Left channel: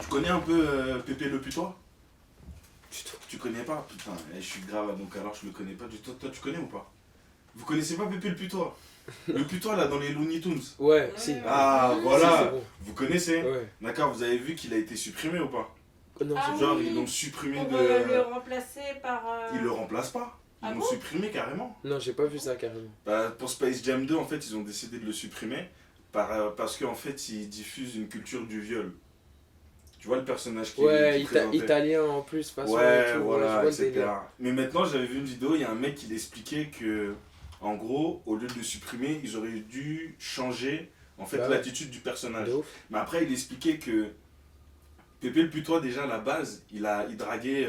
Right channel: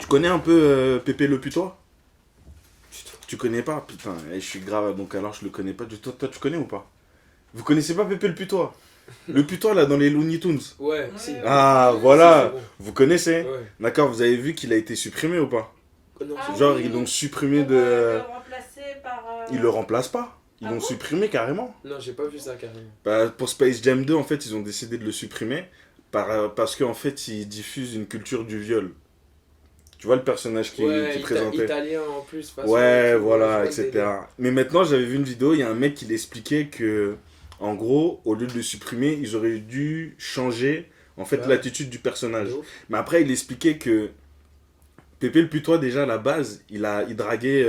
Tu connais un peu Pépé le Putois? Tu connais pas? Putain, je suis grave, donc alors je le connais pas du tout. Toi, tu connais ou pas? Vous connaissez pas Pépé le Putois? Le Putois là dans les Looney Tunes. Ouais, Ouais, si. ouais. Ah, Si, c'est voilà. bon. Vous connaissez? Ouais. D'accord, vous avez vu qu'il a été supprimé ou pas? Oh non, Ah j'ai Genre, oui, ils l'ont oui. supprimé Pour de. le remplacer par. Ils le remplacent pas. Ils Ah l'ont bon? supprimé carrément. Non, j'ai pas vu ça carrément. Bah, pour Space Jam 2, en fait, ils ont décidé de le supprimer parce qu'en fait, il diffuse une culture du viol. Tu vois le personnage qui Ouais, présentait? italien en plus, façon et Ouais, tout. Ouais, je voilà, vois le délire. etc. Mais maintenant, j'avais vu une vidéo, il y a un mec qui l'expliquait que, en gros, au lieu de le supprimer, ils auraient dû changer, en fait, Bah ouais, l'attitude du personnage. de ouf. Mais après, il expliquait que Pépé le Putois, déjà, à la base, il draguait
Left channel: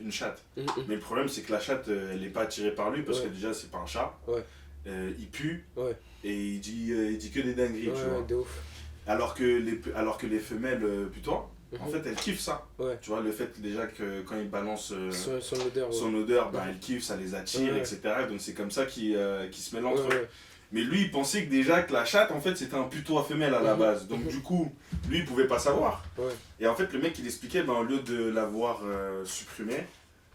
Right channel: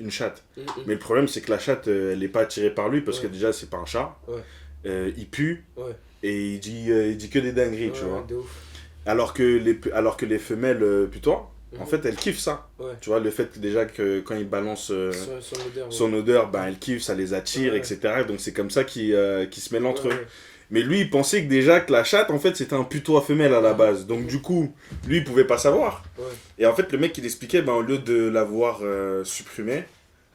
une chatte. Mm, Mais le problème, c'est que la chatte, elle n'est pas attirée par lui, parce que Ouais. déjà, c'est pas un chat. Ouais. Il pue, Ouais, et il dit que des dingueries, tu vois. ouais, de ouf. Alors que les femelles putois, en Mhm. fait, elles kiffent ça. Ouais. Tu vois, le fait que déjà que quand ils balancent Son odeur, ouais. son odeur, ben, elles kiffent, ça les attire, Ouais. etc. Donc c'est comme ça qu'ils se mêlent entre Ouais, eux. ouais. Mais lui, il pensait que déjà que la chatte, en fait, c'était un putois femelle à la base. Donc du coup, lui, il pouvait pas savoir. Ouais. Et en fait, le mec, il expliquait, ben, au lieu de l'avoir supprimé,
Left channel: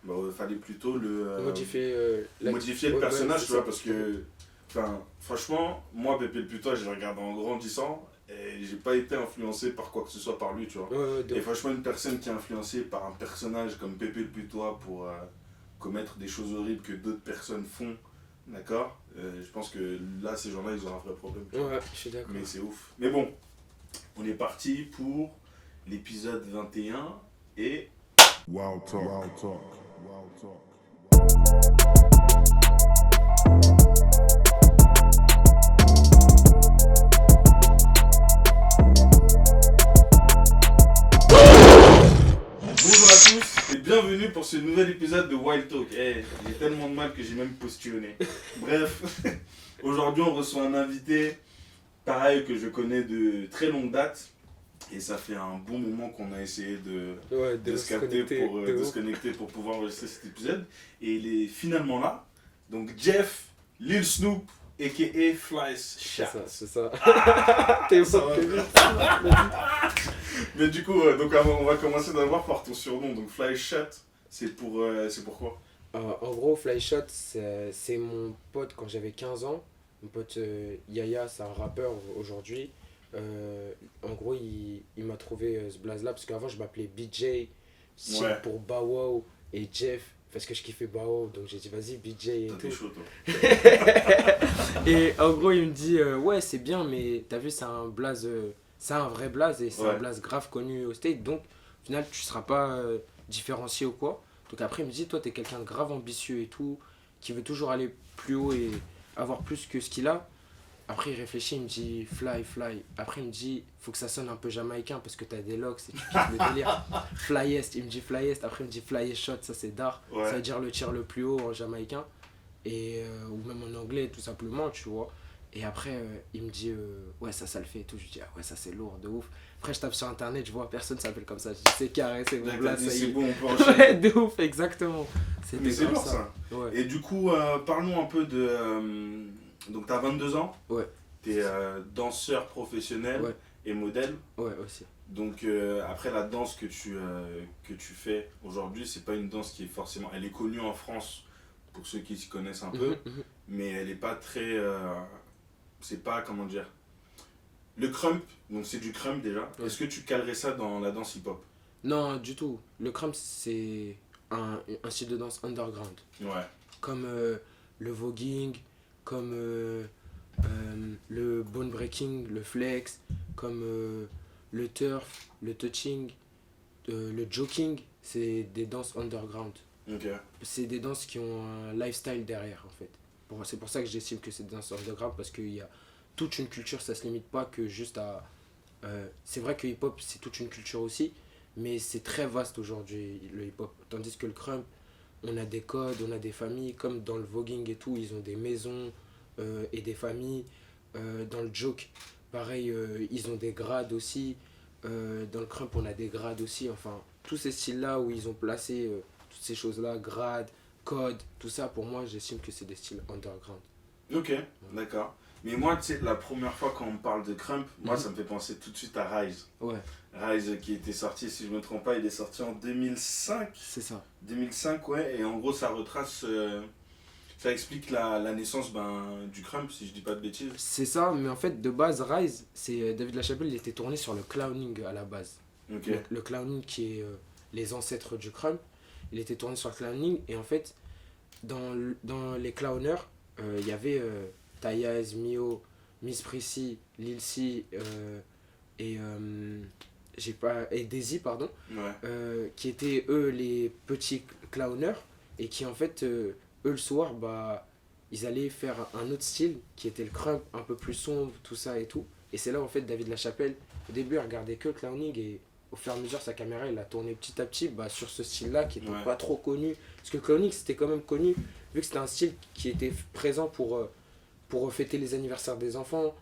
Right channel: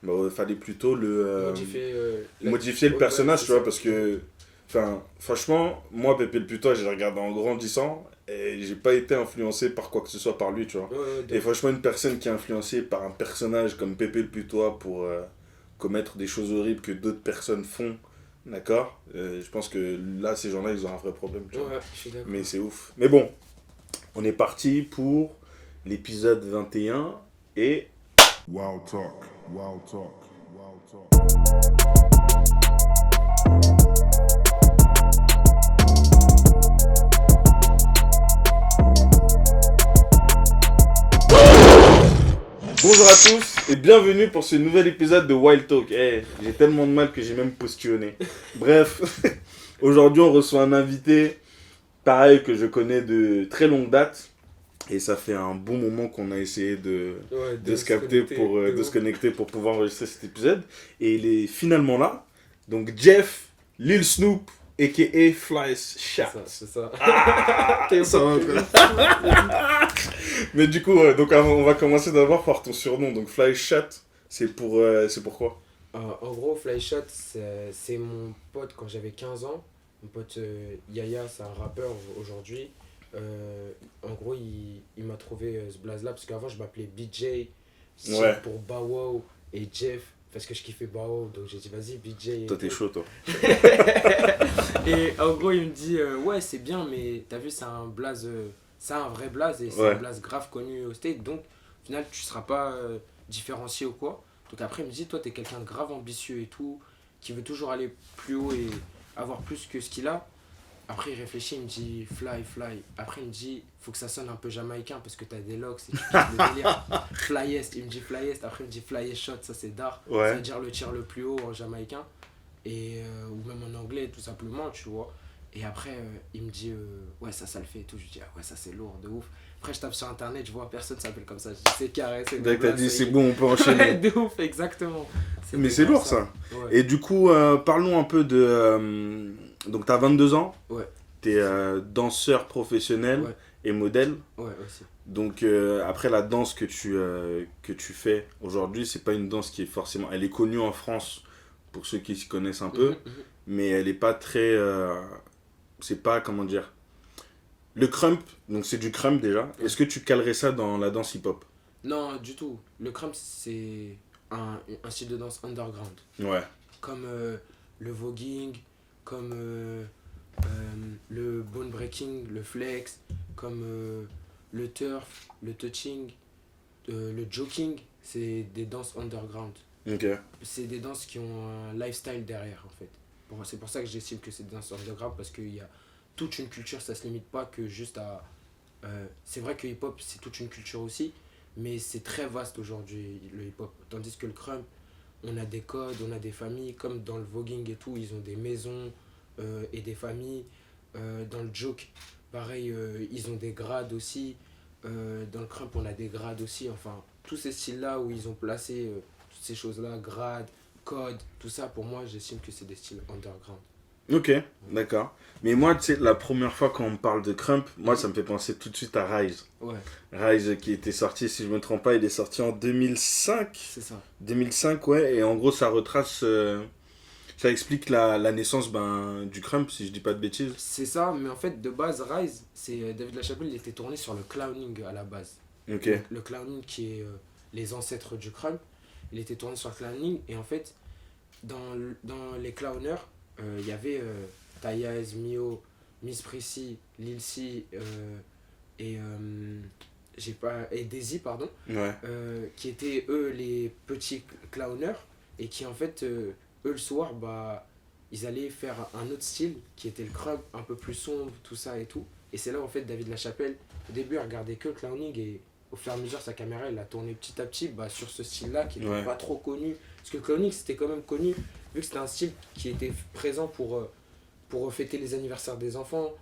ben, il fallait plutôt Modifier, modifier le ouais, personnage, c'est tu vois, ça. parce que, enfin, franchement, moi, Pépé le Putois, j'ai regardé en grandissant et j'ai pas été influencé par quoi que ce soit par lui, tu vois. Ouais, ouais, de Et ouf. franchement, une personne qui est influencée par un personnage comme Pépé le Putois pour commettre des choses horribles que d'autres personnes font, d'accord, je pense que là, ces gens-là, ils ont un vrai problème, tu vois. Ouais, je suis d'accord. Mais c'est ouf. Mais bon, on est parti pour l'épisode 21 et Wow talk. Wow talk. Wow talk. Wow talk. bonjour à tous et bienvenue pour ce nouvel épisode de Wild Talk. J'ai tellement de mal que j'ai même postillonné. Bref, aujourd'hui on reçoit un invité, pareil, que je connais de très longue date. Et ça fait un bon moment qu'on a essayé Ouais, de se capter, de se connecter pour pouvoir enregistrer cet épisode. Et il est finalement là. Donc Jeff, Lil Snoop, a.k.a. Fly C'est Chat. ça, c'est ça. T'es Mais du coup, donc, on va commencer d'abord par ton surnom. Donc Fly Chat, c'est pour quoi? En gros, Flyshot, c'est mon pote quand j'avais 15 ans. Mon pote Yaya, c'est un rappeur aujourd'hui. En gros, il m'a trouvé ce blaze-là parce qu'avant, je m'appelais BJ, style Ouais. pour Bow Wow et Jeff, parce que je kiffais Bow Wow. Donc j'ai dit, vas-y, BJ. Et Toi, t'es tout. chaud, toi. Et en gros, il me dit, ouais, c'est bien, mais t'as vu, c'est un blaze, c'est un vrai blaze et c'est Ouais. un blaze grave connu au State. Donc, au final, tu seras pas différencié ou quoi. Donc après, il me dit, toi, t'es quelqu'un de grave ambitieux et tout, qui veut toujours aller plus haut et avoir plus que ce qu'il a. Après, il réfléchit, il me dit, fly, fly. Après, il me dit, faut que ça sonne un peu jamaïcain parce que t'as des locks et tu kiffes le délire. Flyest, il me dit flyest. Après, il me dit flyest shot, ça c'est d'art. Ouais. Ça veut dire le tir le plus haut en jamaïcain. Et, ou même en anglais, tout simplement, tu vois. Et après, il me dit, ouais, ça le fait et tout. Je lui dis, ah ouais, ça c'est lourd, de ouf. Après, je tape sur internet, je vois, personne s'appelle comme ça. Je dis, c'est carré, c'est bon. T'as là, dit, ça y c'est est. bon, on peut Ouais, enchaîner. de ouf, exactement. Mais C'était c'est grave lourd, ça. Ouais. Et du coup, parlons un peu de... donc, t'as 22 ans. Ouais. T'es danseur professionnel Ouais. et modèle. Ouais, aussi. Donc, après, la danse que tu fais aujourd'hui, c'est pas une danse qui est forcément... Elle est connue en France, pour ceux qui s'y connaissent un peu. Mhm. Mais elle est pas très... c'est pas, comment dire... Le crump, donc c'est du crump déjà. Ouais. Est-ce que tu calerais ça dans la danse hip-hop? Non, du tout. Le crump, c'est un style de danse underground. Ouais. Comme le voguing, comme le bone breaking, le flex, comme le turf, le touching, le joking. C'est des danses underground. Ok. C'est des danses qui ont un lifestyle derrière, en fait. C'est pour ça que j'estime que c'est des danses underground, parce qu'il y a toute une culture, ça se limite pas que juste à... c'est vrai que hip-hop, c'est toute une culture aussi, mais c'est très vaste aujourd'hui, le hip-hop. Tandis que le crump, on a des codes, on a des familles, comme dans le voguing et tout, ils ont des maisons et des familles. Dans le joke, pareil, ils ont des grades aussi. Dans le crump, on a des grades aussi. Enfin, tous ces styles-là où ils ont placé toutes ces choses-là, grades, codes, tout ça, pour moi, j'estime que c'est des styles underground. Ok, d'accord. Mais moi, tu sais, la première fois quand on parle de Crump, moi, Mhm. ça me fait penser tout de suite à Rise. Ouais, Rise qui était sorti, si je me trompe pas, il est sorti en 2005. c'est ça. 2005, ouais, et en gros, ça retrace, ça explique la naissance du Crump, si je dis pas de bêtises. C'est ça, mais en fait, de base, Rise, c'est David Lachapelle, il était tourné sur le clowning à la base. Ok, Le clowning qui est les ancêtres du crump, il était tourné sur le clowning, et en fait, dans les clowners, il y avait Tayaz, Mio, Miss Prissy, Lil C et Daisy, pardon, ouais, qui étaient eux les petits clowners, et qui en fait, eux le soir, bah, ils allaient faire un autre style qui était le crump, un peu plus sombre, tout ça et tout. Et c'est là en fait David Lachapelle, au début, il regardait que le clowning, et au fur et à mesure, sa caméra, elle a tourné petit à petit bah, sur ce style-là qui n'était ouais, pas trop connu. Parce que le clowning, c'était quand même connu, vu que c'était un style qui était présent pour fêter les anniversaires des enfants.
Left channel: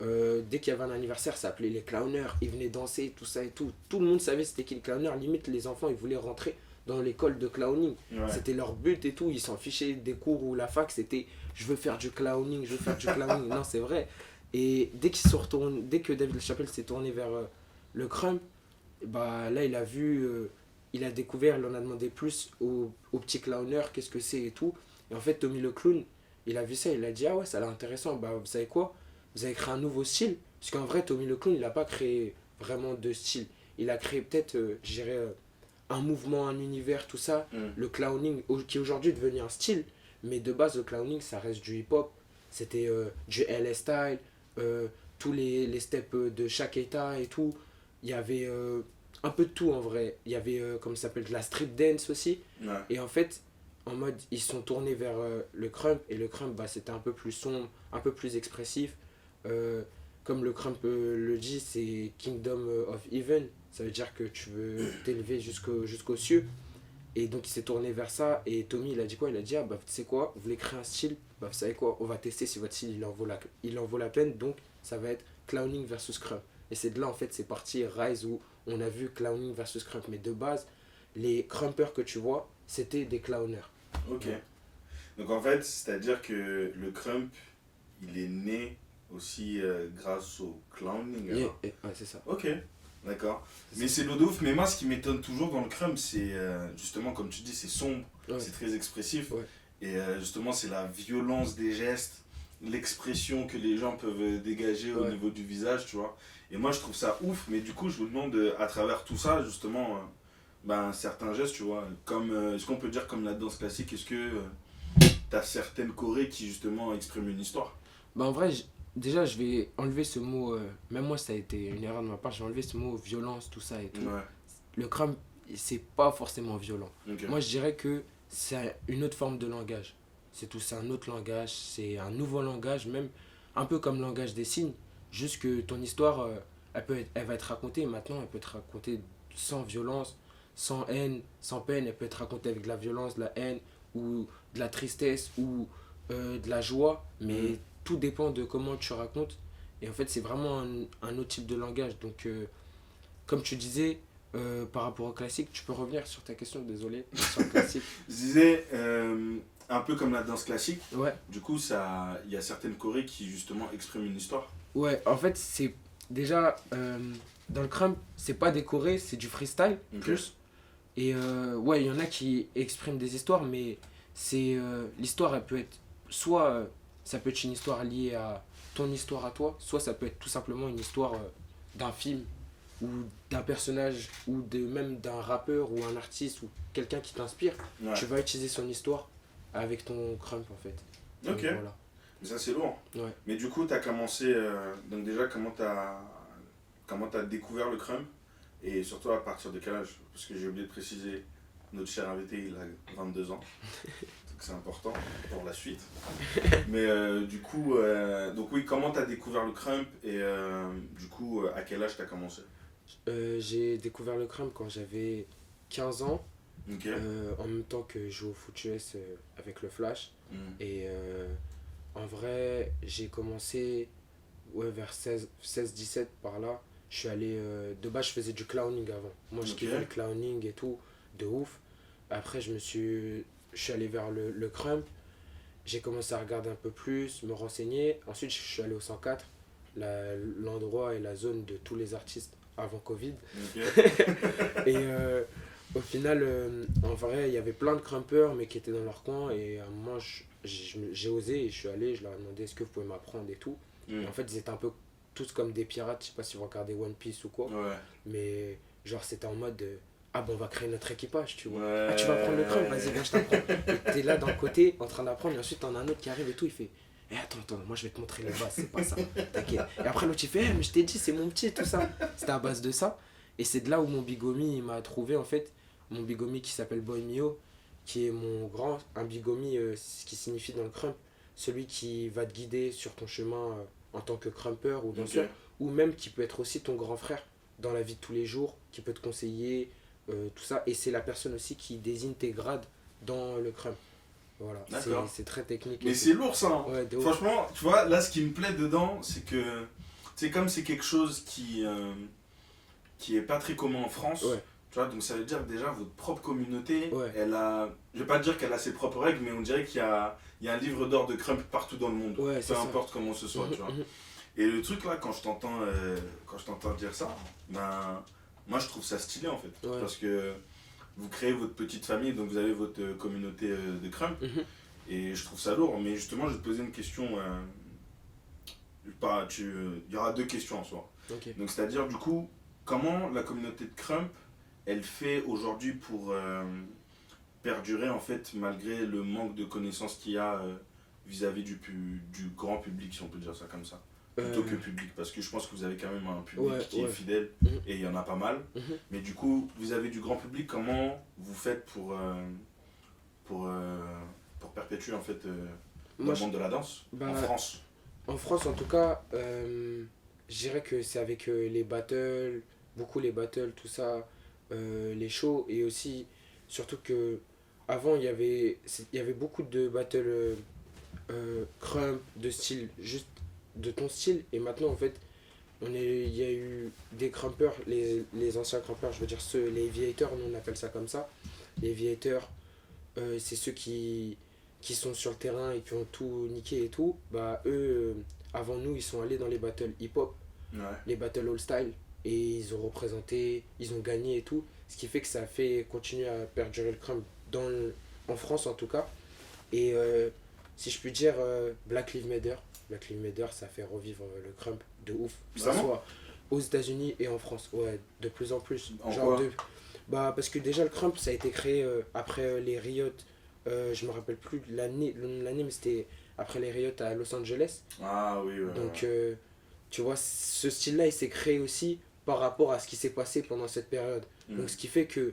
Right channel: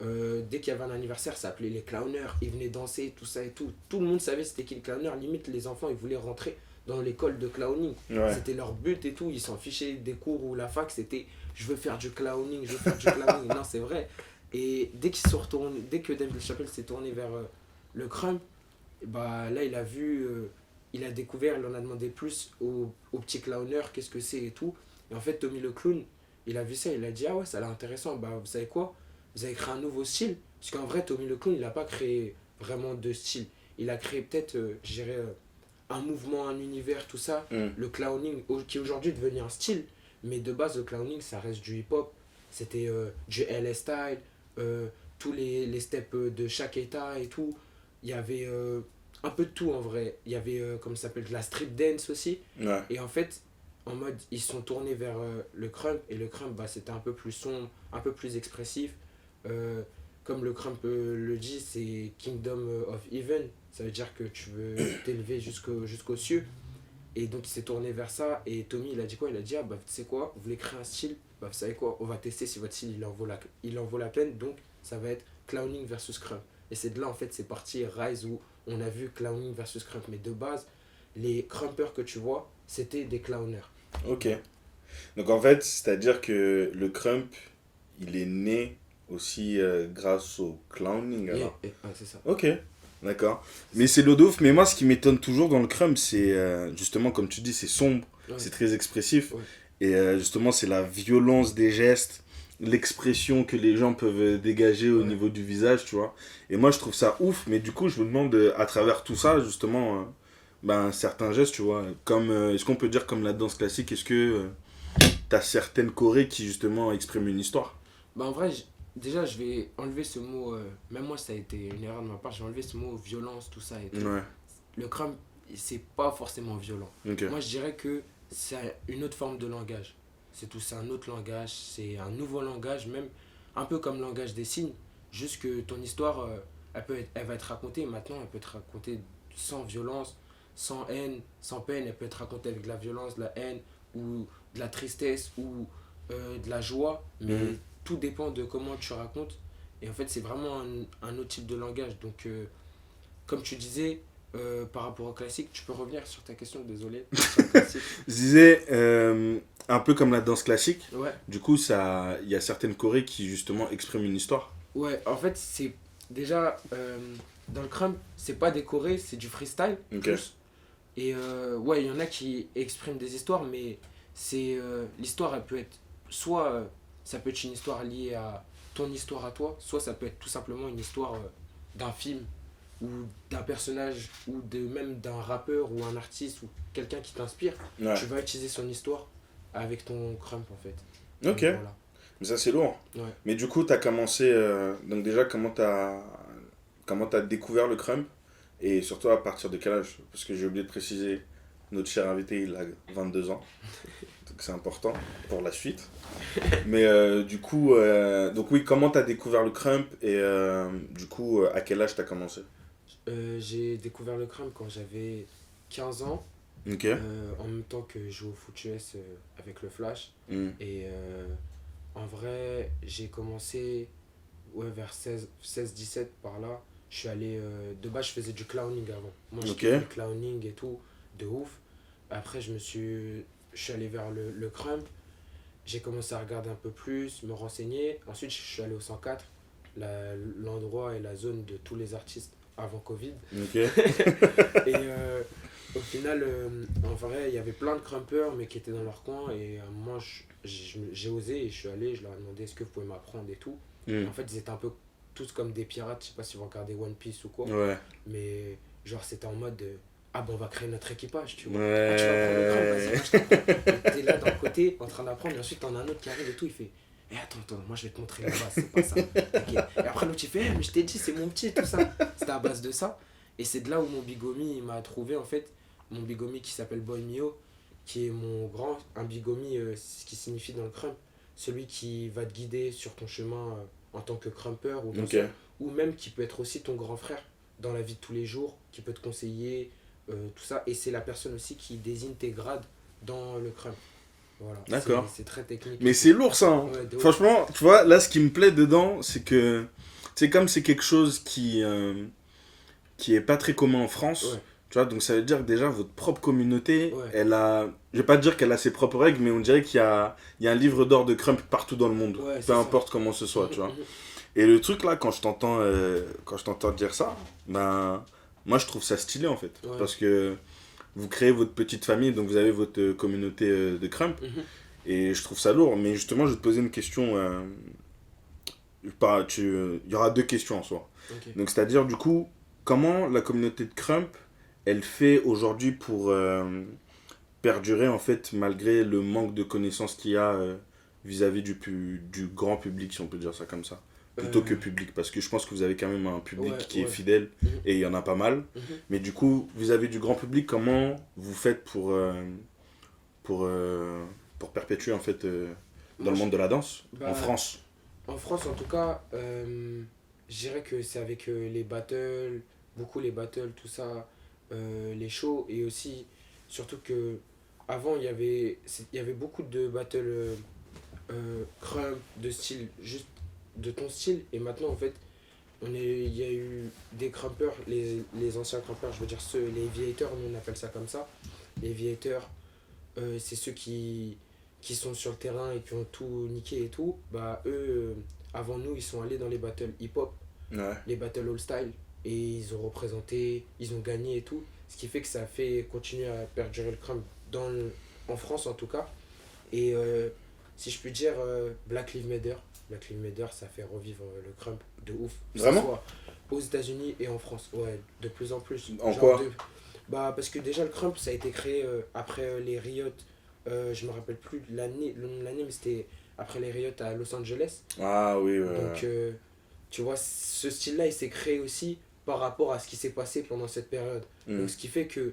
Dès qu'il y avait un anniversaire, ça appelait les clowners, ils venaient danser, tout ça et tout. Tout le monde savait c'était qui le clowner, limite les enfants, ils voulaient rentrer dans l'école de clowning. ouais. C'était leur but et tout, ils s'en fichaient des cours ou la fac, c'était je veux faire du clowning, je veux faire du clowning. Non, c'est vrai. Et dès que David Chappelle s'est tourné vers le crump, bah là il a découvert, il en a demandé plus au petit clowner, qu'est-ce que c'est et tout. Et en fait, Tommy le clown, il a vu ça, il a dit ah ouais, ça a l'air intéressant, bah vous savez quoi, vous avez créé un nouveau style. Parce qu'en vrai, Tommy le clown, il n'a pas créé vraiment de style. Il a créé peut-être, je dirais, un mouvement, un univers, tout ça. Mm. Le clowning, qui aujourd'hui est devenu un style. Mais de base, le clowning, ça reste du hip-hop. C'était du LS style, tous les steps de chaque état et tout. Il y avait un peu de tout en vrai. Il y avait, comme ça s'appelle, de la street dance aussi. Ouais, Et en fait, en mode, ils sont tournés vers le crump. Et le crump, bah, c'était un peu plus sombre, un peu plus expressif. Euh, Comme le crump le dit, c'est Kingdom of Heaven. Ça veut dire que tu veux t'élever jusqu'aux cieux. Et donc il s'est tourné vers ça. Et Tommy, il a dit quoi? Il a dit, ah bah tu sais quoi, vous voulez créer un style? Bah vous savez quoi, on va tester si votre style il en vaut la peine. Donc ça va être clowning versus crump. Et c'est de là en fait, c'est parti Rise où on a vu clowning versus crump. Mais de base, les crumpers que tu vois, c'était des clowners. ok. Donc en fait, c'est-à-dire que le Crump, il est né aussi grâce au clowning. Alors. Ouais, c'est ça. Ok, d'accord. Mais c'est l'eau de ouf. Mais moi, ce qui m'étonne toujours dans le Crump, c'est justement, comme tu dis, c'est sombre, Ouais. c'est très expressif. Ouais. Et justement, c'est la violence des gestes, l'expression que les gens peuvent dégager au Ouais. niveau du visage, tu vois. Et moi, je trouve ça ouf. Mais du coup, je me demande, à travers tout ça, justement, certains gestes, tu vois. Comme, est-ce qu'on peut dire comme la danse classique, est-ce que t'as certaines chorés qui, justement, expriment une histoire? Bah en vrai, déjà je vais enlever ce mot, même moi ça a été une erreur de ma part, j'ai enlevé ce mot violence, tout ça et tout. Ouais, Le crump, c'est pas forcément violent. ok. Moi je dirais que c'est une autre forme de langage. C'est tout, c'est un autre langage, c'est un nouveau langage, même un peu comme le langage des signes. Juste que ton histoire, elle va être racontée maintenant, elle peut être racontée sans violence, sans haine, sans peine. Elle peut être racontée avec de la violence, de la haine, ou de la tristesse, ou de la joie. Mais Mhm. tout dépend de comment tu racontes. Et en fait, c'est vraiment un autre type de langage. Donc, comme tu disais, par rapport au classique, tu peux revenir sur ta question, désolé, sur le classique. Je disais, un peu comme la danse classique, Ouais. du coup, il y a certaines chorés qui, justement, expriment une histoire. Ouais, en fait, c'est déjà dans le crump, c'est pas décoré, c'est du freestyle Ok. plus. Et ouais, il y en a qui expriment des histoires, mais c'est l'histoire, elle peut être soit ça peut être une histoire liée à ton histoire à toi, soit ça peut être tout simplement une histoire d'un film ou d'un personnage ou même d'un rappeur ou un artiste ou quelqu'un qui t'inspire. Ouais. Tu vas utiliser son histoire avec ton crump en fait. Ok, Donc, voilà. mais ça, c'est lourd. Ouais. Mais du coup, t'as commencé. Donc, déjà, comment t'as découvert le crump? Et surtout, à partir de quel âge? Parce que j'ai oublié de préciser, notre cher invité, il a 22 ans. Donc, c'est important pour la suite. Mais du coup, donc oui, comment t'as découvert le crump? Et du coup, à quel âge t'as commencé? J'ai découvert le crump quand j'avais 15 ans, Ok. en même temps que je jouais au foot US avec le Flash. Mm. Et en vrai, j'ai commencé ouais, vers 16-17 par là. Je suis allé. De base, je faisais du clowning avant. Moi, je Ok. kiffais le clowning et tout, de ouf. Après, je suis allé vers le crump. j'ai commencé à regarder un peu plus, me renseigner. Ensuite, je suis allé au 104, l'endroit et la zone de tous les artistes avant Covid. Ok. Et au final, en vrai, il y avait plein de crumpers, mais qui étaient dans leur coin. Et à un moment, j'ai osé et je suis allé, je leur ai demandé est-ce que vous pouvez m'apprendre et tout. Et en fait, ils étaient un peu tous comme des pirates. Je sais pas si vous regardez One Piece ou quoi. Ouais. Mais genre, c'était en mode ah bon, on va créer notre équipage, tu vois. Ouais. Ah, tu vas prendre le crump, vas-y, moi je t'apprends. Et t'es là d'un côté en train d'apprendre, et ensuite t'en as un autre qui arrive et tout, il fait attends, moi je vais te montrer les bases, c'est pas ça. T'inquiète. Et après l'autre il fait mais je t'ai dit, c'est mon petit, tout ça. C'était à base de ça. Et c'est de là où mon bigomi il m'a trouvé en fait. Mon bigomi qui s'appelle Boy Mio, qui est un bigomi ce qui signifie dans le crump, celui qui va te guider sur ton chemin en tant que crumper ou danseur, ou même qui peut être aussi ton grand frère dans la vie de tous les jours, qui peut te conseiller. Tout ça, et c'est la personne aussi qui désigne tes grades dans le crump. Voilà, D'accord. c'est très technique. Mais c'est lourd ça. Hein. Ouais, franchement, tu vois, là ce qui me plaît dedans, c'est que c'est comme c'est quelque chose qui est pas très commun en France. Ouais. Tu vois, donc ça veut dire que déjà votre propre communauté, Ouais. elle a, je vais pas dire qu'elle a ses propres règles, mais on dirait qu'il y a un livre d'or de crump partout dans le monde. Ouais, peu importe comment ce soit, tu vois. Mhm. Et le truc là, quand je t'entends dire ça, ben moi je trouve ça stylé en fait. Ouais. Parce que vous créez votre petite famille, donc vous avez votre communauté de crump. Mhm. Et je trouve ça lourd. Mais justement, je vais te poser une question. Il y aura deux questions en soi. Ok. Donc c'est-à-dire du coup, comment la communauté de crump, elle fait aujourd'hui pour perdurer en fait, malgré le manque de connaissances qu'il y a vis-à-vis du grand public, si on peut dire ça comme ça. Plutôt que public, parce que je pense que vous avez quand même un public qui est fidèle, et il y en a pas mal. Mais du coup, vis-à-vis du grand public, comment vous faites pour perpétuer en fait dans le monde de la danse en France? En France, en tout cas, je dirais que c'est avec les battles, beaucoup les battles, tout ça, les shows, et aussi, surtout que avant, il y avait beaucoup de battles crump, de style, juste de ton style, et maintenant, en fait, il y a eu des crumpers, les anciens crumpers, je veux dire les aviators, nous on appelle ça comme ça. Les aviators, c'est ceux qui sont sur le terrain et qui ont tout niqué et tout. Bah eux, avant nous, ils sont allés dans les battles hip-hop, les battles all-style, et ils ont représenté, ils ont gagné et tout. Ce qui fait que ça a fait continuer à perdurer le crump en France en tout cas. Et si je puis dire, Black Lives Matter. Black Lives Matter, ça fait revivre le crump de ouf. Que ce soit aux États-Unis et en France. Ouais, de plus en plus. En quoi Bah, parce que déjà, le crump, ça a été créé après les riots. Je me rappelle plus le nom de l'année, mais c'était après les riots à Los Angeles. Ah oui, Donc, tu vois, ce style-là, il s'est créé aussi par rapport à ce qui s'est passé pendant cette période. Donc, ce qui fait que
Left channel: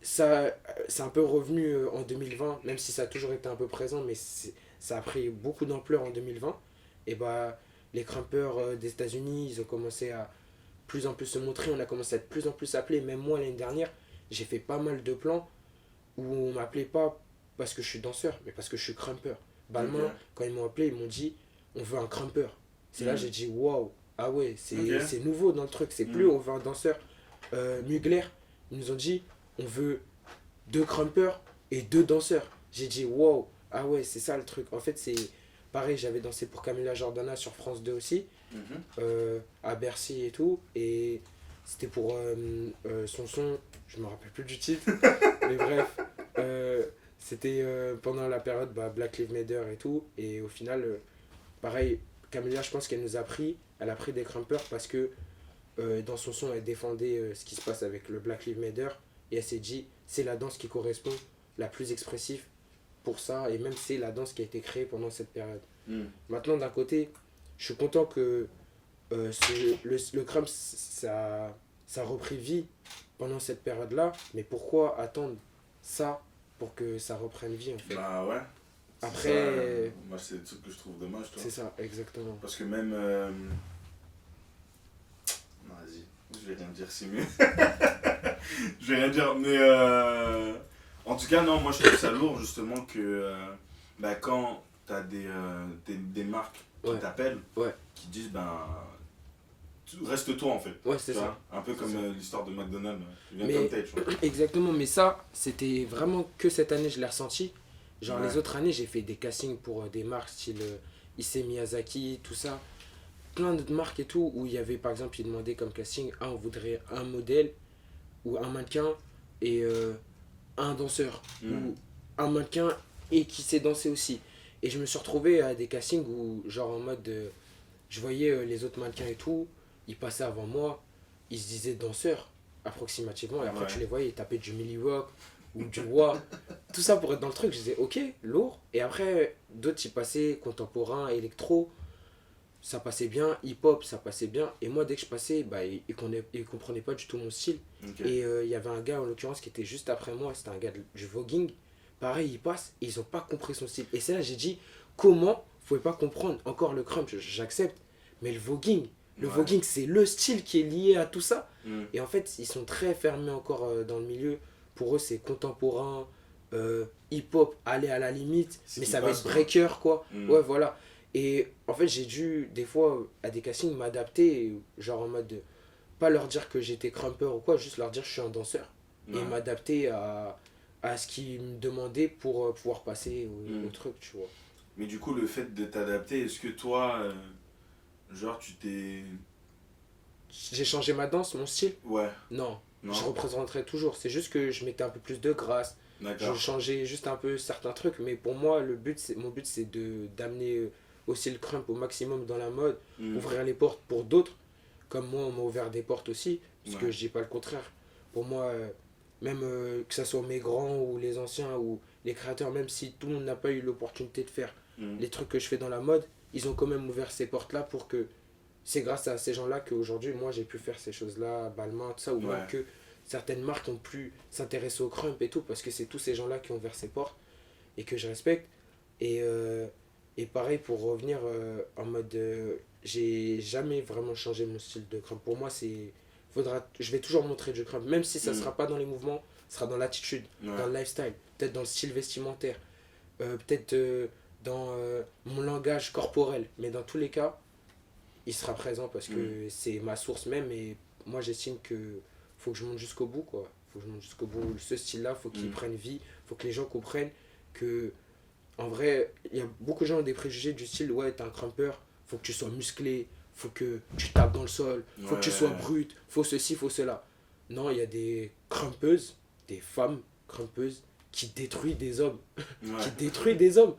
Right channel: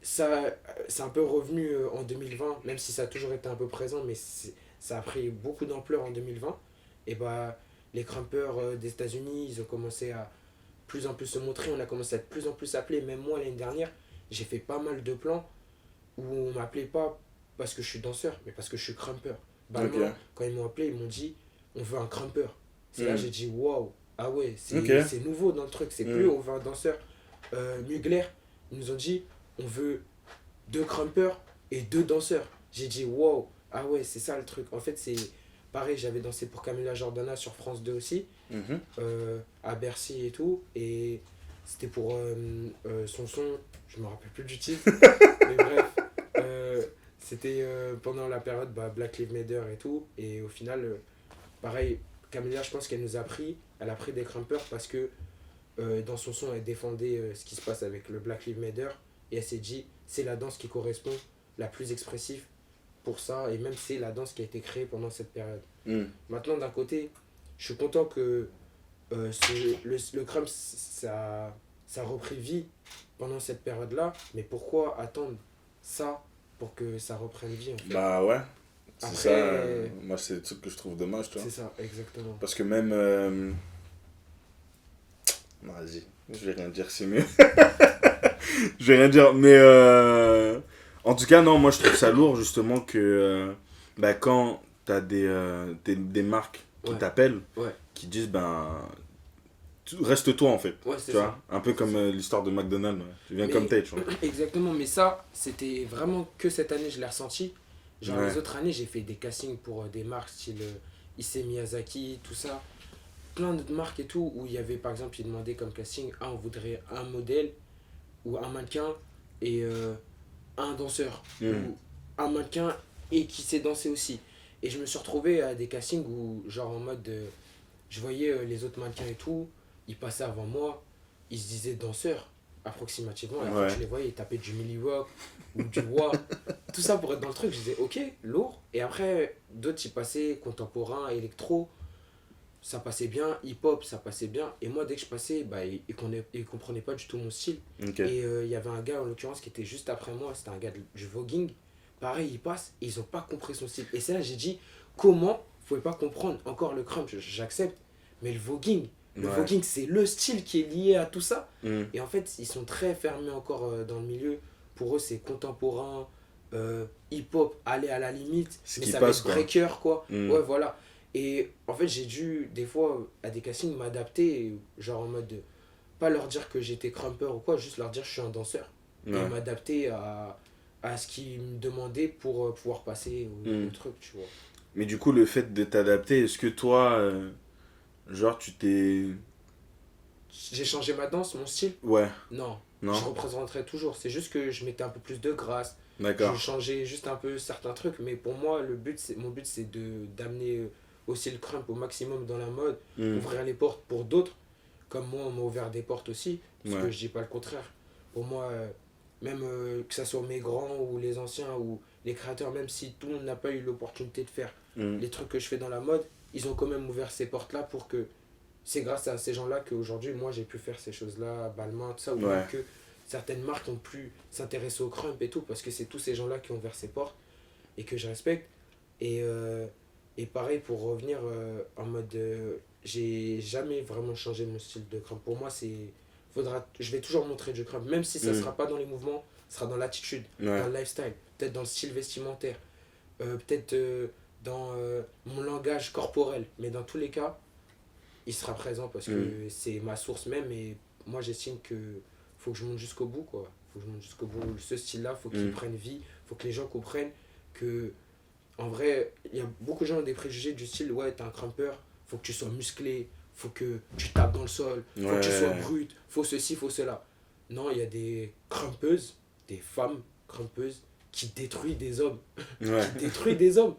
ça, c'est un peu revenu en 2020, même si ça a toujours été un peu présent, mais ça a pris beaucoup d'ampleur en 2020. Et bah, les crumpers des États-Unis, ils ont commencé à plus en plus se montrer, on a commencé à être plus en plus appelés. Même moi, l'année dernière, j'ai fait pas mal de plans où on m'appelait pas parce que je suis danseur, mais parce que je suis crumper. Bah, moi, quand ils m'ont appelé, ils m'ont dit on veut un crumper. C'est là j'ai dit waouh, ah ouais, c'est nouveau dans le truc, c'est plus on veut un danseur. Mugler, ils nous ont dit on veut 2 crumpers et 2 danseurs. J'ai dit waouh, ah ouais, c'est ça le truc. En fait, c'est pareil, j'avais dansé pour Camila Jordana sur France 2 aussi, à Bercy et tout, et c'était pour son son, je me rappelle plus du titre, mais bref, c'était pendant la période Black Lives Matter et tout, et au final, pareil, Camila, je pense qu'elle nous a pris, elle a pris des crumpers parce que dans son son, elle défendait ce qui se passe avec le Black Lives Matter, et elle s'est dit, c'est la danse qui correspond la plus expressive pour ça, et même c'est la danse qui a été créée pendant cette période. Maintenant, d'un côté, je suis content que le crump, ça a repris vie pendant cette période-là, mais pourquoi attendre ça pour que ça reprenne vie en fait? Bah ouais. Après, ça, moi c'est le truc que je trouve dommage, toi. C'est ça, exactement. Parce que même... Non, vas-y, je vais rien dire, c'est mieux. Je vais rien dire, mais... En tout cas, non, moi je trouve ça lourd justement que quand t'as des marques qui t'appellent, qui disent reste toi en fait. Ouais, c'est ça. Un peu comme l'histoire de McDonald's, tu viens comme t'es, tu vois. Exactement, mais ça, c'était vraiment que cette année je l'ai ressenti. Genre Ouais. les autres années, j'ai fait des castings pour des marques style Issey Miyazaki, tout ça. Plein d'autres marques et tout, où il y avait par exemple, ils demandaient comme casting, ah, on voudrait un modèle ou un mannequin et un danseur. Mm. Ou un mannequin et qui sait danser aussi. Et je me suis retrouvé à des castings où, genre en mode, je voyais les autres mannequins et tout, ils passaient avant moi, ils se disaient danseurs approximativement, et après Ouais. tu les voyais, ils tapaient du Millie Rock ou du Wa. Tout ça pour être dans le truc, je disais ok, lourd. Et après, d'autres, ils passaient contemporain, électro, ça passait bien, hip-hop, ça passait bien. Et moi, dès que je passais, bah, ils comprenaient pas du tout mon style. Ok. Et il y avait un gars, en l'occurrence, qui était juste après moi, c'était un gars du voguing. Pareil, il passe, et ils ont pas compris son style. Et c'est là que j'ai dit, comment vous pouvez pas comprendre encore le crump, j'accepte, mais le Ouais. voguing, c'est le style qui est lié à tout ça. Mm. Et en fait, ils sont très fermés encore dans le milieu. Pour eux, c'est contemporain, hip-hop, aller à la limite, Ce mais qui ça va passe, être quoi. breaker, quoi. Mm. Ouais, voilà. Et en fait, j'ai dû, des fois, à des castings, m'adapter, genre en mode, pas leur dire que j'étais crumper ou quoi, juste leur dire que je suis un danseur. Et Ouais. m'adapter à ce qu'ils me demandaient pour pouvoir passer Mm. au truc, tu vois. Mais du coup, le fait de t'adapter, est-ce que toi, genre, tu t'es. J'ai changé ma danse, mon style? Ouais, Non. non? Je représenterai toujours. C'est juste que je mettais un peu plus de grâce. Je D'accord. changeais juste un peu certains trucs. Mais pour moi, mon but, c'est d'amener aussi le crump au maximum dans la mode. Mm. Ouvrir les portes pour d'autres. Comme moi, on m'a ouvert des portes aussi. Parce Ouais. que je dis pas le contraire. Pour moi, même que ce soit mes grands ou les anciens ou les créateurs, même si tout le monde n'a pas eu l'opportunité de faire Mm. les trucs que je fais dans la mode, ils ont quand même ouvert ces portes-là pour que c'est grâce à ces gens-là qu'aujourd'hui, moi, j'ai pu faire ces choses-là, Balmain, tout ça, ou Ouais. même que certaines marques ont pu s'intéresser au crump et tout, parce que c'est tous ces gens-là qui ont ouvert ces portes et que je respecte. Et pareil, pour revenir en mode, j'ai jamais vraiment changé mon style de crump. Pour moi, je vais toujours montrer du crump, même si ça Mm. sera pas dans les mouvements, ça sera dans l'attitude, Ouais. dans le lifestyle, peut-être dans le style vestimentaire, peut-être dans mon langage corporel. Mais dans tous les cas, il sera présent parce que c'est ma source même et moi j'estime que faut que je monte jusqu'au bout quoi. Faut que je monte jusqu'au bout. Ce style-là, faut qu'il prenne vie, faut que les gens comprennent que en vrai, il y a beaucoup de gens qui ont des préjugés du style ouais, t'es un crumper, faut que tu sois musclé, faut que tu tapes dans le sol, faut que tu Ouais. sois brut, faut ceci, faut cela. Non, il y a des crumpeuses, des femmes crumpeuses qui détruisent des hommes, Ouais. qui détruisent des hommes.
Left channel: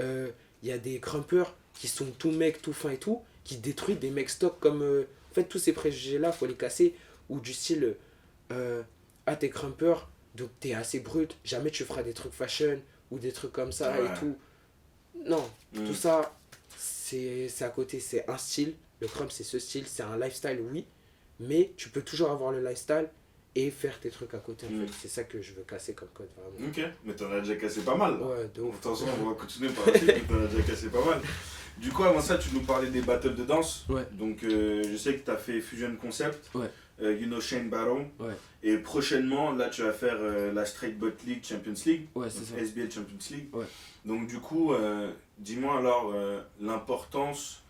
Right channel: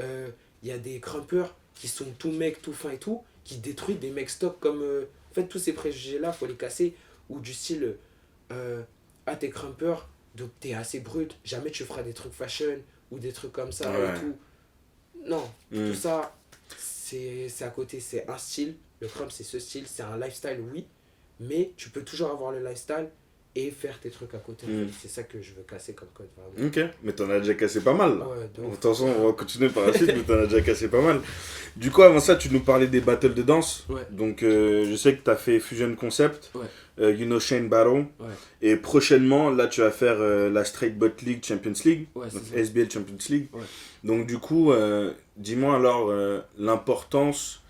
Il y a des crumpers qui sont tout mecs, tout fins et tout, qui détruisent des mecs stock comme. En fait, tous ces préjugés-là, faut les casser. Ou du style, ah, t'es crumper, donc t'es assez brut, jamais tu feras des trucs fashion ou des trucs comme ça Ouais. et tout. Non, Mm. tout ça, c'est à côté, c'est un style. Le crump, c'est ce style, c'est un lifestyle, oui, mais tu peux toujours avoir le lifestyle et faire tes trucs à côté. En Mm. fait. C'est ça que je veux casser comme code, vraiment. Ok, mais t'en as déjà cassé pas mal là. Ouais, de ouf. Attention, on va continuer par la suite, mais t'en as déjà cassé pas mal. Du coup, avant ça, tu nous parlais des battles de danse. Ouais. Donc, je sais que t'as fait Fusion Concept, Ouais. You Know Shane Battle. Ouais. Et prochainement, là, tu vas faire la Straight Butt League Champions League. Ouais, donc c'est ça. SBL Champions League. Ouais. Donc, du coup, dis-moi alors l'importance.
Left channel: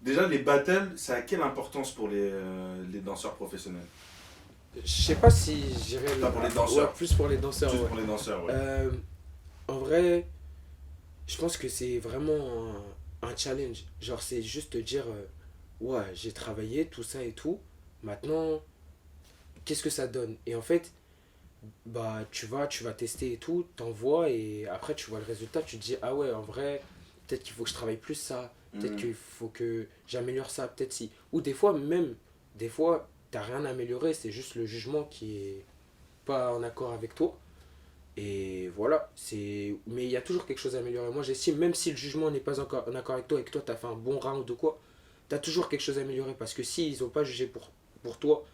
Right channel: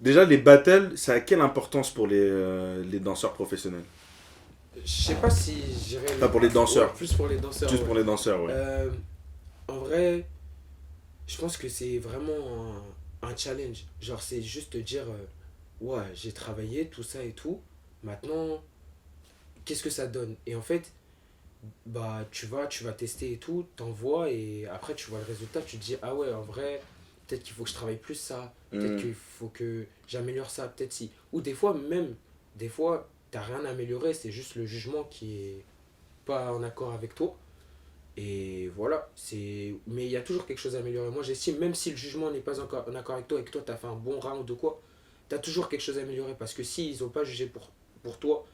Déjà, les battles, ça a quelle importance pour les danseurs professionnels? Je sais pas si j'irais. Pas pour les danseurs. Ouais, plus pour les danseurs. Juste ouais. pour les danseurs, ouais. En vrai, je pense que c'est vraiment un challenge. Genre, c'est juste te dire, ouais, j'ai travaillé, tout ça et tout. Maintenant, qu'est-ce que ça donne? Et en fait, bah, tu vas tester et tout, t'envoies et après, tu vois le résultat, tu te dis, ah ouais, en vrai, peut-être qu'il faut que je travaille plus ça. Peut-être Mm. qu'il faut que j'améliore ça, peut-être si. Ou des fois, même, des fois, t'as rien à améliorer, c'est juste le jugement qui est pas en accord avec toi. Et voilà, mais il y a toujours quelque chose à améliorer. Moi, j'estime, même si le jugement n'est pas encore en accord avec toi et que toi, t'as fait un bon round ou quoi, t'as toujours quelque chose à améliorer. Parce que s'ils n'ont pas jugé pour toi,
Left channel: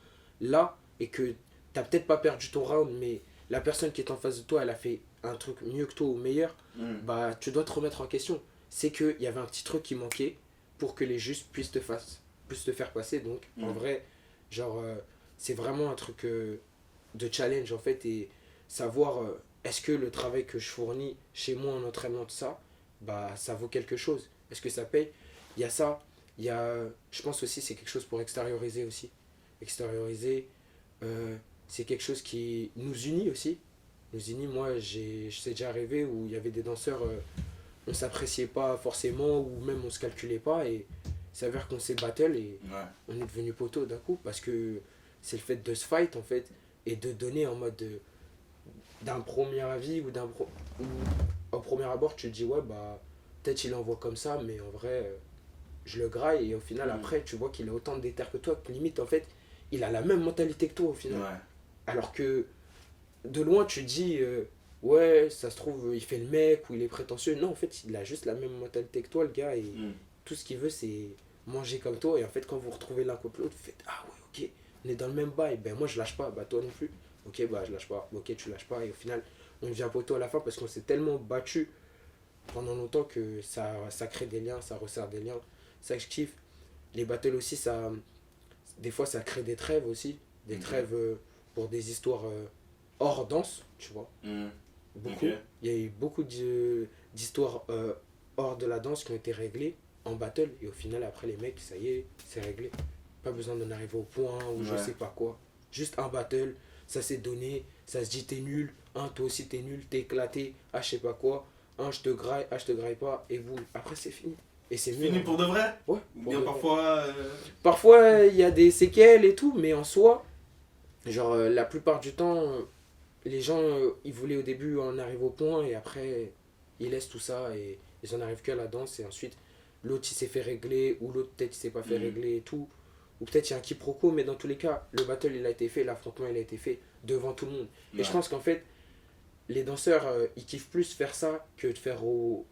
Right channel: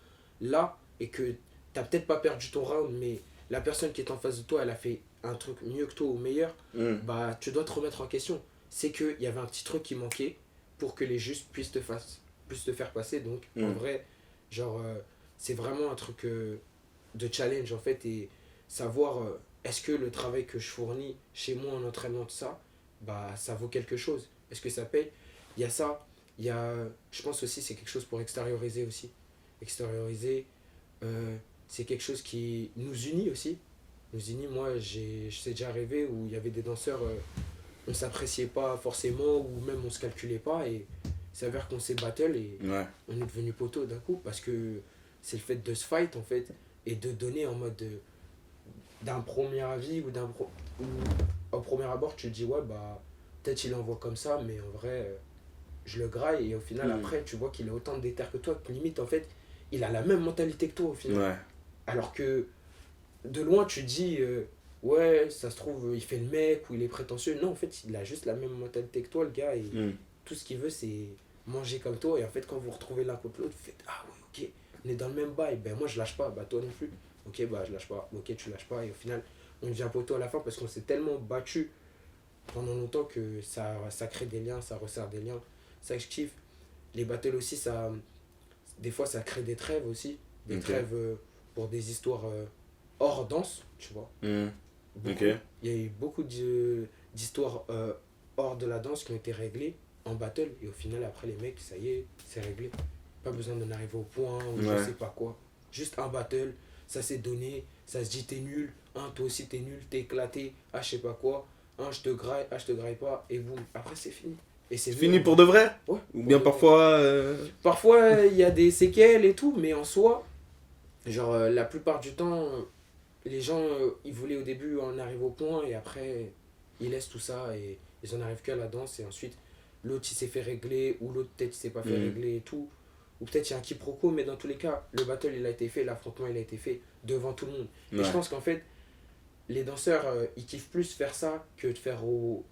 là, et que t'as peut-être pas perdu ton round, mais la personne qui est en face de toi, elle a fait un truc mieux que toi ou meilleur, Mm. bah, tu dois te remettre en question. C'est qu'il y avait un petit truc qui manquait pour que les juges puissent te faire passer. Donc, en vrai, genre, c'est vraiment un truc de challenge, en fait, et savoir est-ce que le travail que je fournis chez moi en entraînement de ça, bah, ça vaut quelque chose. Est-ce que ça paye? Il y a ça. Il y a, je pense aussi, c'est quelque chose pour extérioriser aussi. Extérioriser, c'est quelque chose qui nous unit aussi. Nozini, moi, c'est déjà arrivé où il y avait des danseurs, on s'appréciait pas forcément, ou même on se calculait pas, et il s'avère qu'on s'est battle et Ouais. on est devenu poteau d'un coup, parce que c'est le fait de se fight, en fait, et de donner en mode d'un premier avis, ou au premier abord, tu te dis, ouais, bah, peut-être il envoie comme ça, mais en vrai, je le graille, et au final, après, tu vois qu'il est autant déter que toi, que limite, en fait, il a la même mentalité que toi, au final. Ouais. Alors que de loin, tu dis, ouais, ça se trouve, il fait le mec ou il est prétentieux. Non, en fait, il a juste la même mentalité que toi, le gars. Et Mm. tout ce qu'il veut, c'est manger comme toi. Et en fait, quand vous retrouvez l'un contre l'autre, vous faites, ah ouais, ok, on est dans le même bail. Ben moi, je lâche pas. Bah toi non plus. Ok, bah je lâche pas. Ok, tu lâches pas. Et au final, on devient poteau à la fin parce qu'on s'est tellement battu pendant longtemps que ça crée des liens, ça resserre des liens. Ça que je kiffe. Les battles aussi, des fois, ça crée des trêves aussi. Des Ok. trêves pour des histoires hors danse, tu vois. Mm. Beaucoup. Ok. Il y a eu beaucoup d'histoires hors de la danse qui ont été réglées en battle. Et au final, après, les mecs, ça y est, c'est réglé. Pas besoin d'en arriver au point ou je Ouais. sais pas quoi. Juste un battle, ça s'est donné, ça se dit t'es nul, toi aussi t'es nul, t'es éclaté, je sais pas quoi, je te graille, je te graille pas, et boum. Après, c'est fini. Et c'est mieux, Fini en pour vrai. de vrai? Ouais, Ou pour bien de vrai. parfois. Parfois, il y a des séquelles et tout, mais en soi, genre, la plupart du temps, les gens, ils voulaient au début en arriver au point et après, ils laissent tout ça et ils en arrivent qu'à la danse et ensuite, l'autre il s'est fait régler ou l'autre peut-être il s'est pas fait Mhm. régler et tout. Ou peut-être il y a un quiproquo, mais dans tous les cas, le battle il a été fait, l'affrontement il a été fait devant tout le monde. Ouais. Et je pense qu'en fait, les danseurs, ils kiffent plus faire ça que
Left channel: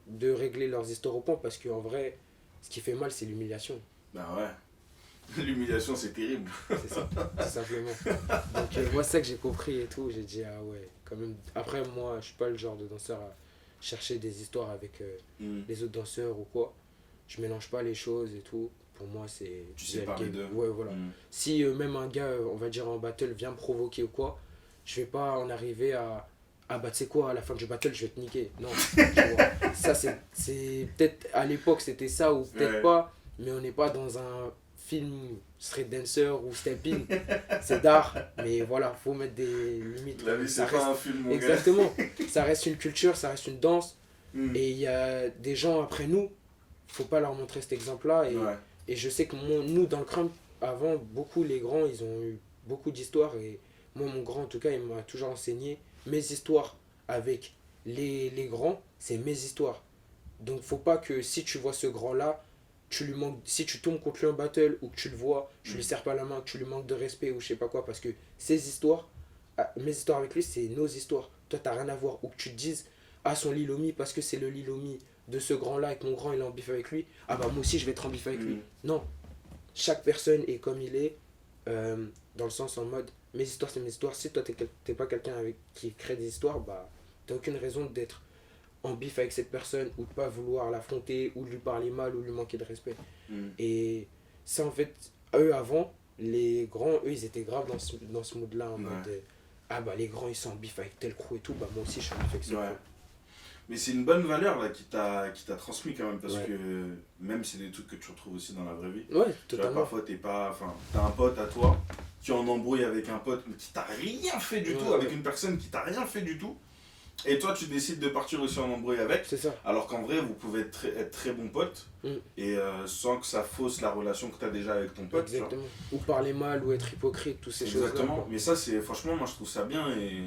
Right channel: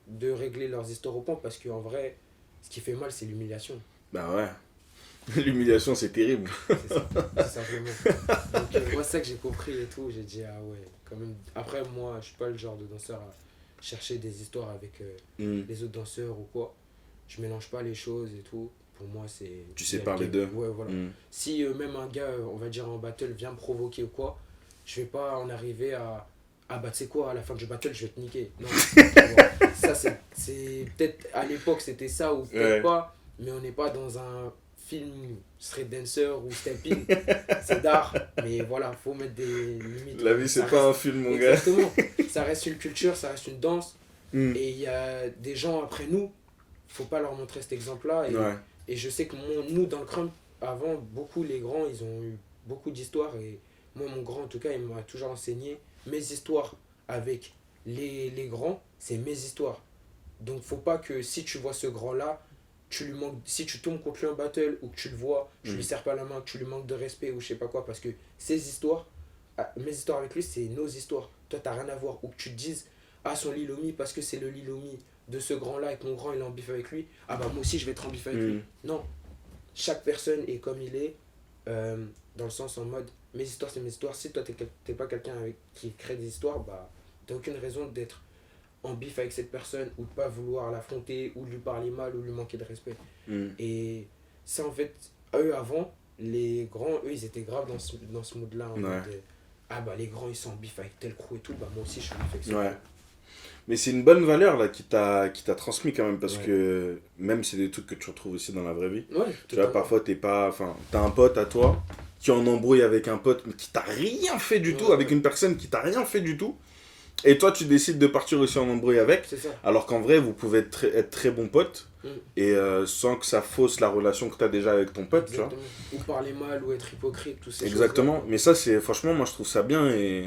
de régler leurs histoires au point parce qu'en vrai, ce qui fait mal, c'est l'humiliation. Bah ouais. L'humiliation, c'est terrible. C'est ça, tout simplement. Donc, moi, c'est ça que j'ai compris et tout. J'ai dit, ah ouais, quand même. Après, moi, je suis pas le genre de danseur à chercher des histoires avec Mm. les autres danseurs ou quoi. Je mélange pas les choses et tout. Pour moi, c'est. Tu sépares les deux. Ouais, voilà. Mm. Si même un gars, on va dire en battle, vient me provoquer ou quoi, je vais pas en arriver à. Ah bah, tu sais quoi, à la fin du battle, je vais te niquer. Non, tu vois. Ça, c'est. Peut-être à l'époque, c'était ça ou peut-être Ouais. pas. Mais on n'est pas dans un film Street Dancer ou Stepping. C'est d'art. Mais voilà, faut mettre des limites. La vie, Ça c'est pas reste- un film, mon gars. Exactement. Ça reste une culture, ça reste une danse. Mm. Et il y a des gens après nous, faut pas leur montrer cet exemple-là. Et, Ouais. et je sais que nous, dans le crump, avant, beaucoup, les grands, ils ont eu beaucoup d'histoires. Et moi, mon grand, en tout cas, il m'a toujours enseigné mes histoires avec les grands, c'est mes histoires. Donc, faut pas que si tu vois ce grand-là, si tu tombes contre lui en battle ou que tu le vois, tu lui serres pas la main, que tu lui manques de respect ou je sais pas quoi, parce que ses histoires, mes histoires avec lui, c'est nos histoires. Toi, t'as rien à voir. Ou que tu te dises, ah, son Lilomi, parce que c'est le Lilomi de ce grand-là et que mon grand il est en bif avec lui, ah bah moi aussi je vais être en bif avec lui. Non, chaque personne est comme il est, dans le sens en mode, mes histoires c'est mes histoires. Si toi t'es pas quelqu'un qui crée des histoires, bah t'as aucune raison d'être en bif avec cette personne ou de pas vouloir l'affronter ou de lui parler mal ou lui manquer de respect. Mm. Et ça en fait, eux avant, les grands, eux ils étaient graves dans ce mood-là, en Ouais. mode, ah bah les grands ils sont en bif avec tel crew et tout, bah moi aussi je suis en bif avec ce Ouais. crew. Mais c'est une bonne valeur là qui t'a transmis quand même parce Ouais. que même c'est des trucs que tu retrouves aussi dans la vraie vie. Ouais, Tu vois, totalement. parfois t'as un pote à toi qui est en embrouille avec un pote qui t'a rien fait du Ouais, tout, avec ouais. une personne qui t'a rien fait du tout. Et toi tu décides de partir aussi en embrouille avec, C'est ça. alors qu'en vrai vous pouvez être très bons potes Mm. et sans que ça fausse la relation que t'as déjà avec ton pote. Tu vois. Exactement. Ou parler mal ou être hypocrite, tous ces Exactement. choses-là. Mais ça c'est franchement moi je trouve ça bien et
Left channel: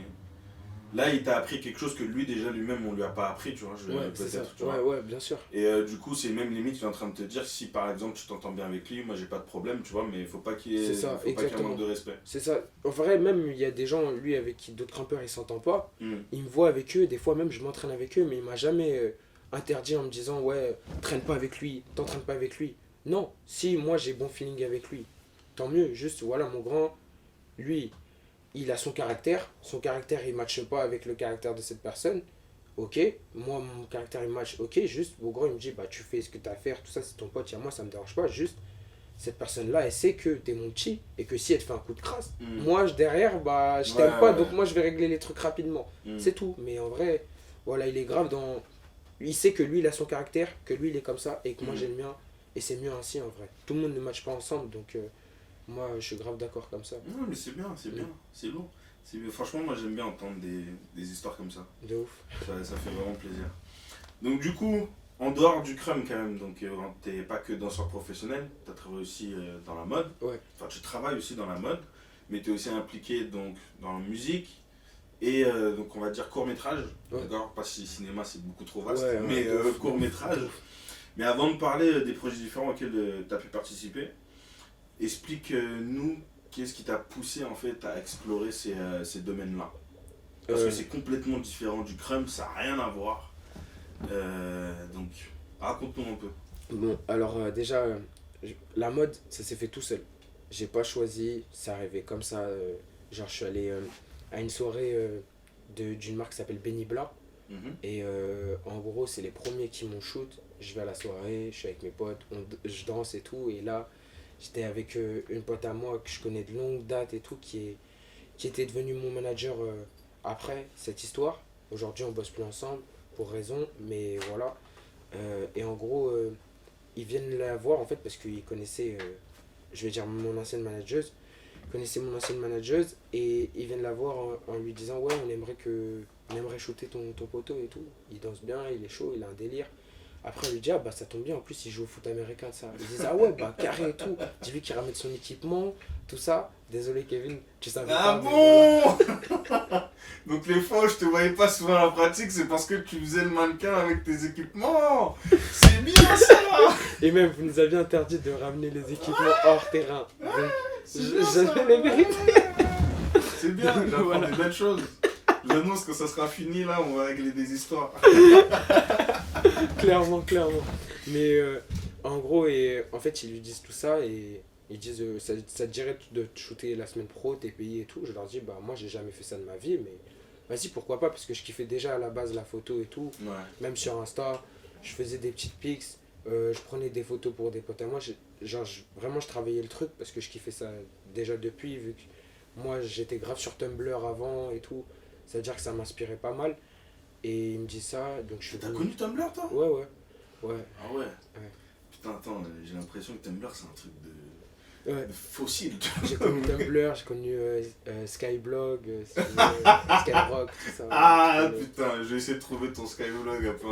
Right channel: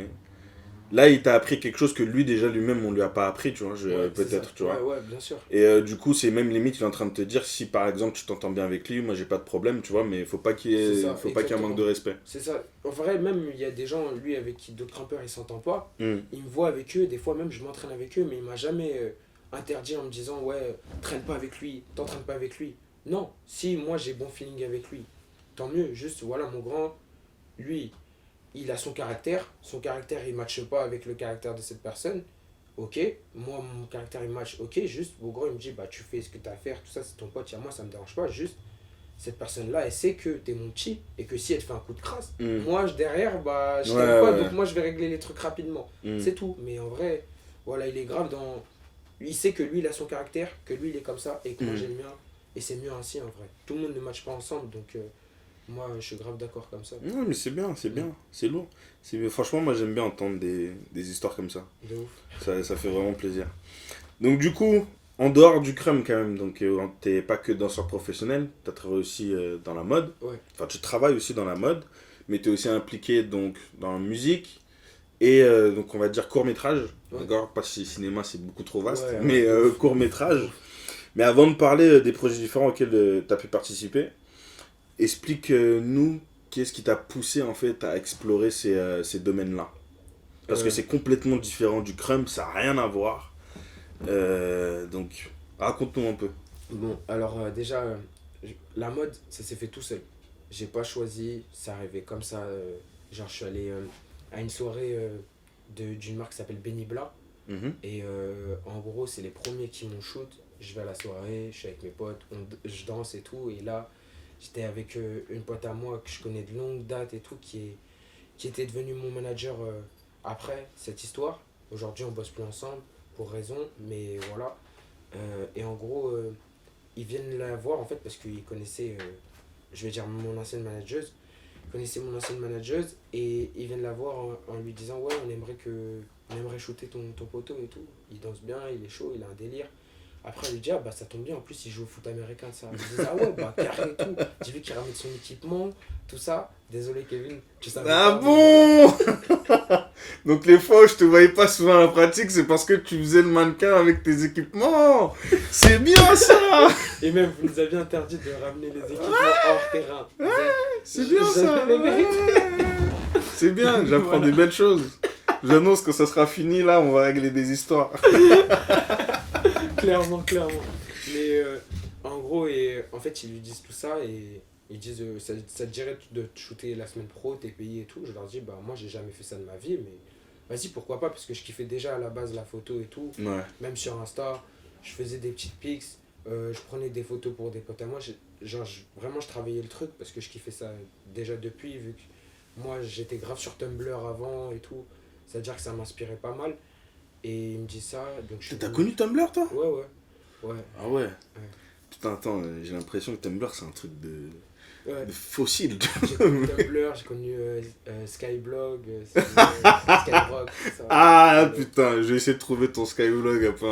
là il t'a appris quelque chose que lui déjà lui-même on lui a pas appris, tu vois, Ouais, c'est peut-être, ça. tu vois. Ouais, bien sûr. Et du coup, c'est même limite, il est en train de te dire si par exemple tu t'entends bien avec lui, moi j'ai pas de problème, tu vois, mais faut pas qu'il y ait, C'est ça, faut pas qu'il y ait un manque de respect. C'est ça. En vrai, même il y a des gens, lui, avec qui d'autres grimpeurs, ils s'entendent pas. Mm. Il me voit avec eux, des fois même je m'entraîne avec eux, mais il m'a jamais interdit en me disant, ouais, traîne pas avec lui, t'entraînes pas avec lui. Non, si moi j'ai bon feeling avec lui, tant mieux. Juste, voilà, mon grand, lui, il a son caractère il matche pas avec le caractère de cette personne. Ok, moi mon caractère il match, ok, juste mon grand il me dit bah tu fais ce que t'as à faire, tout ça c'est ton pote, moi ça me dérange pas, juste cette personne là elle sait que t'es mon petit et que si elle te fait un coup de crasse, Mm. moi derrière bah je Ouais, t'aime pas ouais. donc moi je vais régler les trucs rapidement, Mm. c'est tout. Mais en vrai, voilà, il est grave dans. Il sait que lui il a son caractère, que lui il est comme ça et que moi Mm. j'ai le mien et c'est mieux ainsi en vrai. Tout le monde ne matche pas ensemble donc moi je suis grave d'accord comme ça. Non, mais c'est bien, c'est lourd. Franchement, moi j'aime bien entendre des histoires comme ça. De ouf. Ça fait vraiment plaisir. Donc du coup, en dehors du crème quand même, donc t'es pas que danseur professionnel, t'as travaillé aussi dans la mode. Ouais. Enfin, tu travailles aussi dans la mode, mais t'es aussi impliqué donc dans la musique et donc on va dire court-métrage. Ouais. D'accord, pas si cinéma c'est beaucoup trop vaste, Ouais, mais de ouf, court-métrage. de ouf. Mais avant de parler des projets différents auxquels tu as pu participer, explique-nous qu'est-ce qui t'a poussé en fait à explorer ces domaines-là. Parce que c'est complètement différent du crumb, ça n'a rien à voir. Donc, raconte-nous un peu. Bon, alors déjà, la mode, ça s'est fait tout seul. J'ai pas choisi, ça arrivait comme ça. Genre, je suis allé à une soirée d'une marque qui s'appelle Benny Bla. Mhm. Et en gros, c'est les premiers qui m'ont shoot. Je vais à la soirée, je suis avec mes potes, je danse et tout. Et là, j'étais avec une pote à moi que je connais de longue date et tout, qui était devenue mon manager après cette histoire. Aujourd'hui, on bosse plus ensemble pour raison, mais voilà. Et en gros, ils viennent la voir en fait parce qu'ils connaissaient, je vais dire, mon ancienne manageuse. Ils connaissaient mon ancienne manageuse et ils viennent la voir en lui disant ouais, on aimerait shooter ton poteau et tout. Il danse bien, il est chaud, il a un délire. Après, elle lui dit ah bah ça tombe bien, en plus il joue au foot américain, ça. Ils disent ah ouais, bah carré et tout. Dis-lui qu'il ramène son équipement, tout ça. Désolé Kevin, tu savais Ah pas, mais bon. voilà. Donc les fois où je te voyais pas souvent à la pratique, c'est parce que tu faisais le mannequin avec tes équipements. C'est bien ça. Et même, vous nous aviez interdit de ramener les équipements hors terrain. Donc, C'est bien ça. j'avais les vérités. C'est bien, j'apprends Voilà. des belles choses. J'annonce que ça sera fini là, on va régler des histoires. Clairement. Mais en gros, en fait, ils lui disent tout ça et ils disent ça te dirait de te shooter la semaine pro, t'es payé et tout. Je leur dis bah moi j'ai jamais fait ça de ma vie, mais vas-y pourquoi pas, parce que je kiffais déjà à la base la photo et tout. Ouais. Même sur Insta, je faisais des petites pics, je prenais des photos pour des potes à moi. Vraiment je travaillais le truc parce que je kiffais ça déjà depuis, vu que moi j'étais grave sur Tumblr avant et tout. C'est-à-dire que ça m'inspirait pas mal. Et il me dit ça, donc je suis T'as venu- connu Tumblr toi? Ouais. Ah ouais. Putain, attends, j'ai l'impression que Tumblr c'est un truc Ouais. de fossile. J'ai connu Tumblr, j'ai connu Skyblog, Skyrock, tout ça. Ah Ouais. putain, je vais essayer de trouver ton Skyblock après.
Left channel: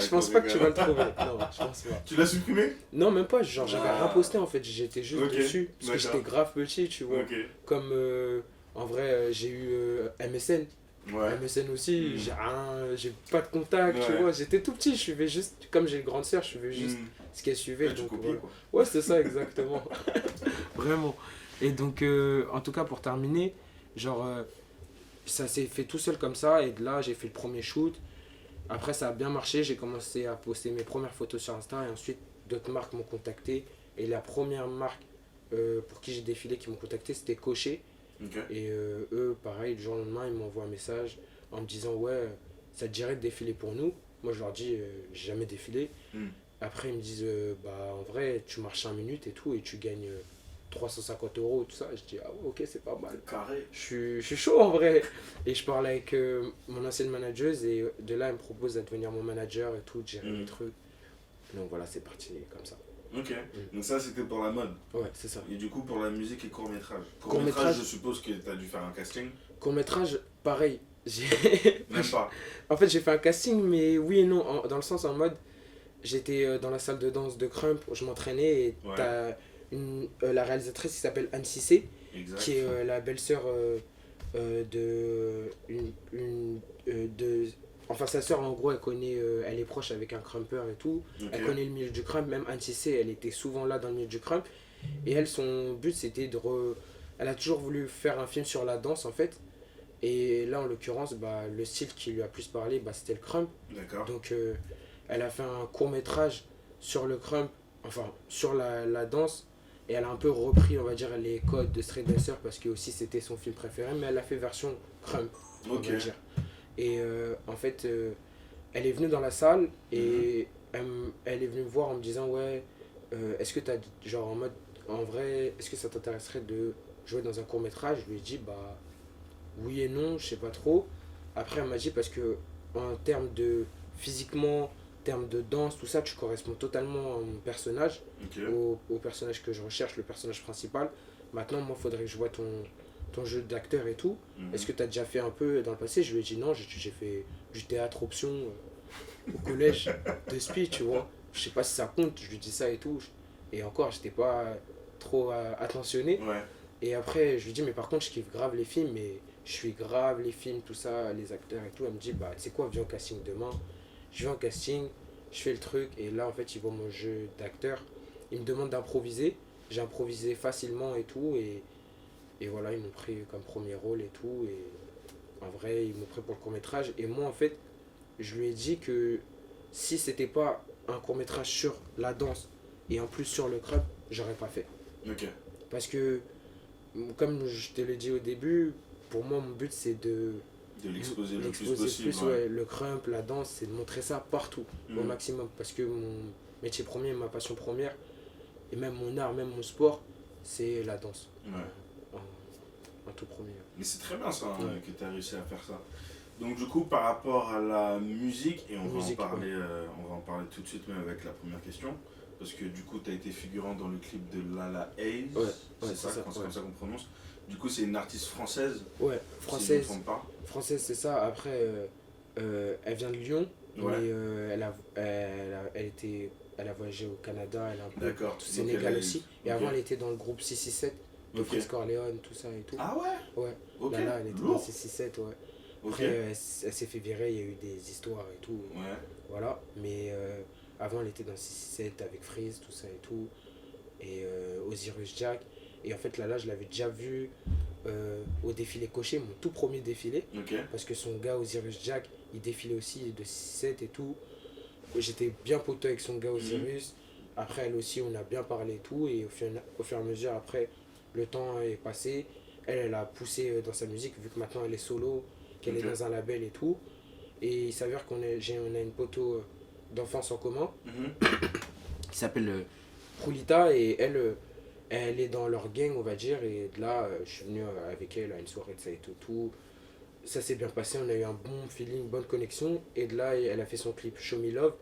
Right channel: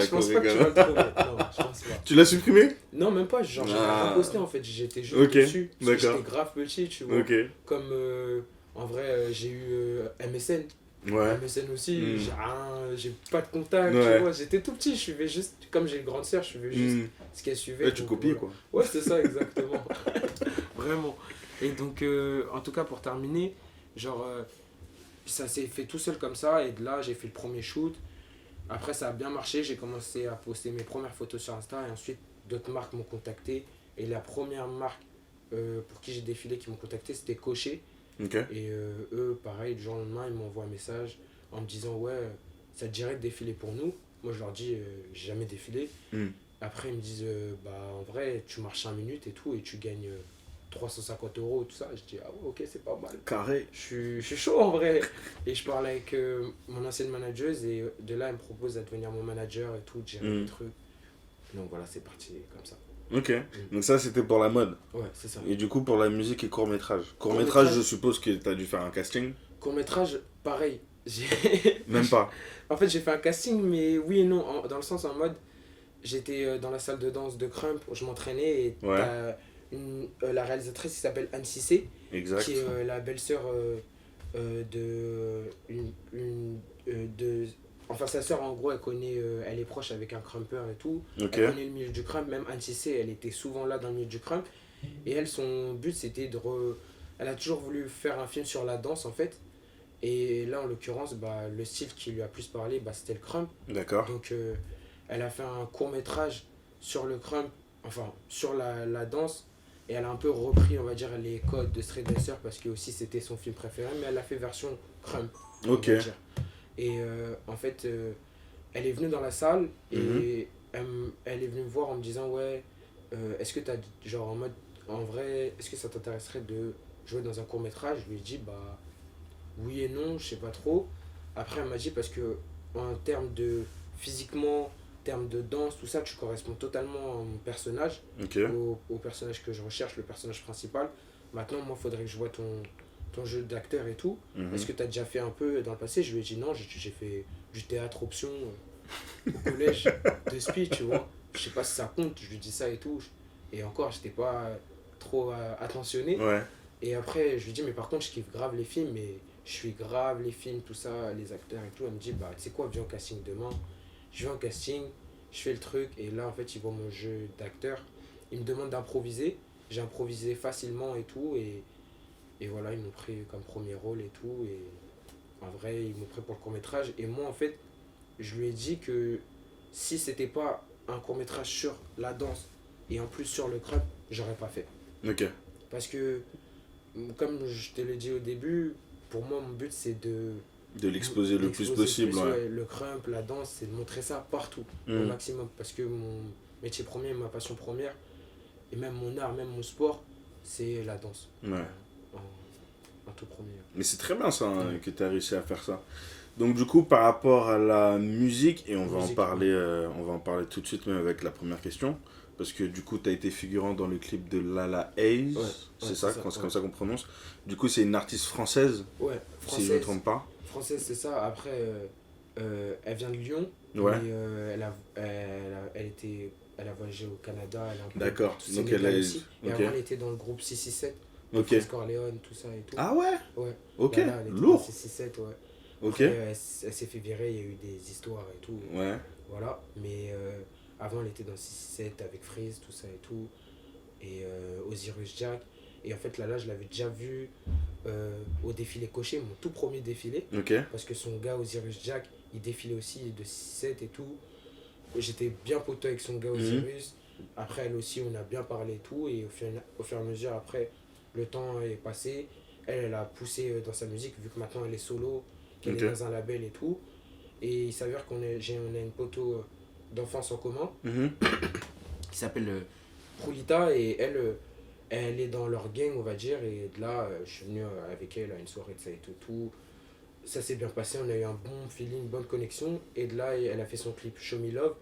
Je pense pas que tu vas le trouver. Non, je pense pas. Tu l'as supprimé? Non, même pas, genre j'avais Ah. rien posté en fait, j'étais juste Ok, dessus. Parce que d'accord. j'étais grave petit, tu vois. Ok. Comme en vrai, j'ai eu MSN. Ouais. MSN aussi, Mm. j'ai pas de contact, Ouais. tu vois. J'étais tout petit, je suivais juste, comme j'ai une grande sœur, je suivais juste Mm. ce qu'elle suivait. Ouais, tu donc copies voilà. quoi. Ouais, c'est ça, exactement. Vraiment. Et donc, en tout cas, pour terminer, genre, ça s'est fait tout seul comme ça. Et de là, j'ai fait le premier shoot. Après, ça a bien marché. J'ai commencé à poster mes premières photos sur Insta. Et ensuite, d'autres marques m'ont contacté. Et la première marque pour qui j'ai défilé, qui m'ont contacté, c'était Cocher. Ok. Et eux, pareil, du jour au lendemain, ils m'envoient un message en me disant ouais, ça te dirait de défiler pour nous. Moi, je leur dis j'ai jamais défilé. Mm. Après, ils me disent bah en vrai, tu marches 5 minutes et tout, et tu gagnes 350 euros, tout ça. Je dis ah ouais, ok, c'est pas mal. Carré. Je suis chaud en vrai. Et je parle avec mon ancienne manageuse, et de là, elle me propose de devenir mon manager et tout, de gérer Mm. les trucs. Donc voilà, c'est parti comme ça. Ok. Donc ça c'était pour la mode. Ouais, c'est ça. Et du coup pour la musique et court-métrage. Court-métrage. Court-métrage, je suppose que t'as dû faire un casting. Court-métrage, pareil. Même pas. En fait, j'ai fait un casting, mais oui et non, dans le sens en mode, j'étais dans la salle de danse de Crump, je m'entraînais, et Ouais. t'as la réalisatrice qui s'appelle Anne Cissé, Exact. qui est la belle-sœur de... Enfin, sa sœur, en gros, elle connaît, elle est proche avec un crumper et tout. Ok. Elle connaît le milieu du crump, même Anne Cissé, elle était souvent là dans le milieu du crump. Et elle, son but, c'était Elle a toujours voulu faire un film sur la danse, en fait. Et là, en l'occurrence, bah, le style qui lui a plus parlé, bah, c'était le crump. D'accord. Donc, elle a fait un court-métrage sur le crump, enfin, sur la danse. Et elle a un peu repris, on va dire, les codes de Street Dancer, parce que aussi c'était son film préféré, mais elle a fait version crump, on Ok. va dire. Et en fait, elle est venue dans la salle et elle est venue me voir en me disant ouais, est-ce que t'as genre en mode en vrai, est-ce que ça t'intéresserait de jouer dans un court métrage? Je lui ai dit bah oui et non, je sais pas trop. Après elle m'a dit parce que en termes de physiquement, en termes de danse, tout ça, tu corresponds totalement à mon personnage, Ok. au personnage que je recherche, le personnage principal. Maintenant moi faudrait que je vois ton ton jeu d'acteur et tout, Mhm. est-ce que tu as déjà fait un peu dans le passé? Je lui ai dit non, j'ai fait du théâtre option au collège de speech, tu vois. Je sais pas si ça compte, je lui dis ça et tout. Et encore, j'étais pas trop attentionné. Ouais. Et après, je lui dis, mais par contre, je kiffe grave les films, mais je suis grave les films, tout ça, les acteurs et tout. Elle me dit, bah, tu sais quoi, viens au casting demain. Je vais en casting, je fais le truc, et là, en fait, ils voient mon jeu d'acteur. Ils me demandent d'improviser. J'ai improvisé facilement et tout, et voilà, ils m'ont pris comme premier rôle et tout. Et en vrai, ils m'ont pris pour le court-métrage. Et moi, en fait, je lui ai dit que si c'était pas un court-métrage sur la danse, et en plus sur le crump, j'aurais pas fait. Ok. Parce que comme je te l'ai dit au début, pour moi, mon but, c'est de De l'exposer le plus l'exposer possible. plus, Ouais. ouais. Le crump, la danse, c'est de montrer ça partout, au Mhm. maximum. Parce que mon métier premier, ma passion première, et même mon art, même mon sport, c'est la danse. Ouais. En tout premier. Mais c'est très bien ça, hein, Ouais. que tu as réussi à faire ça. Donc du coup, par rapport à la musique, et on Musique, va en parler tout de suite même avec la première question, parce que du coup, tu as été figurant dans le clip de Lala Hayes, Ouais, c'est ouais, ça, c'est ça, c'est ouais. comme ça qu'on prononce. Du coup, c'est une artiste française, Ouais, si je ne me française, trompe pas. française, c'est ça. Après, elle vient de Lyon, Ouais. mais elle a voyagé au Canada, elle a un peu D'accord. au Donc Sénégal elle est- aussi. Et ok. avant, elle était dans le groupe 667, de Ok. Freeze Corleone, tout ça et tout. Ah ouais. Ouais. Ok. Là, elle était dans Lourd. 667, ouais. Ok. Après, elle s'est fait virer, il y a eu des histoires et tout. Ouais. Voilà. Mais avant, elle était dans 667 avec Freeze, tout ça et tout. Et Osiris Jack. Et en fait, là, je l'avais déjà vu au défilé Cocher, mon tout premier défilé. Ok. Parce que son gars Osiris Jack, il défilait aussi de 6-7 et tout. J'étais bien poteau avec son gars Osiris. Après, elle aussi, on a bien parlé et tout. Et au fur et à mesure, après, le temps est passé. Elle a poussé dans sa musique, vu que maintenant elle est solo, qu'elle Ok. est dans un label et tout. Et il s'avère qu'on a une poteau d'enfance en commun Mhm. qui s'appelle Prulita. Et elle est dans leur gang, on va dire. Et de là, je suis venu avec elle à une soirée de ça et tout. Ça s'est bien passé, on a eu un bon feeling, une bonne connexion. Et de là, elle a fait son clip Show Me Love.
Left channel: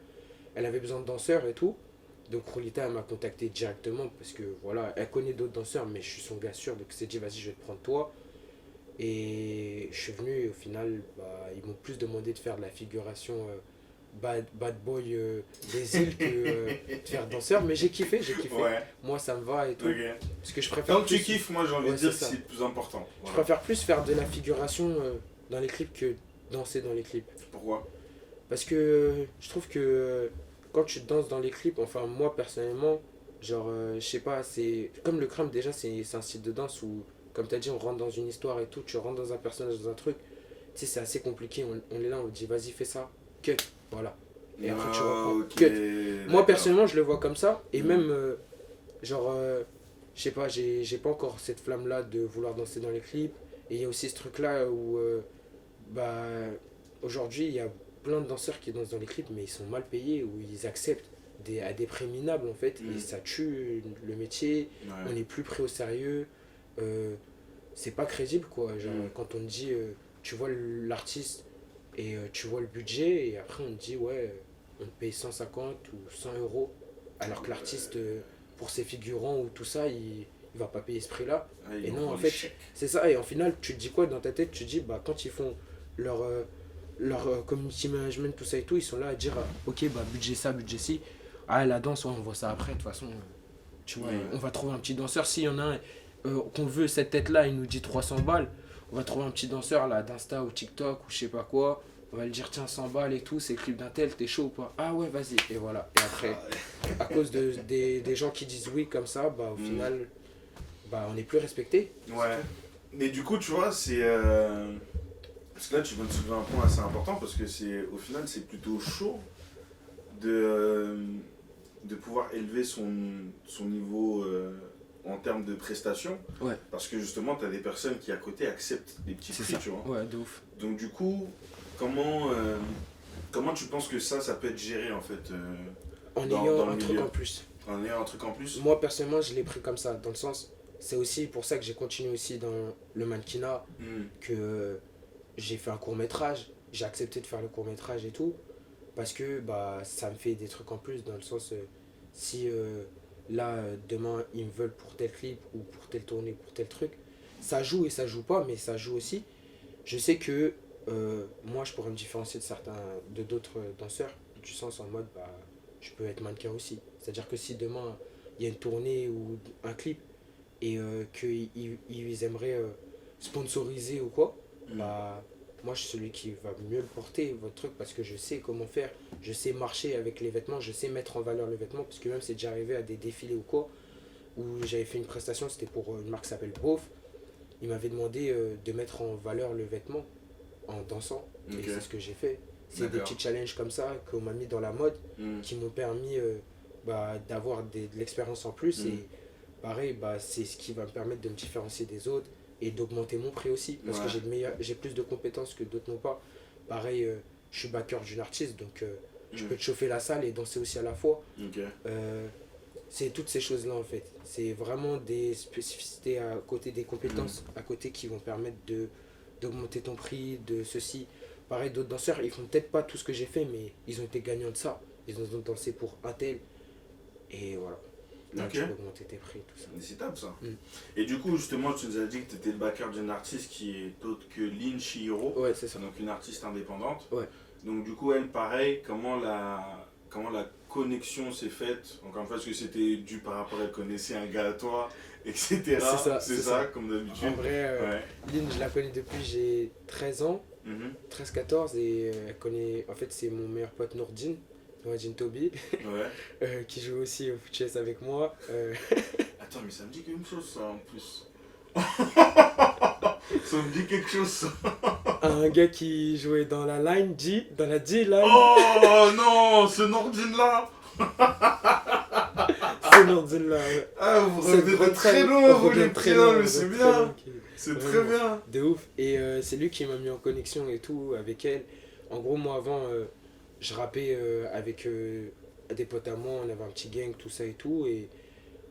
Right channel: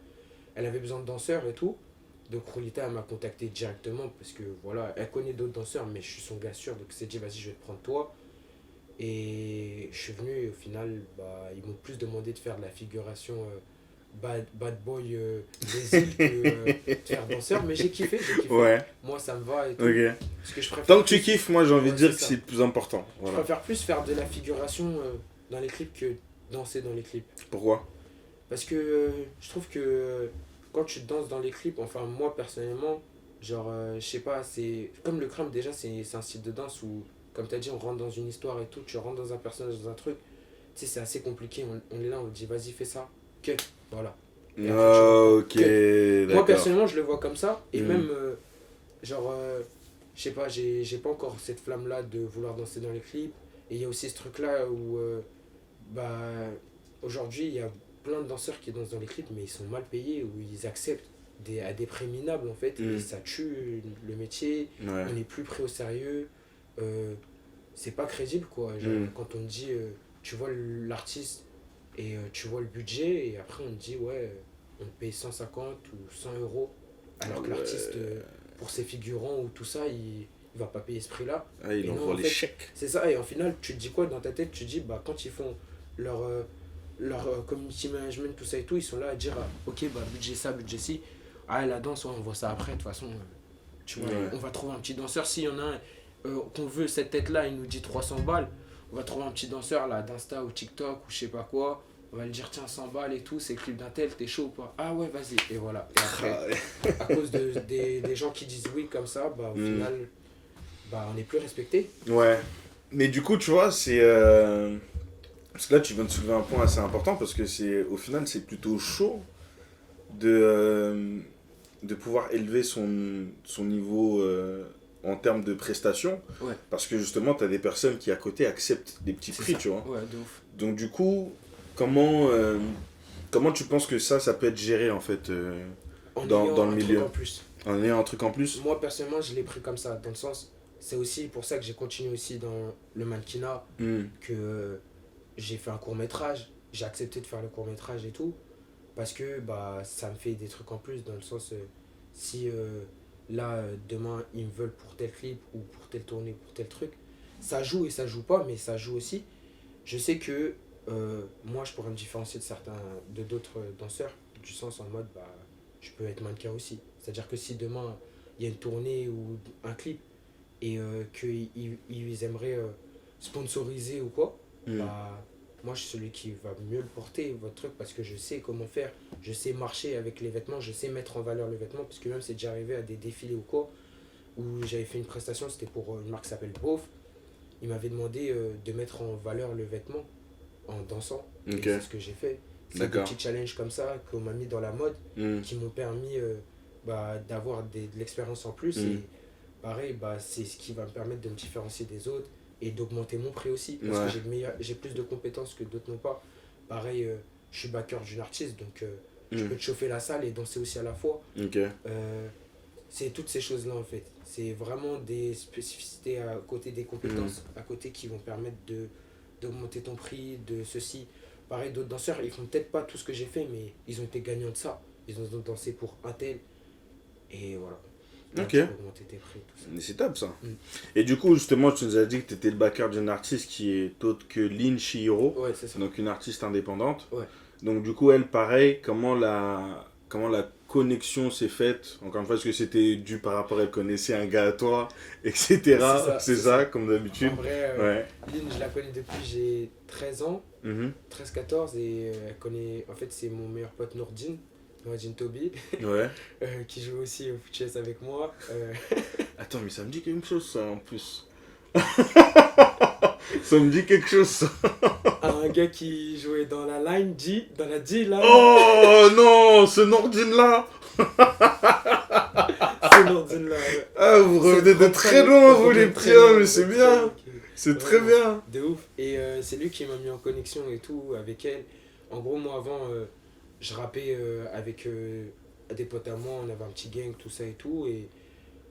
Elle avait besoin de danseurs et tout. Donc Rolita, elle m'a contacté directement parce que voilà, elle connaît d'autres danseurs, mais je suis son gars sûr. Donc elle s'est dit, vas-y, je vais te prendre toi. Et je suis venu et au final, bah, ils m'ont plus demandé de faire de la figuration bad boy des îles que de faire danseur. Mais j'ai kiffé, j'ai kiffé. Ouais. Moi, ça me va et tout. Ok. Parce que je préfère Tant que tu plus- kiffes, moi j'ai envie de Ouais, dire c'est que ça. c'est le plus important. Je Voilà. préfère plus faire de la figuration dans les clips que danser dans les clips. Pourquoi? Parce que je trouve que quand tu danses dans les clips, enfin moi personnellement, genre je sais pas, c'est comme le crump déjà, c'est un style de danse où, comme tu as dit, on rentre dans une histoire et tout, tu rentres dans un personnage, dans un truc, tu sais, c'est assez compliqué, on est là, on te dit vas-y fais ça, cut, voilà. Et après, tu reprends. Ok. Moi D'accord. personnellement, je le vois comme ça, et Mm. même, genre, je sais pas, j'ai pas encore cette flamme-là de vouloir danser dans les clips, et il y a aussi ce truc-là où, bah, aujourd'hui, il y a plein de danseurs qui dansent dans les clips, mais ils sont mal payés, ou ils acceptent à des prix minables, en fait, Mm. et ça tue le métier, Ouais. on n'est plus pris au sérieux, c'est pas crédible, quoi. Genre, Mm. quand on te dit, tu vois l'artiste, et tu vois le budget, et après on te dit, ouais, on te paye 150 ou 100 euros, alors que l'artiste, pour ses figurants ou tout ça, il va pas payer ce prix-là. Ah, ils Et non, envoient en les fait, chèques. c'est ça, et en final, tu te dis quoi dans ta tête? Tu te dis, bah, quand ils font leur community management, tout ça et tout, ils sont là à dire, ok, bah, budget ça, budget ci. Ah, la danse, ouais, on voit ça après, de toute façon, tu vois, Ouais. on va trouver un petit danseur. S'il y en a un qu'on veut, cette tête-là, il nous dit 300 balles, on va trouver un petit danseur là d'Insta ou TikTok ou je sais pas quoi. On va lui dire, tiens, 100 balles et tout, c'est le clip d'un tel, t'es chaud ou pas? Ah ouais, vas-y. Et voilà. Et après, à cause des gens qui disent oui comme ça, bah au Mm. final, bah on n'est plus respecté. Ouais. Mais du coup, tu vois, c'est. Parce que là, tu viens de soulever un point assez important parce que au final, c'est plutôt chaud de pouvoir élever son niveau en termes de prestations. Ouais. Parce que justement, tu as des personnes qui à côté acceptent des petits prix, ça. tu vois. Ouais, de ouf. Donc, du coup, comment tu penses que ça peut être géré en fait En dans ayant le un truc milieu? en plus. En ayant un truc en plus? Moi, personnellement, je l'ai pris comme ça. Dans le sens, c'est aussi pour ça que j'ai continué aussi dans le mannequinat, Hmm. que j'ai fait un court-métrage. J'ai accepté de faire le court-métrage et tout. Parce que bah, ça me fait des trucs en plus. Dans le sens, si là, demain, ils me veulent pour tel clip ou pour telle tournée, pour tel truc, ça joue et ça joue pas, mais ça joue aussi. Je sais que moi, je pourrais me différencier de d'autres danseurs, du sens en mode, bah, je peux être mannequin aussi. C'est-à-dire que si demain, il y a une tournée ou un clip et qu'ils aimeraient sponsoriser ou quoi, bah, moi, je suis celui qui va mieux le porter, votre truc, parce que je sais comment faire, je sais marcher avec les vêtements, je sais mettre en valeur le vêtement, parce que même c'est déjà arrivé à des défilés ou quoi, où j'avais fait une prestation, c'était pour une marque qui s'appelle Beauf. Il m'avait demandé de mettre en valeur le vêtement en dansant. Et Ok. c'est ce que j'ai fait. C'est des D'accord. petits challenges comme ça qu'on m'a mis dans la mode Mm. qui m'ont permis d'avoir de l'expérience en plus. Mm. Et pareil, bah, c'est ce qui va me permettre de me différencier des autres et d'augmenter mon prix aussi. Parce que Ouais. j'ai plus de compétences que d'autres n'ont pas. Pareil, je suis backer d'une artiste, donc je Mm. peux te chauffer la salle et danser aussi à la fois. Ok. C'est toutes ces choses-là en fait. C'est vraiment des spécificités à côté des compétences, à côté qui vont permettre d'augmenter ton prix, de ceci. Pareil, d'autres danseurs, ils font peut-être pas tout ce que j'ai fait, mais ils ont été gagnants de ça. Ils ont dansé pour un tel. Et voilà. Là, Ok. tu peux augmenter tes prix, tout ça. C'est top ça. Mm. Et du coup, justement, tu nous as dit que tu étais le backer d'une artiste qui est autre que Lin Chihiro, Ouais, c'est ça. donc une artiste indépendante. Ouais. Donc du coup, elle, pareil, comment la connexion s'est faite? Encore une fois, est-ce que c'était dû par rapport à elle connaissait un gars à toi, etc. C'est ça, comme d'habitude. En vrai, Ouais. Lynn, je la connais depuis j'ai 13 ans, Mhm. 13-14, et elle connaît. En fait, c'est mon meilleur pote Nourdine Toby, Ouais. qui joue aussi au foot chess avec moi. Attends, mais ça me dit quelque chose ça en plus. Ça me dit quelque chose ça. Un gars qui jouait dans la line G, dans la G line. Oh non, ce Nordine là. C'est Nourdine là. Ouais. Ah, vous C'est revenez de trop très très- loin, on vous revient les très piens, loin, mais on c'est revient bien. très loin. C'est très Vraiment. bien. De ouf. Et c'est lui qui m'a mis en connexion et tout avec elle. En gros, moi avant, je rappais avec des potes à moi, on avait un petit gang, tout ça et tout. Et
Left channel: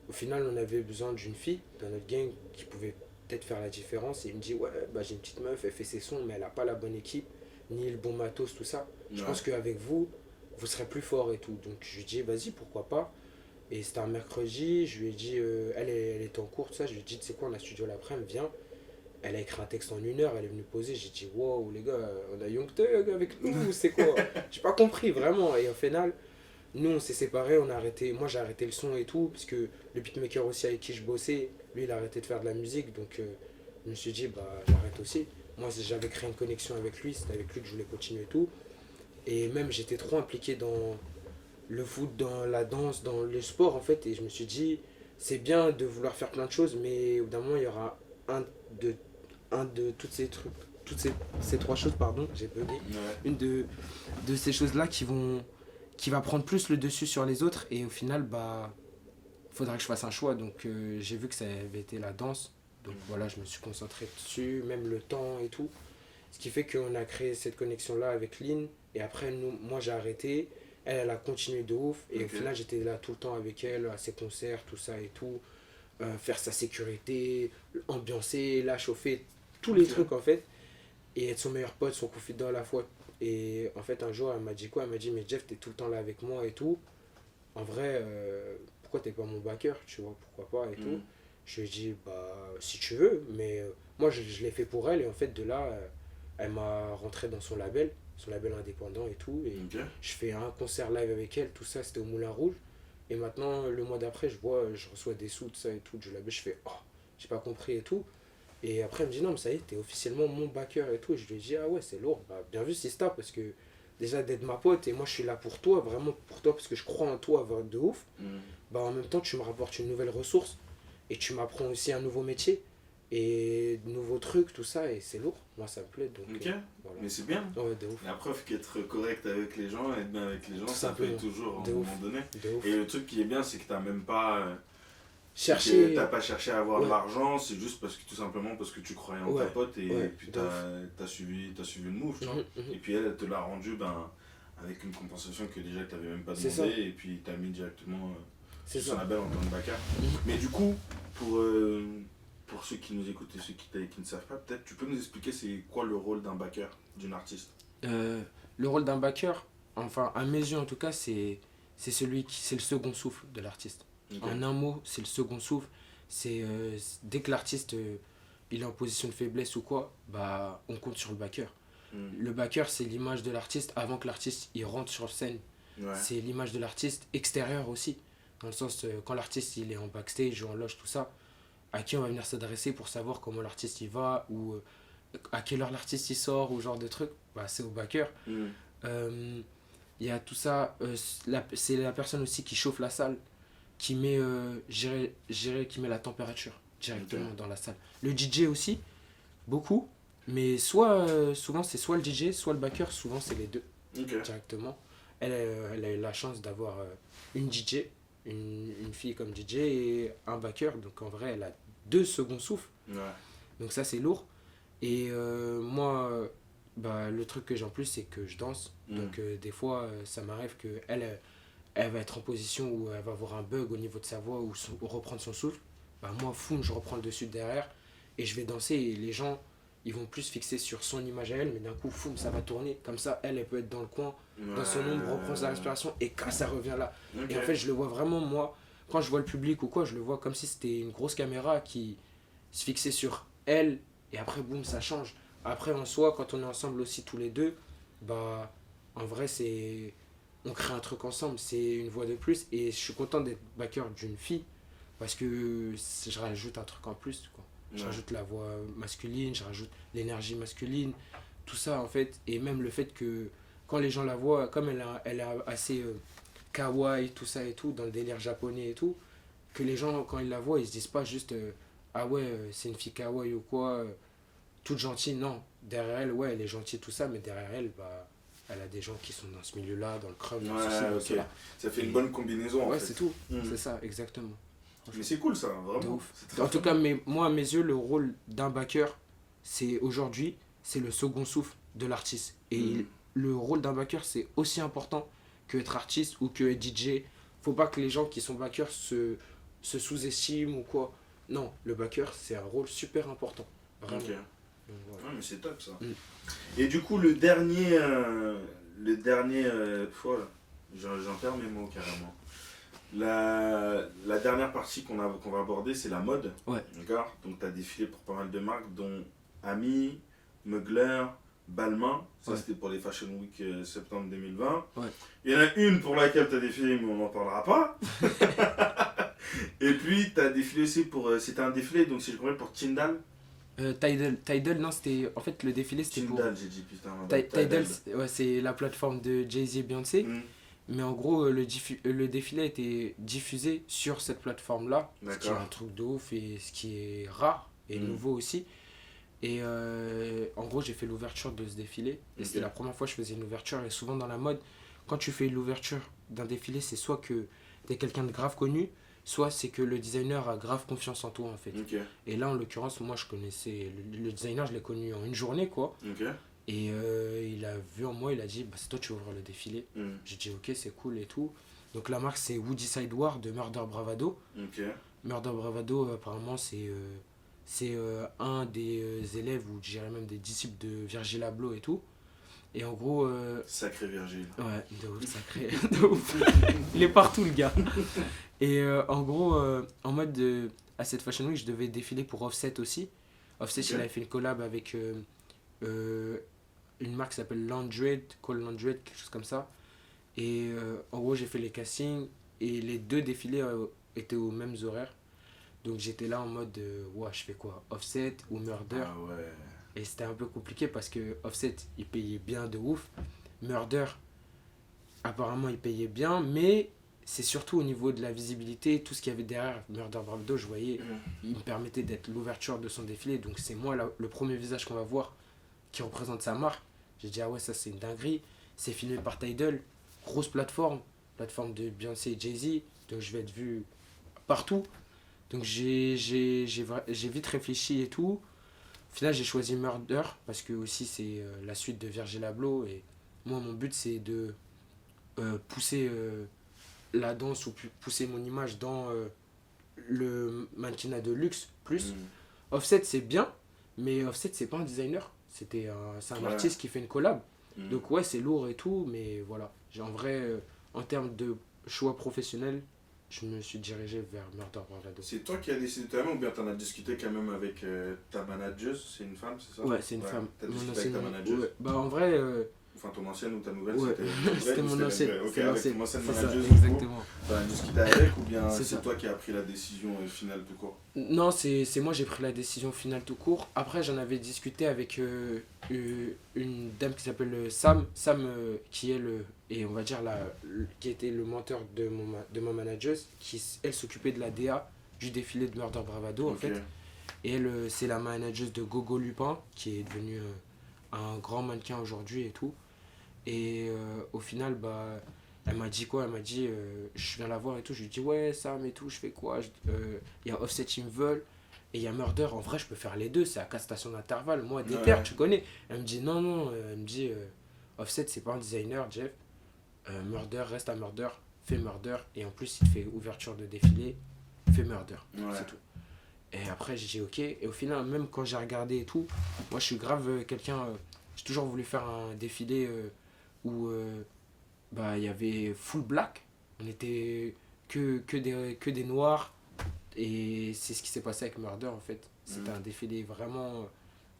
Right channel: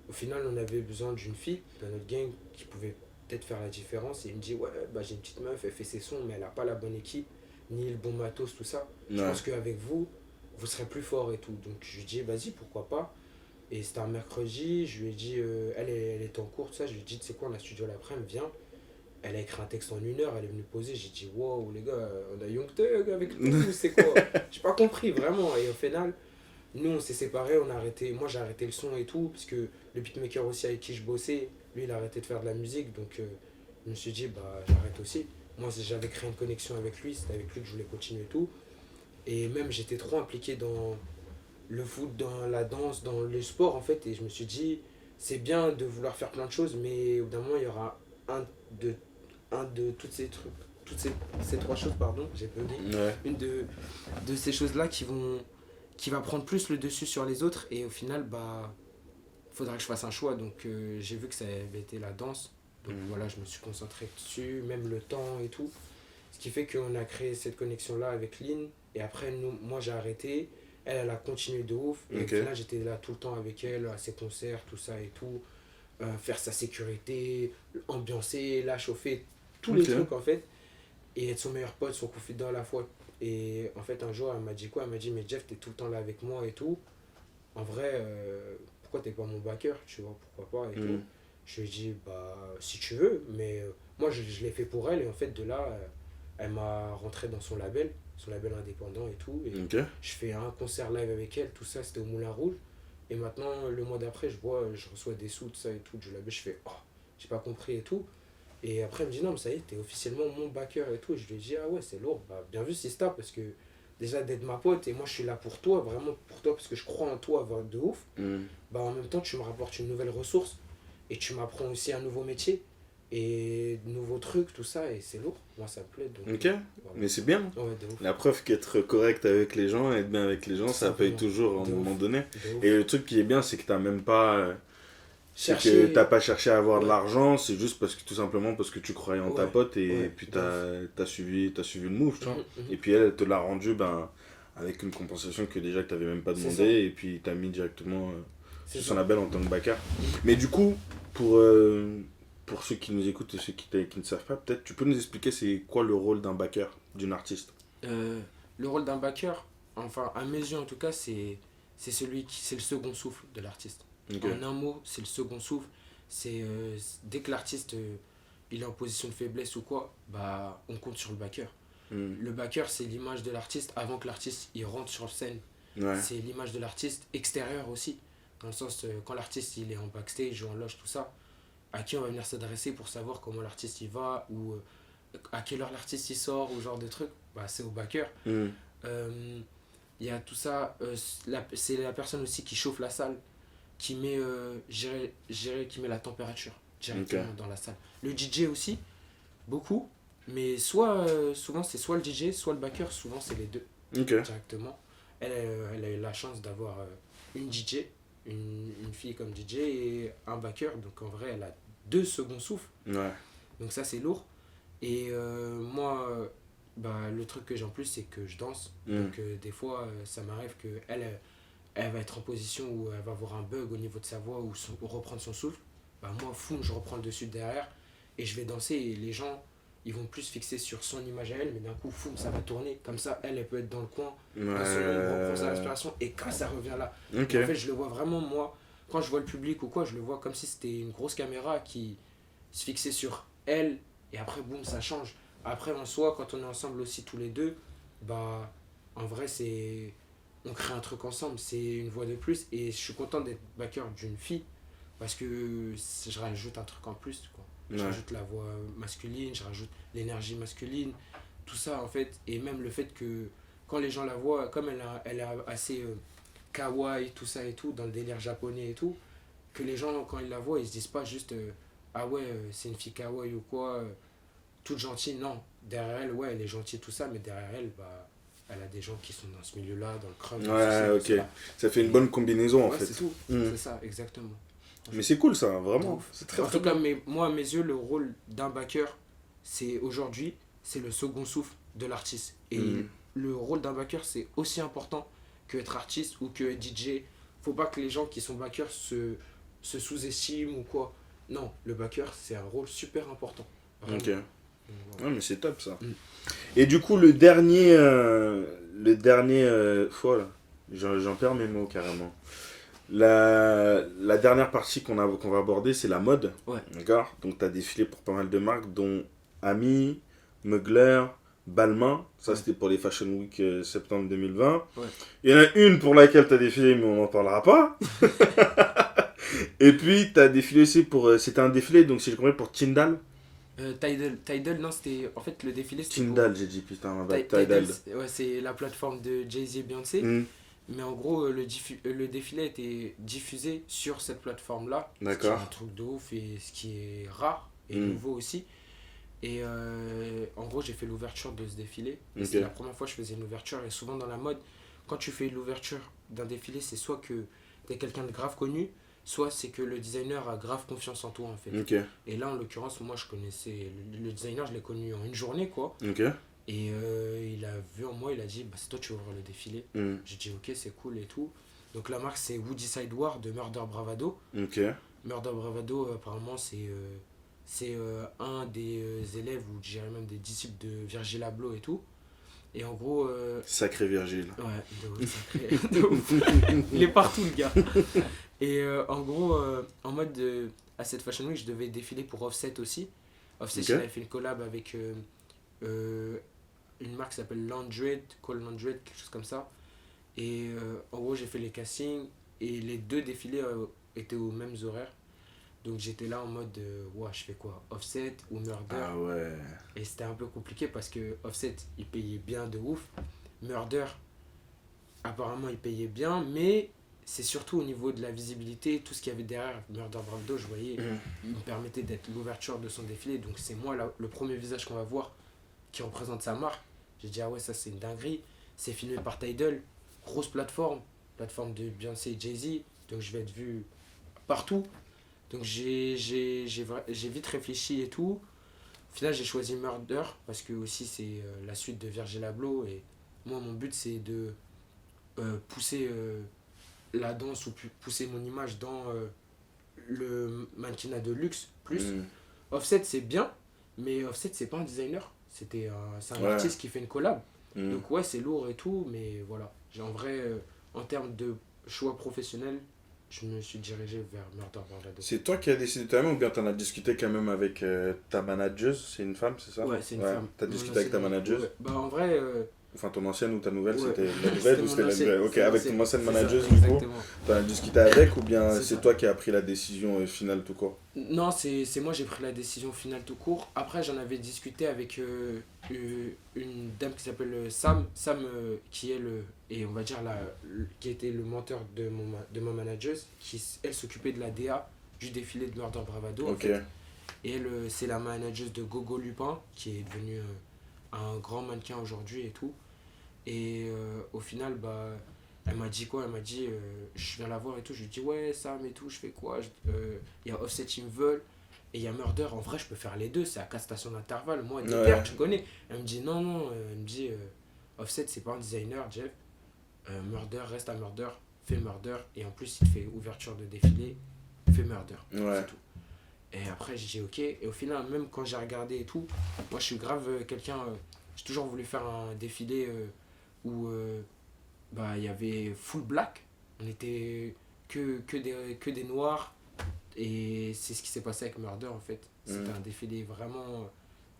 au final, on avait besoin d'une fille dans notre gang qui pouvait peut-être faire la différence. Et il me dit, ouais, bah, j'ai une petite meuf, elle fait ses sons, mais elle n'a pas la bonne équipe, ni le bon matos, tout ça. Je Ouais. pense qu'avec vous, vous serez plus fort et tout. Donc je lui ai dit, vas-y, pourquoi pas. Et c'était un mercredi, je lui ai dit, elle était en cours, tout ça. Je lui ai dit, tu sais quoi, on a studio l'après-midi, viens. Elle a écrit un texte en 1 heure, elle est venue poser. J'ai dit, wow, les gars, on a Young Thug avec nous, c'est quoi? J'ai pas compris, vraiment. Et au final, nous, on s'est séparés, on a arrêté. Moi, j'ai arrêté le son et tout, parce que le beatmaker aussi avec qui je bossais, lui, il a arrêté de faire de la musique. Donc, je me suis dit, bah, j'arrête aussi. Moi, j'avais créé une connexion avec lui, c'était avec lui que je voulais continuer et tout. Et même, j'étais trop impliqué dans le foot, dans la danse, dans le sport, en fait. Et je me suis dit, c'est bien de vouloir faire plein de choses, mais au bout d'un moment, il y aura de, un de toutes ces trucs, ces trois choses, pardon, j'ai bugué. Ouais. Une de ces choses-là qui va prendre plus le dessus sur les autres. Et au final, bah, faudra que je fasse un choix. Donc, j'ai vu que ça avait été la danse. Donc voilà, je me suis concentré dessus, même le temps et tout. Ce qui fait qu'on a créé cette connexion-là avec Lynn. Et après, moi, j'ai arrêté. Elle a continué de ouf. Et Ok. au final, j'étais là tout le temps avec elle, à ses concerts, tout ça et tout. Faire sa sécurité, ambiancer, la chauffer, tous les Ok. trucs en fait. Et être son meilleur pote, son confident à la fois. Et en fait, un jour, elle m'a dit quoi? Elle m'a dit, mais Jeff, t'es tout le temps là avec moi et tout. En vrai, pourquoi t'es pas mon backer? Tu vois, pourquoi pas et tout. Mhm. Je lui ai dit, bah, si tu veux, mais moi, je l'ai fait pour elle. Et en fait, de là, elle m'a rentré dans son label indépendant et tout. Et Ok. je fais un concert live avec elle, tout ça, c'était au Moulin Rouge. Et maintenant, le mois d'après, je reçois des sous, de ça et tout, du label. Je fais, oh, j'ai pas compris et tout. Et après, elle me dit, non, mais ça y est, t'es officiellement mon backer et tout. Et je lui ai dit, ah ouais, c'est lourd. Bah, bien vu, Sista, parce que déjà d'être ma pote, et moi, je suis là pour toi, vraiment pour toi, parce que je crois en toi de ouf. Mhm. Bah, en même temps, tu me rapportes une nouvelle ressource. Et tu m'apprends aussi un nouveau métier. Et de nouveaux trucs, tout ça, et c'est lourd. Moi, ça me plaît. Donc, Ok. voilà. Mais c'est bien. Ouais, de ouf. La preuve qu'être correct avec les gens, être bien avec les gens, Tout ça paye simplement. toujours à un De ouf. moment donné. De ouf. Et le truc qui est bien, c'est que t'as même pas. Chercher. T'as pas cherché à avoir de Ouais. l'argent, c'est juste parce que tout simplement parce que tu croyais en ta Ouais. pote et Ouais, puis de t'as suivi le move, tu vois. Mhm, mhm. Et puis elle te l'a rendu avec une compensation que déjà que t'avais même pas C'est demandé et puis t'as mis directement C'est sur son ça. label en tant que backer. Mhm. Mais du coup, pour ceux qui nous écoutent et ceux qui ne savent pas, peut-être tu peux nous expliquer c'est quoi le rôle d'un backer, d'une artiste. Le rôle d'un backer, enfin à mes yeux en tout cas, c'est le second souffle de l'artiste. Ok. En un mot, c'est le second souffle. C'est dès que l'artiste il est en position de faiblesse ou quoi, bah on compte sur le backer. Mm. Le backer, c'est l'image de l'artiste avant que l'artiste il rentre sur scène. Ouais. C'est l'image de l'artiste extérieur aussi. Dans le sens, quand l'artiste il est en backstage ou en loge, tout ça, à qui on va venir s'adresser pour savoir comment l'artiste il va ou à quelle heure l'artiste il sort ou genre de trucs, bah c'est au backer. Mm. Il y a tout ça, c'est la personne aussi qui chauffe la salle, qui met, qui met la température directement dans la salle. Le DJ aussi, beaucoup, mais souvent c'est soit le DJ, soit le backer, souvent c'est les deux Ok. directement. Elle a eu la chance d'avoir une DJ, une fille comme DJ et un backer, donc en vrai elle a 2 seconds souffles, Ouais. donc ça c'est lourd. Et moi, bah, le truc que j'ai en plus c'est que je danse, donc des fois ça m'arrive que elle va être en position où elle va avoir un bug au niveau de sa voix ou reprendre son souffle. Bah, moi, foum, je reprends le dessus derrière et je vais danser et les gens ils vont plus fixer sur son image à elle, mais d'un coup, foum, ça va tourner. Comme ça, elle peut être dans le coin, dans son ombre, reprend sa respiration et quand ça revient là. Ok. Et en fait, je le vois vraiment, moi, quand je vois le public ou quoi, je le vois comme si c'était une grosse caméra qui se fixait sur elle et après, boum, ça change. Après, en soi, quand on est ensemble aussi tous les deux, bah, en vrai, on crée un truc ensemble, c'est une voix de plus et je suis content d'être backer d'une fille parce que je rajoute un truc en plus, quoi. Je Ouais. rajoute la voix masculine, je rajoute l'énergie masculine, tout ça en fait. Et même le fait que quand les gens la voient, comme elle est assez kawaii, tout ça et tout, dans le délire japonais et tout, que les gens, quand ils la voient, ils se disent pas juste ah ouais, c'est une fille kawaii ou quoi, toute gentille. Non, derrière elle, ouais, elle est gentille, tout ça, mais derrière elle, bah, elle a des gens qui sont dans ce milieu-là, dans le crowd. dans ceci, Ouais, dans ok. cela. Ça fait une bonne combinaison en Ouais, fait. c'est tout. Mm. C'est ça, exactement. Mais c'est cool ça, De vraiment. ouf. C'est très, En très tout cas, moi, à mes yeux, le rôle d'un backer, c'est aujourd'hui, c'est le second souffle de l'artiste. Et Mhm. le rôle d'un backer, c'est aussi important que être artiste ou que être DJ. Faut pas que les gens qui sont backers se sous-estiment ou quoi. Non, le backer, c'est un rôle super important. Vraiment. Ok. Donc, voilà. Ouais, mais c'est top ça. Mm. Et du coup, le dernier fois, là, j'en perds mes mots carrément. La dernière partie qu'on va aborder, c'est la mode. Ouais. D'accord. Donc, tu as défilé pour pas mal de marques, dont Ami, Mugler, Balmain. Ça, Ouais. c'était pour les Fashion Week septembre 2020. Ouais. Il y en a une pour laquelle tu as défilé, mais on n'en parlera pas. Et puis, tu as défilé aussi pour. C'était un défilé, donc si je comprends, pour Tyndall. Tidal, non, c'était. En fait, le défilé, c'était pour. Tyndall, j'ai dit, putain, ma bad. Tidal, c'est la plateforme de Jay-Z et Beyoncé. Mm. Mais en gros, le défilé a été diffusé sur cette plateforme-là. Ce qui est D'accord. un truc de ouf et ce qui est rare et Mm. nouveau aussi. Et en gros, j'ai fait l'ouverture de ce défilé. Et Ok. c'était la première fois que je faisais une ouverture. Et souvent dans la mode, quand tu fais l'ouverture d'un défilé, c'est soit que t'es quelqu'un de grave connu, soit c'est que le designer a grave confiance en toi en fait. Ok. Et là, en l'occurrence, moi je connaissais le designer, je l'ai connu en une journée quoi. Ok. Et il a vu en moi, il a dit bah, c'est toi, tu vas ouvrir le défilé. Mm. J'ai dit ok, c'est cool et tout. Donc la marque c'est Woody Sideward de Murder Bravado. Ok. Murder Bravado, apparemment, c'est un des élèves, ou je dirais même des disciples de Virgil Abloh et tout. Et en gros, Sacré Virgile. ouais, de ouf, sacré, de ouf. Il est partout le gars. Et en gros, en mode à cette Fashion Week, je devais défiler pour Offset aussi. Offset, Ok. il avait fait une collab avec une marque qui s'appelle Landred, Call Landred, quelque chose comme ça. Et en gros, j'ai fait les castings et les 2 défilés étaient aux mêmes horaires. Donc j'étais là en mode, ouais, je fais quoi, Offset ou Murder? Ah ouais. Et c'était un peu compliqué parce que Offset, il payait bien de ouf. Murder, apparemment, il payait bien, mais c'est surtout au niveau de la visibilité, tout ce qu'il y avait derrière Murder Bravado, je voyais, il me permettait d'être l'ouverture de son défilé. Donc c'est moi le premier visage qu'on va voir qui représente sa marque. J'ai dit, ah ouais, ça c'est une dinguerie. C'est filmé par Tidal, grosse plateforme de Beyoncé et Jay-Z. Donc je vais être vu partout. Donc j'ai vite réfléchi et tout. Au final, j'ai choisi Murder parce que aussi c'est la suite de Virgil Abloh. Et moi, mon but, c'est de pousser la danse ou pousser mon image dans le mannequinat de luxe plus. Mm. Offset, c'est bien, mais Offset, c'est pas un designer. C'est un Ouais. artiste qui fait une collab. Mm. Donc ouais, c'est lourd et tout, mais voilà. En vrai, en termes de choix professionnel, je me suis dirigé vers Murder Bravado. C'est toi qui as décidé toi-même ou bien t'en as discuté quand même avec ta manageuse? C'est une femme, c'est ça? Ouais, c'est une femme. T'as Mon discuté avec ta ancienne- manageuse? ouais. Bah en vrai, Enfin, ton ancienne ou ta nouvelle, ouais. c'était la nouvelle C'était ou mon c'était la ancienne. nouvelle? Ok, C'était avec l'ancienne. ton ancienne C'est ça, manageuse, du coup, exactement. t'en as discuté avec ou bien C'est c'est ça. toi qui as pris la décision finale tout court? Non, c'est moi, j'ai pris la décision finale tout court. Après, j'en avais discuté avec une dame qui s'appelle Sam. Sam, qui est et on va dire, qui était le menteur de ma manageuse, qui, elle, s'occupait de la DA du défilé de Murder Bravado, en Ok. fait. Et elle, c'est la manageuse de Gogo Lupin, qui est devenu un grand mannequin aujourd'hui et tout. Et au final, bah, elle m'a dit quoi? Elle m'a dit, je viens la voir et tout. Je lui dis, ouais, Sam et tout, je fais quoi? Il y a Offset, ils me veulent. Et il y a Murder. En vrai, je peux faire les deux. C'est à 4 stations d'intervalle. Moi, Ouais. déter, tu connais. Elle me dit, non, non. Elle me dit, Offset, c'est pas un designer, Jeff. Murder, reste à Murder. Fais Murder. Et en plus, il te fait ouverture de défilé. Fais Murder. Ouais. C'est tout. Et après, j'ai dit, ok. Et au final, même quand j'ai regardé et tout, moi, je suis grave quelqu'un. J'ai toujours voulu faire un défilé où bah, il y avait full black. On était que des noirs. Et c'est ce qui s'est passé avec Murder en fait. C'était un défilé vraiment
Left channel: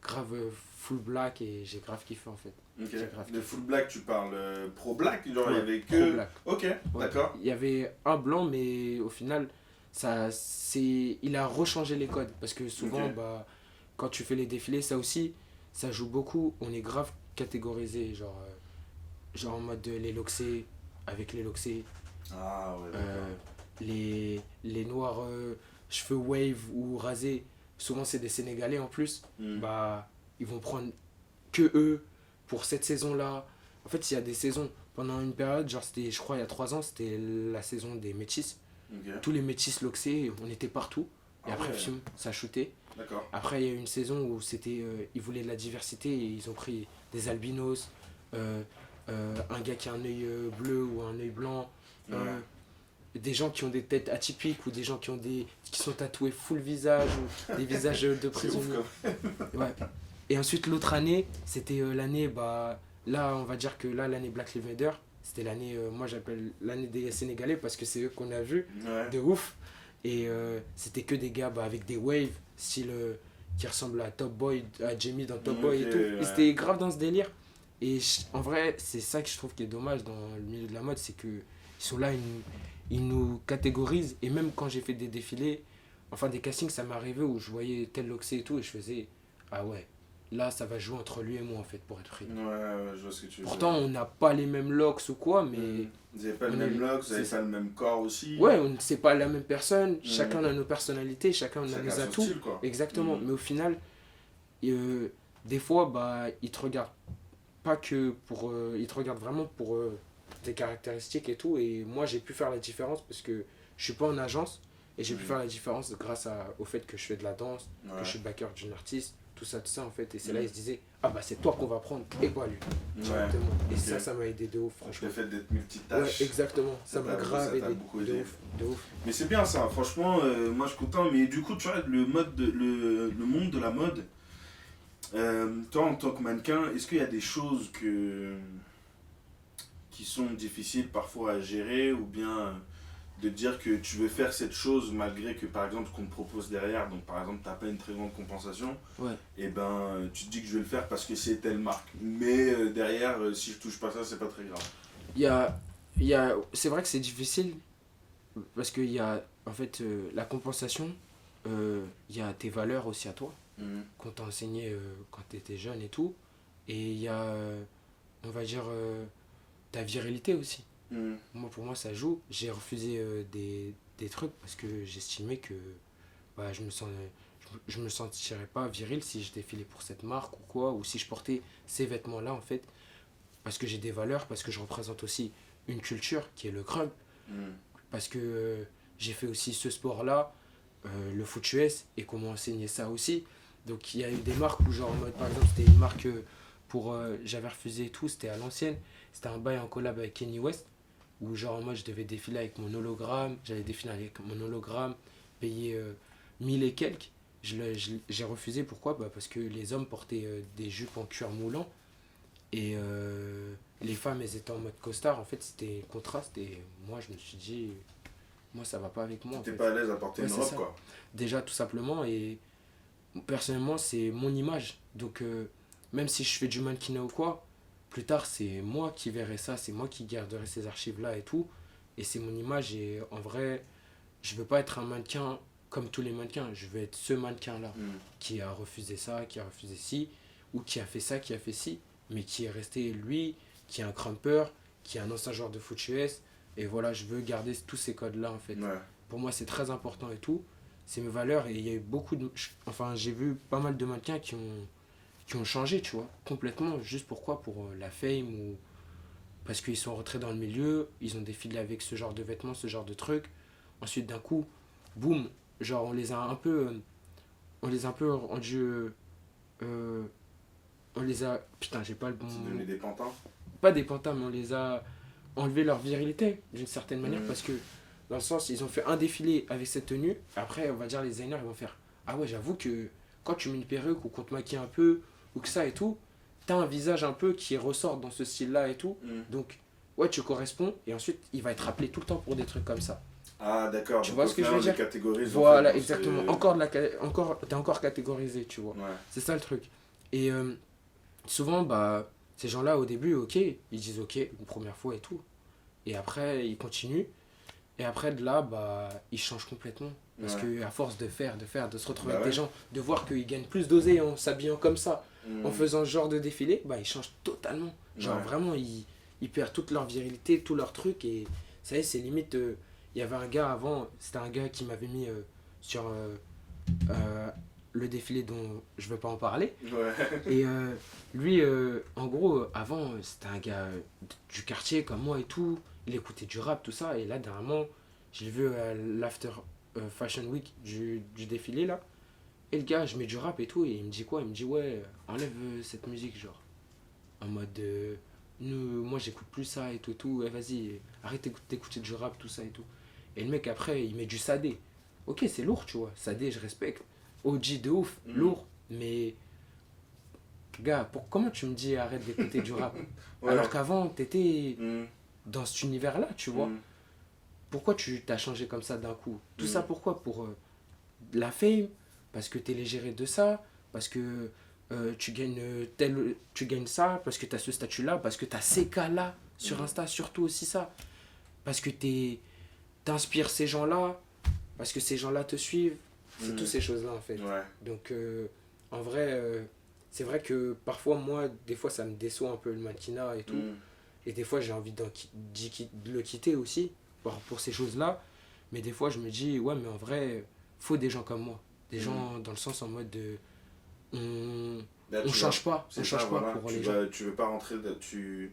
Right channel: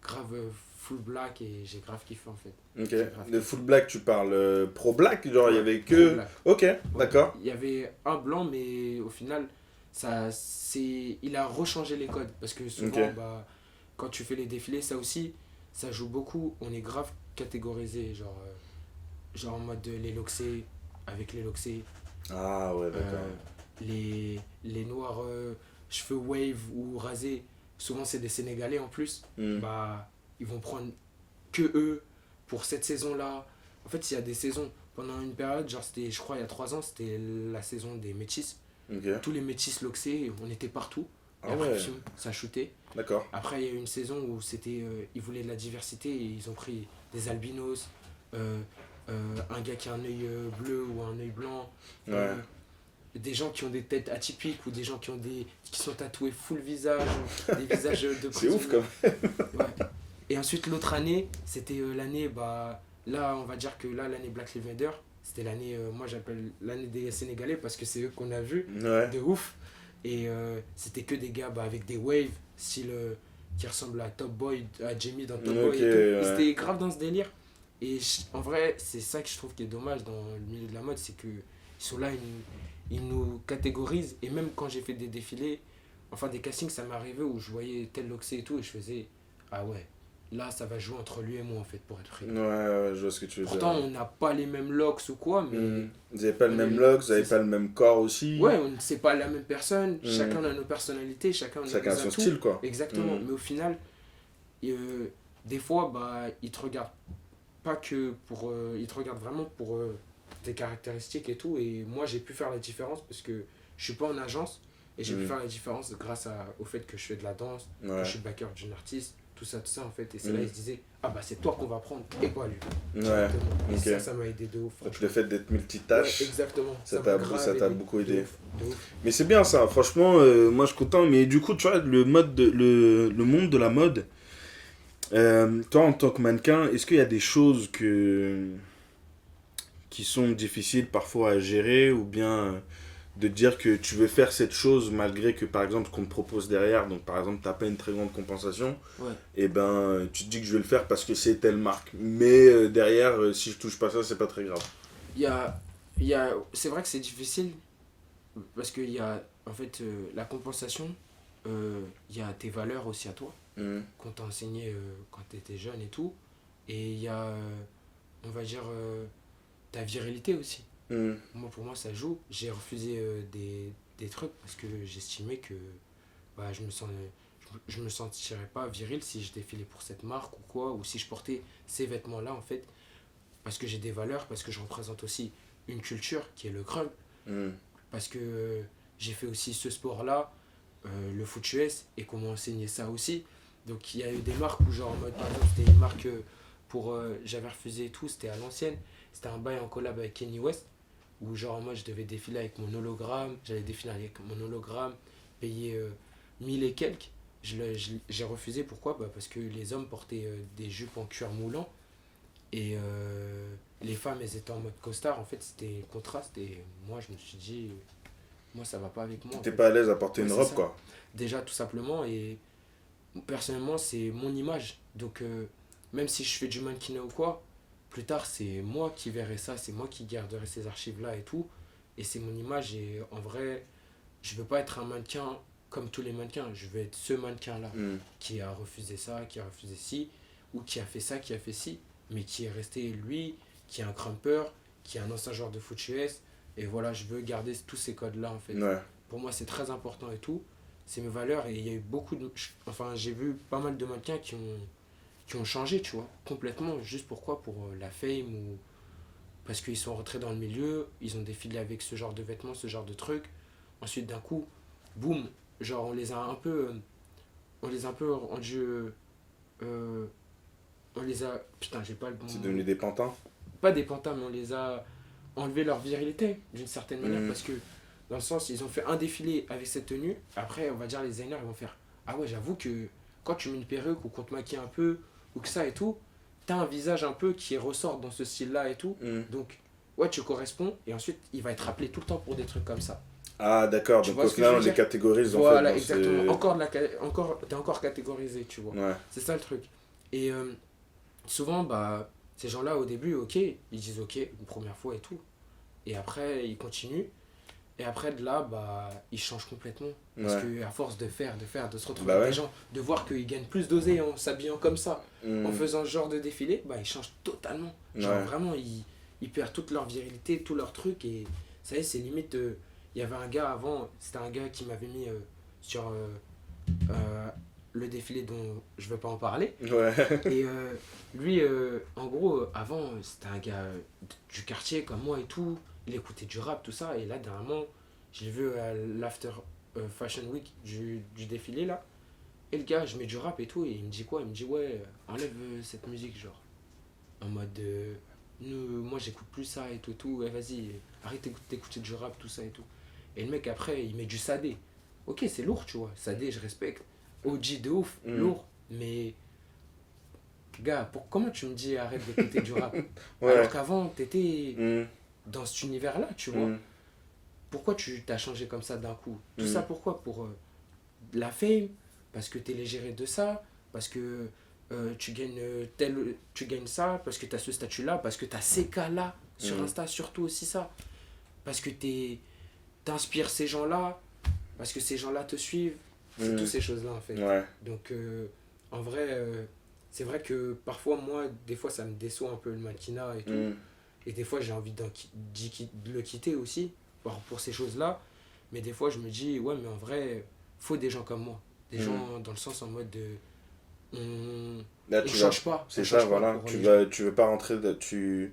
grave full black et j'ai grave kiffé en fait. Ok. J'ai grave De kiffé. full black, tu parles pro black? Genre, il y Ouais, avait que. pro black. Ok, Ouais. d'accord. Il y avait un blanc mais au final, il a rechangé les codes. Parce que souvent, Ok. bah, quand tu fais les défilés, ça aussi, ça joue beaucoup. On est grave catégorisé. Genre en mode les loxés, avec les loxés. Ah ouais, d'accord. Les noirs cheveux wave ou rasés, souvent c'est des Sénégalais en plus, bah ils vont prendre que eux pour cette saison-là. En fait, il y a des saisons, pendant une période, genre c'était, je crois il y a 3 ans, c'était la saison des métis. Ok. Tous les métis loxés, on était partout. Et Ah après, ouais. pfiou, ça shootait. D'accord. Après, il y a eu une saison où c'était, ils voulaient de la diversité et ils ont pris des albinos, un gars qui a un œil bleu ou un œil blanc, Ouais. des gens qui ont des têtes atypiques ou des gens qui sont tatoués full visage ou des visages de C'est prisonniers. ouf quand même. Ouais. Et ensuite, l'autre année, c'était l'année, bah, là, on va dire que là, l'année Black Lives Matter, c'était l'année, moi j'appelle l'année des Sénégalais parce que c'est eux qu'on a vu Ouais. de ouf. Et c'était que des gars bah, avec des waves, style qui ressemblent à Top Boy, à Jamie dans Top Boy et Ok, tout. ouais. Et c'était grave dans ce délire. Et en vrai, c'est ça que je trouve qui est dommage dans le milieu de la mode, c'est que ils sont là, ils nous catégorisent. Et même quand j'ai fait des défilés, enfin des castings, ça m'est arrivé où je voyais tel loxé et tout, et je faisais, ah ouais, là ça va jouer entre lui et moi en fait, pour être pris. Ouais, ouais, je vois ce que tu veux Pourtant, dire. on n'a pas les mêmes locks ou quoi, mais Vous avez pas le on même est- look, vous avez c'est pas le même corps aussi. ouais, c'est pas la même personne, chacun a nos personnalités, chacun a Chacun nos son atouts. style, quoi. Exactement, mais au final, des fois, bah, ils te regardent pas que pour. Ils te regardent vraiment pour tes caractéristiques et tout. Et moi, j'ai pu faire la différence parce que je suis pas en agence et j'ai pu faire la différence grâce au fait que je fais de la danse, que Ouais. je suis backer d'une artiste, tout ça en fait. Et c'est là, ils se disaient, ah bah, c'est toi qu'on va prendre et pas lui. Directement. Et ok. ça m'a aidé de ouf, Donc, franchement. le fait d'être Ouais, multitâche, exactement. ça Ça m'a t'a grave aidé. beaucoup De aidé. ouf, de ouf. Mais c'est bien ça, franchement, moi je suis content. Mais du coup, tu vois, le monde de la mode, toi en tant que mannequin, est-ce qu'il y a des choses qui sont difficiles parfois à gérer ou bien de dire que tu veux faire cette chose malgré que par exemple ce qu'on te propose derrière, donc par exemple t'as pas une très grande compensation, Ouais. et ben tu te dis que je vais le faire parce que c'est telle marque. Mais derrière, si je touche pas ça, c'est pas très grave. C'est vrai que c'est difficile parce qu'il y a en fait la compensation, il y a tes valeurs aussi à toi qu'on t'a enseigné quand tu étais jeune et tout, et il y a on va dire ta virilité aussi. Pour moi ça joue. J'ai refusé des trucs parce que j'estimais que bah, je me sentirais pas viril si je défilais pour cette marque ou quoi, ou si je portais ces vêtements là en fait, parce que j'ai des valeurs, parce que je représente aussi une culture qui est le crump, parce que j'ai fait aussi ce sport-là, le foot US, et qu'on m'a enseigné ça aussi. Donc il y a eu des marques où genre en mode, par exemple c'était une marque j'avais refusé et tout, c'était à l'ancienne, c'était un bail en collab avec Kanye West, où genre en mode je devais défiler avec mon hologramme, j'allais défiler avec mon hologramme, payer 1000 et quelques. J'ai refusé, pourquoi? Bah parce que les hommes portaient des jupes en cuir moulant, et les femmes elles étaient en mode costard, en fait c'était contraste, et moi je me suis dit moi ça va pas avec moi en T'es fait. pas à l'aise à porter Ouais, une c'est robe, ça. quoi. Déjà tout simplement, et personnellement c'est mon image, donc même si je fais du mannequinat ou quoi, plus tard c'est moi qui verrai ça, c'est moi qui garderai ces archives là et tout, et c'est mon image, et en vrai je veux pas être un mannequin comme tous les mannequins, je veux être ce mannequin là Mm. qui a refusé ça, qui a refusé ci, ou qui a fait ça, qui a fait ci, mais qui est resté lui, qui est un crumper, qui est un ancien joueur de foot US, et voilà, je veux garder tous ces codes là en fait. Ouais. Pour moi c'est très important et tout, c'est mes valeurs, et il y a eu beaucoup de, enfin j'ai vu pas mal de mannequins qui ont changé, tu vois, complètement, juste pourquoi, pour la fame, ou parce qu'ils sont rentrés dans le milieu, ils ont défilé avec ce genre de vêtements, ce genre de trucs, ensuite d'un coup, boum, genre on les a un peu rendus, euh, on les a, putain j'ai pas le bon, C'est devenu des pantins. pas des pantins, mais on les a enlevé leur virilité d'une certaine manière, Mhm. parce que dans le sens ils ont fait un défilé avec cette tenue, après on va dire les designers ils vont faire, ah ouais j'avoue que quand tu mets une perruque ou qu'on te maquille un peu ou que ça et tout, t'as un visage un peu qui ressort dans ce style là et tout, Mm. donc ouais tu corresponds, et ensuite il va être appelé tout le temps pour des trucs comme ça. Ah, d'accord. Tu Donc vois au ce que final, je on veux les dire? catégorise, Voilà, en fait, dans exactement. ce- T'es encore catégorisé, tu vois. Ouais. C'est ça le truc. Et souvent, bah, ces gens-là, au début, ok, ils disent ok, une première fois et tout. Et après, ils continuent. Et après, de là, bah, ils changent complètement. Parce Ouais. que à force de faire, de se retrouver Bah avec ouais. des gens, de voir qu'ils gagnent plus d'oseille en s'habillant comme ça, Mm. en faisant ce genre de défilé, bah, ils changent totalement. Genre, Ouais. vraiment, ils perdent toute leur virilité, tout leur truc. Et ça y est, c'est limite. Il y avait un gars avant, c'était un gars qui m'avait mis sur euh, le défilé dont je veux pas en parler. Ouais. Et lui, en gros, avant, c'était un gars du quartier comme moi et tout. Il écoutait du rap, tout ça. Et là, dernièrement, je l'ai vu à l'After Fashion Week du défilé, là. Et le gars, je mets du rap et tout. Et il me dit quoi? Il me dit, ouais, enlève cette musique, genre. En mode, moi, j'écoute plus ça et tout, et tout. Vas-y, arrête d'écouter du rap, tout ça et tout. Et le mec, après, il met du Sadé. Ok, c'est lourd, tu vois. Sadé, je respecte. OG de ouf, Mm. lourd. Mais gars, comment tu me dis arrête d'écouter du rap? Ouais. Alors qu'avant, t'étais Mm. dans cet univers-là, tu vois. Mm. Pourquoi tu t'as changé comme ça d'un coup? Tout Mm. ça pourquoi? Pour la fame? Parce que t'es légéré de ça? Parce que tu gagnes ça? Parce que t'as ce statut-là? Parce que t'as ces cas-là sur Mm. Insta? Surtout aussi ça. Parce que t'inspires ces gens-là? Parce que ces gens-là te suivent? C'est Mm. toutes ces choses-là en fait. Ouais. Donc, en vrai, c'est vrai que parfois, moi, des fois, ça me déçoit un peu le mannequinat et tout. Mm. Et des fois, j'ai envie de le quitter aussi, pour ces choses-là. Mais des fois, je me dis, ouais, mais en vrai, faut des gens comme moi. Des Mm. gens dans le sens en mode de. Là, On tu change vas- pas. C'est On ça, change pas voilà. pour Tu les vas, tu veux pas rentrer, tu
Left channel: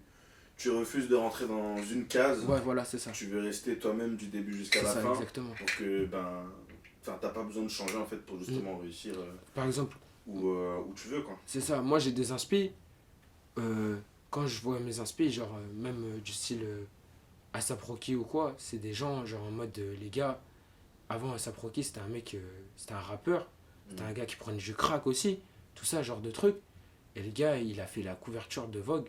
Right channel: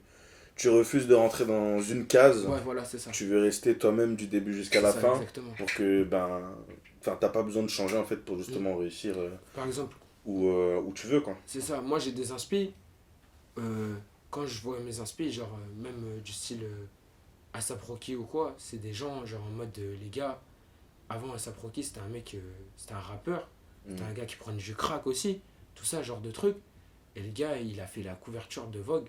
refuses de rentrer dans une case. gens. Ouais, voilà, c'est ça. Tu veux rester toi-même du début jusqu'à C'est la ça, fin. exactement. Pour que, enfin, t'as pas besoin de changer en fait pour justement réussir Par exemple, où tu veux, quoi. c'est ça. Moi, j'ai des inspi. Quand je vois mes inspi, genre, même du style ASAP Rocky ou quoi, c'est des gens, genre, en mode, les gars, avant ASAP Rocky, c'était un mec, c'était un rappeur. C'était un gars qui prenait du crack aussi. Tout ça, genre de trucs. Et le gars, il a fait la couverture de Vogue,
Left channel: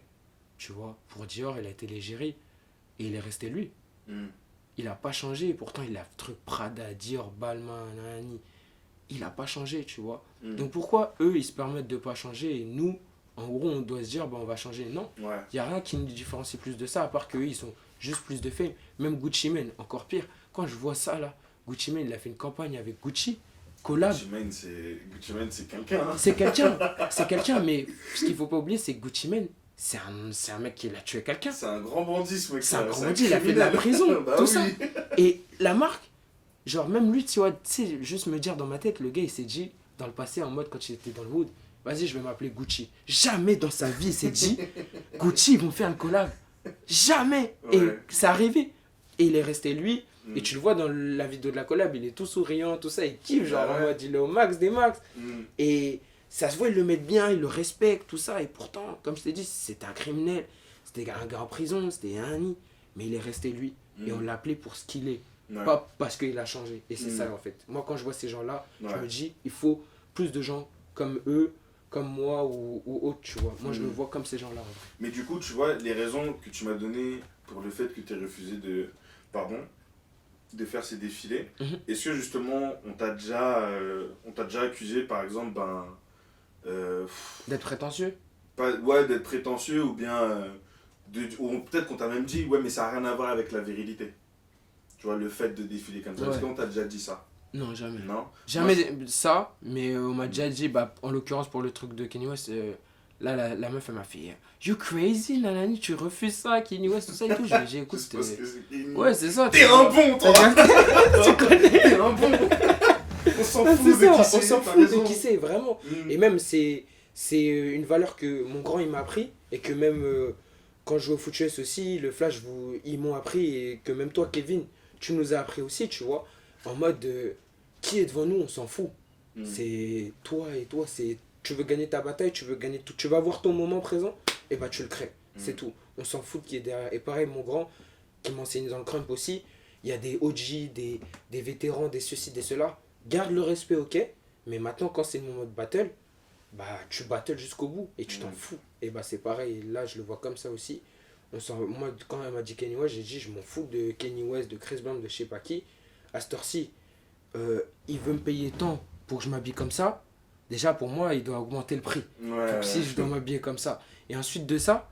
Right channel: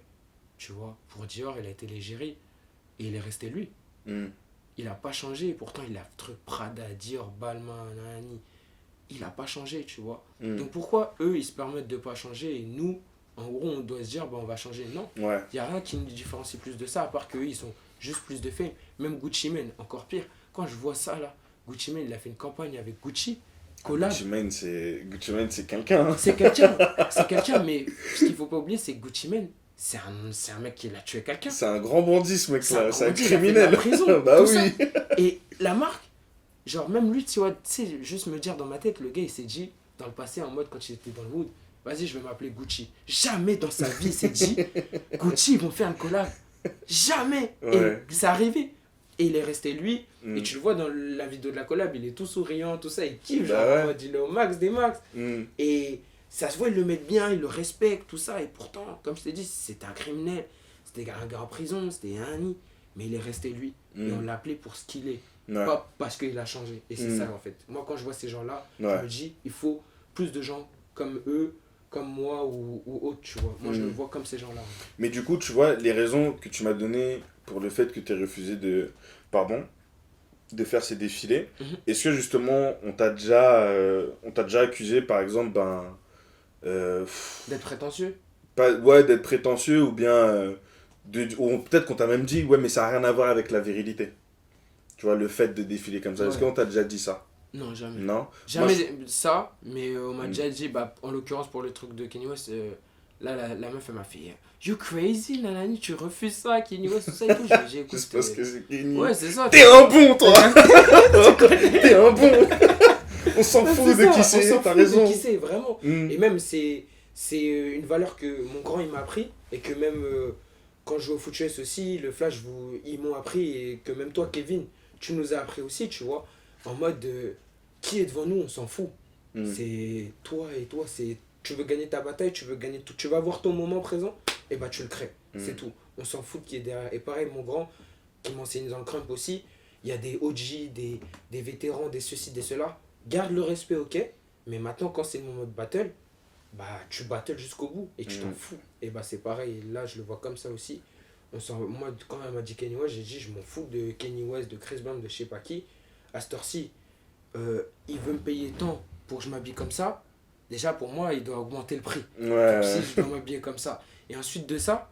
tu vois, pour Dior, il a été l'égérie. Et il est resté lui. Mm. Il a pas changé. Et pourtant, il a truc Prada, Dior, Balmain, nanani. Il a pas changé, tu vois. Mm. Donc pourquoi eux, ils se permettent de pas changer et nous, en gros, on doit se dire, bah, on va changer? Non. Ouais. Il n'y a rien qui nous différencie plus de ça, à part qu'eux, ils sont juste plus de fame. Même Gucci Mane, encore pire. Quand je vois ça, là, Gucci Mane, il a fait une campagne avec Gucci. Collab. Gucci Mane, c'est quelqu'un. Hein. C'est quelqu'un, mais ce qu'il faut pas oublier, c'est que Gucci Mane, c'est un mec qui a tué quelqu'un. C'est un grand bandit, ce mec. C'est un grand bandit, il a fait de la prison, Bah tout oui. ça. Et la marque, genre même lui, tu vois, tu sais, juste me dire dans ma tête, le gars, il s'est dit, dans le passé, en mode quand il était dans le wood, vas-y, je vais m'appeler Gucci. Jamais dans sa vie, il s'est dit, Gucci, ils vont faire une collab. Jamais. Ouais. Et c'est arrivé. Et il est resté lui. Mm. Et tu le vois dans la vidéo de la collab, il est tout souriant, tout ça, il kiffe, genre Bah ouais. en mode, il est au max des max. Mm. Et ça se voit, ils le mettent bien, ils le respectent, tout ça. Et pourtant, comme je t'ai dit, c'était un criminel. C'était un gars en prison, c'était un nid. Mais il est resté lui. Et Mm. on l'a appelé pour ce qu'il est. Ouais. Pas parce qu'il a changé. Et c'est Mm. ça, en fait. Moi, quand je vois ces gens-là, je Ouais. me dis, il faut plus de gens comme eux, comme moi ou autres, tu vois. Moi, je Mm. me vois comme ces gens-là. en vrai. Mais du coup, tu vois, les raisons que tu m'as données pour le fait que tu aies refusé de... Pardon. de faire ces défilés. Mhm. Est-ce que justement on t'a déjà accusé par exemple D'être prétentieux. ouais, d'être prétentieux ou bien ou peut-être qu'on t'a même dit ouais mais ça n'a rien à voir avec la virilité. Tu vois, le fait de défiler comme ça. Est-ce Ouais. qu'on t'a déjà dit ça? Non, jamais. Non. Jamais ça, mais on m'a déjà dit, bah, en l'occurrence pour le truc de Kanye West, là la meuf elle m'a fait You crazy, nanani, tu refuses ça, Kanye West, tout ça et tout. J'ai écoute. Juste parce que c'est Kenny. Ouais, c'est ça. T'es un bon toi. Tu connais. T'es un bon. On s'en Ouais, fout c'est de ça, qui c'est. on s'en T'as fout de raison. qui c'est, vraiment. Mm. Et même, c'est une valeur que mon grand il m'a appris et que même quand je joue au foot US aussi, le Flash, ils m'ont appris et que même toi, Kevin, tu nous as appris aussi, tu vois. En mode, qui est devant nous, on s'en fout. Mm. C'est toi et toi, tu veux gagner ta bataille, tu veux gagner tout, tu vas voir ton moment présent, et bah tu le crées, c'est tout. On s'en fout de qui est derrière. Et pareil, mon grand, qui m'enseigne dans le crump aussi, il y a des OG, des vétérans, des ceci, des cela. Garde le respect, ok, mais maintenant quand c'est le moment de battle, bah tu battles jusqu'au bout et tu t'en fous. Et bah c'est pareil, là je le vois comme ça aussi. Moi quand elle m'a dit Kanye West, j'ai dit je m'en fous de Kanye West, de Chris Brown, de je sais pas qui. À cette heure-ci, il veut me payer tant pour que je m'habille comme ça. Déjà pour moi il doit augmenter le prix. Ouais. Donc si je dois m'habiller comme ça. Et ensuite de ça,